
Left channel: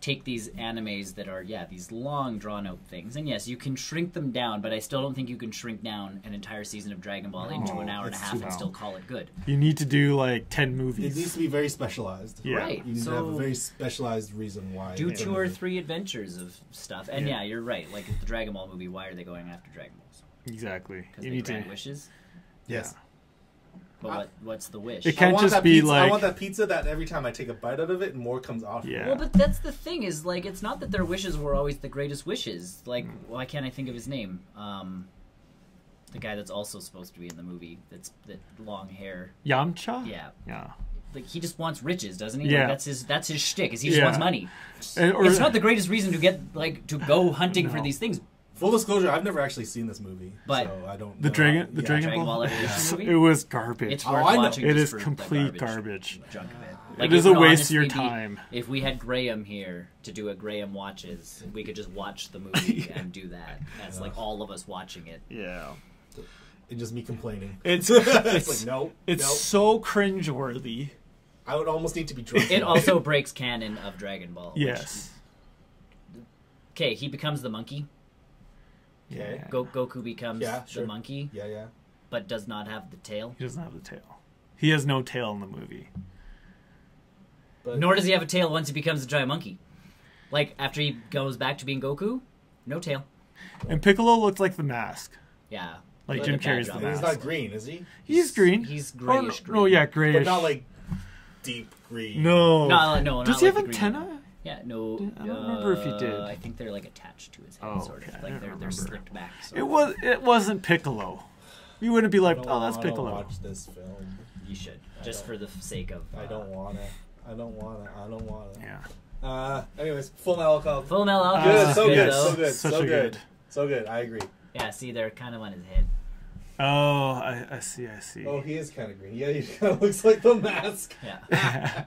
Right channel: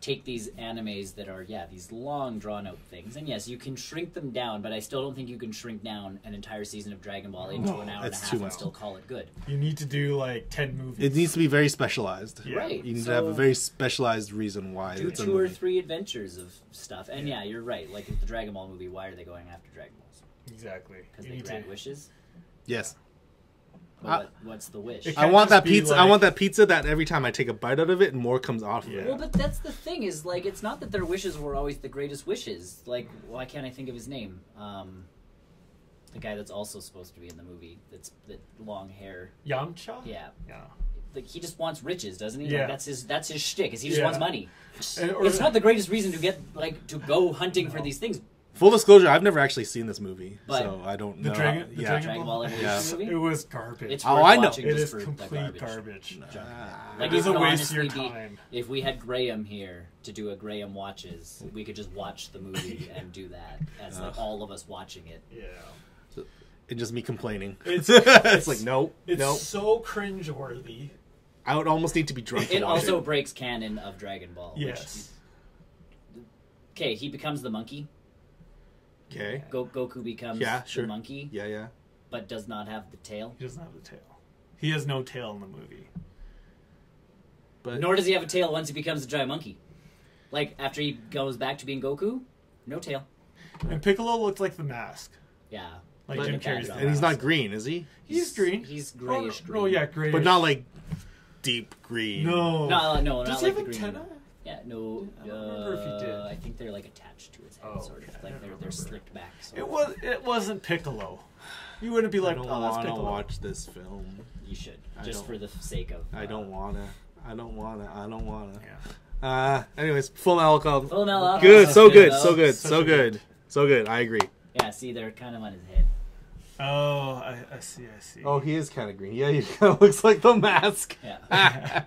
take these animes that are these long drawn out things, and yes, you can shrink them down, but I still don't think you can shrink down an entire season of Dragon Ball into an hour and a half and still call it good. You need to do like 10 movies. It needs to be very specialized. Yeah. Right. You need to have a very specialized reason why. Do 2 or 3 adventures of stuff, and you're right. Like with the Dragon Ball movie, why are they going after Dragon Balls? Exactly. You need to wishes. Yes. But what's the wish? It can't just be like... I want that pizza that every time I take a bite out of it, more comes off. Yeah. Well, but that's the thing is like it's not that their wishes were always the greatest wishes. Like why can't I think of his name? The guy that's also supposed to be in the movie. That long hair. Yamcha. Yeah. Like he just wants riches, doesn't he? Yeah. Like, that's his shtick. Is he just wants money. Or, it's not the greatest reason to go hunting for these things. Full disclosure, I've never actually seen this movie, but so I don't. The Dragon Ball. It was garbage. It is complete garbage. It is a waste of your time. If we had Graham here to do a Graham Watches, we could just watch the movie and do that. That's like all of us watching it. Yeah. And just me complaining. It's like, no. It's so cringeworthy. I would almost need to be drunk. It also breaks canon of Dragon Ball. Yes. Okay, he becomes the monkey. Okay. Goku becomes the monkey. Yeah. But does not have the tail. He doesn't have the tail. He has no tail in the movie. But nor does he have a tail once he becomes a giant monkey. Like, after he goes back to being Goku, no tail. And Piccolo looks like the Mask. Yeah. Like Jim Carrey's the Mask. And he's not green, is he? He's green. He's grayish green. Oh, yeah, grayish. But not like deep green. No. No. Does he have antenna? Yeah, no. I don't remember if he did. I think they're like attached to his head, sort of. Okay, Like they're slicked back. It wasn't Piccolo. You wouldn't be like, oh, that's Piccolo. I don't watch this film. You should, just for the sake of. I don't wanna. Yeah. Anyways, Full Metal Alchemist. Full Metal Alchemist. Good, so good, so good. I agree. Yeah, see, they're kind of on his head. Oh, I see. Oh, he is kind of green. Yeah, he kind of looks like the mask. Yeah.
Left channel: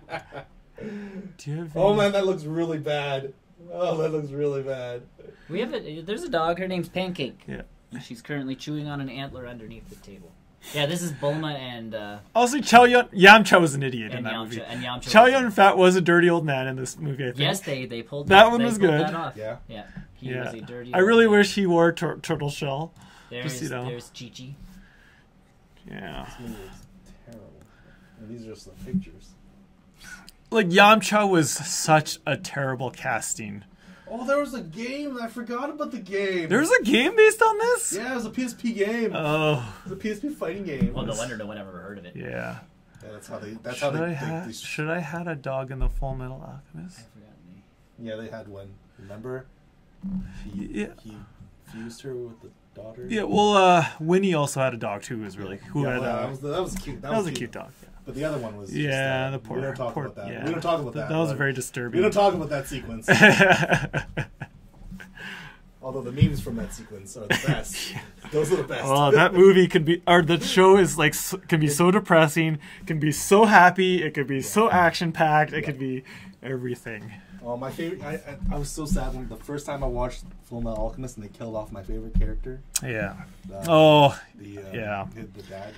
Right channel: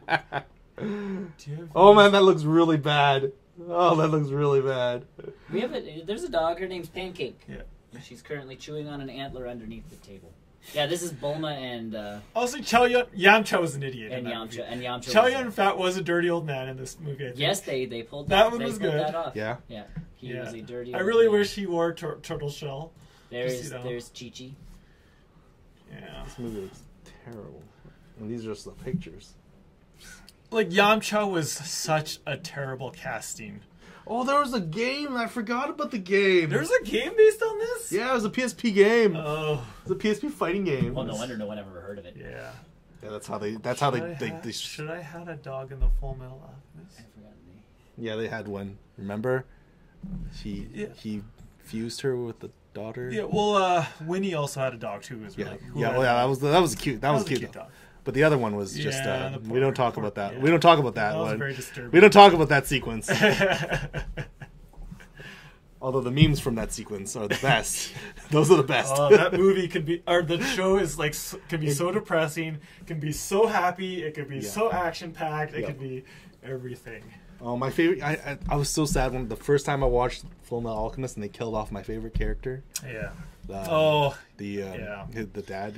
Oh man, that looks really bad. Oh, that looks really bad. There's a dog. Her name's Pancake. Yeah. She's currently chewing on an antler underneath the table. Yeah, this is Bulma and... Also, Yamcha was an idiot in that movie. Chow Yun-Fat was a dirty old man in this movie, I think. Yes, they pulled that one was good. That off. Yeah. Yeah. He was a dirty I really wish he wore turtle shell. There's Chi-Chi. Yeah. This movie is terrible. But these are just the pictures. Like, Yamcha was such a terrible casting. Oh, there was a game. I forgot about the game. There was a game based on this? Yeah, it was a PSP game. Oh. It was a PSP fighting game. Well, no wonder no one ever heard of it. Yeah. Yeah, that's how they should I had a dog in the Full Metal Alchemist? Yeah, they had one. Remember? He fused her with the daughter. Yeah, well, Winnie also had a dog too. Who was really cool. Yeah, that was cute. That was a cute dog. But the other one was just... the poor, we don't talk about that. Yeah. We don't talk about that. That was very disturbing. We don't talk about that sequence. Although the memes from that sequence are the best. Those are the best. Oh, that movie the show is like, can be so depressing, can be so happy, it could be so action-packed, it could be everything. Oh, my favorite... I was so sad when the first time I watched Full Metal Alchemist and they killed off my favorite character. Yeah. The dad,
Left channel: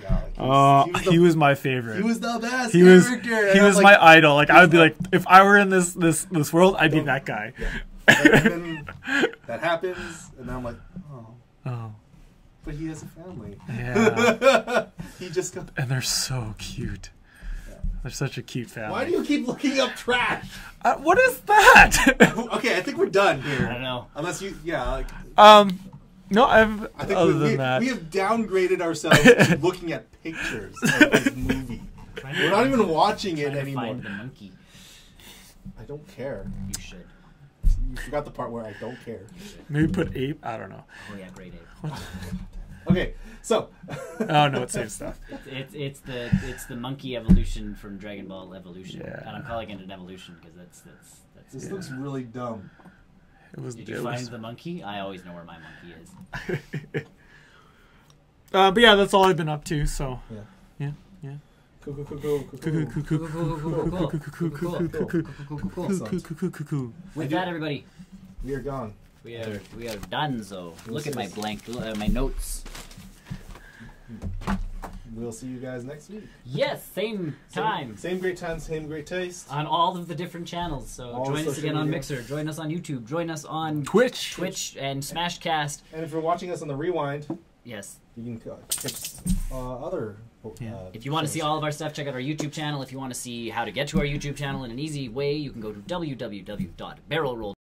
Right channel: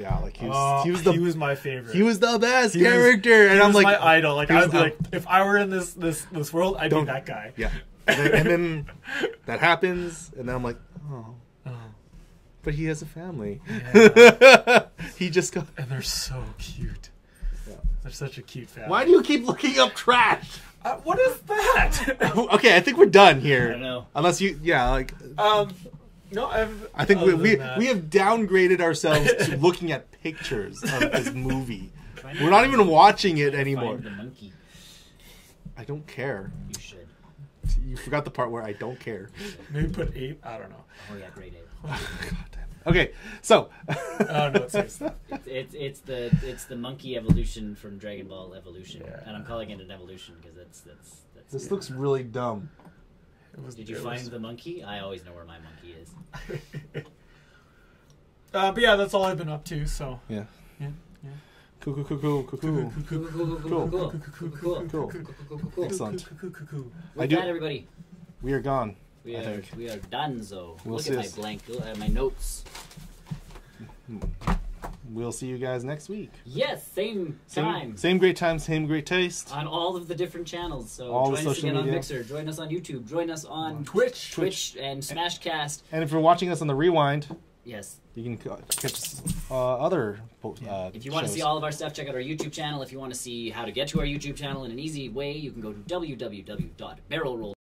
he was my favorite. He was the best character. He was my idol. Like, I would be like, if I were in this world, I'd be that guy. Yeah. And then that happens, and then I'm like, oh. But he has a family. Yeah. He just got... And they're so cute. They're such a cute family. Why do you keep looking up trash? What is that? Okay, I think we're done here. I don't know. Unless you, no, I think we have downgraded ourselves to looking at pictures of this movie. We're not even watching it anymore. Find the monkey. I don't care. You should. You forgot the part where I don't care. Maybe put ape. I don't know. Oh yeah, great ape. Okay, so. Oh no, it's same stuff. It's the monkey evolution from Dragon Ball Evolution, and I'm calling it an evolution because that's. This looks really dumb. Did you find the monkey? I always know where my monkey is. But yeah, that's all I've been up to. So yeah. With that, everybody, we are gone. We are donezo. Look at my blank, my notes. We'll see you guys next week. Yes, same time. Same great time, same great taste. On all of the different channels. So all join us again on Mixer. Join us on YouTube. Join us on Twitch and Smashcast. And if you're watching us on the Rewind, yes, you can catch other. If you want to see all of our stuff, check out our YouTube channel. If you want to see how to get to our YouTube channel in an easy way, you can go to www.barrelroll.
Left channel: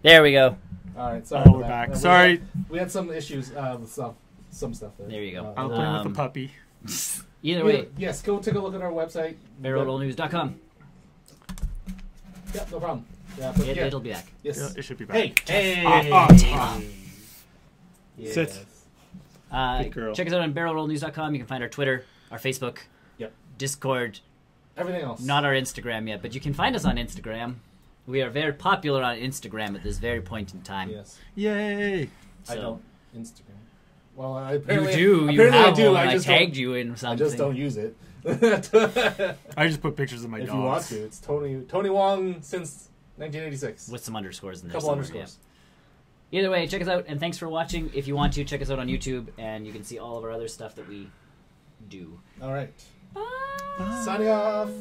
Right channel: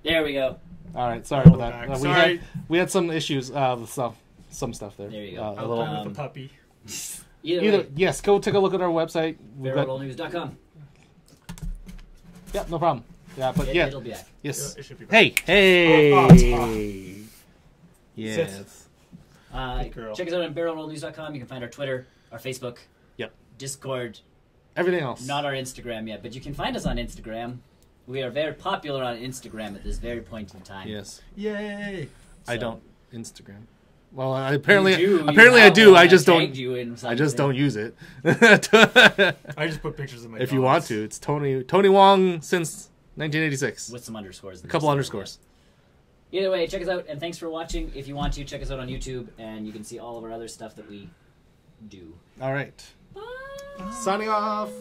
There we go. All right, sorry. We're back. Sorry, we had some issues with some stuff there. There you go. I was playing with the puppy. Either way, yes, go take a look at our website. BarrelRollNews.com. Yeah, no problem. Yeah, but yeah, it'll be back. Yes, yeah, it should be back. Hey. Yes. Good girl. Check us out on BarrelRollNews.com. You can find our Twitter, our Facebook, Discord, everything else. Not our Instagram yet, but you can find us on Instagram. We are very popular on Instagram at this very point in time. Yes. Yay! I don't Instagram. Well, apparently I do. I just don't. I just don't use it. I just put pictures of my. If you want to, it's Tony Wong since 1986 with some underscores. A couple underscores. Yeah. Either way, check us out, and thanks for watching. If you want to, check us out on YouTube, and you can see all of our other stuff that we do. All right. Bye. Signing off.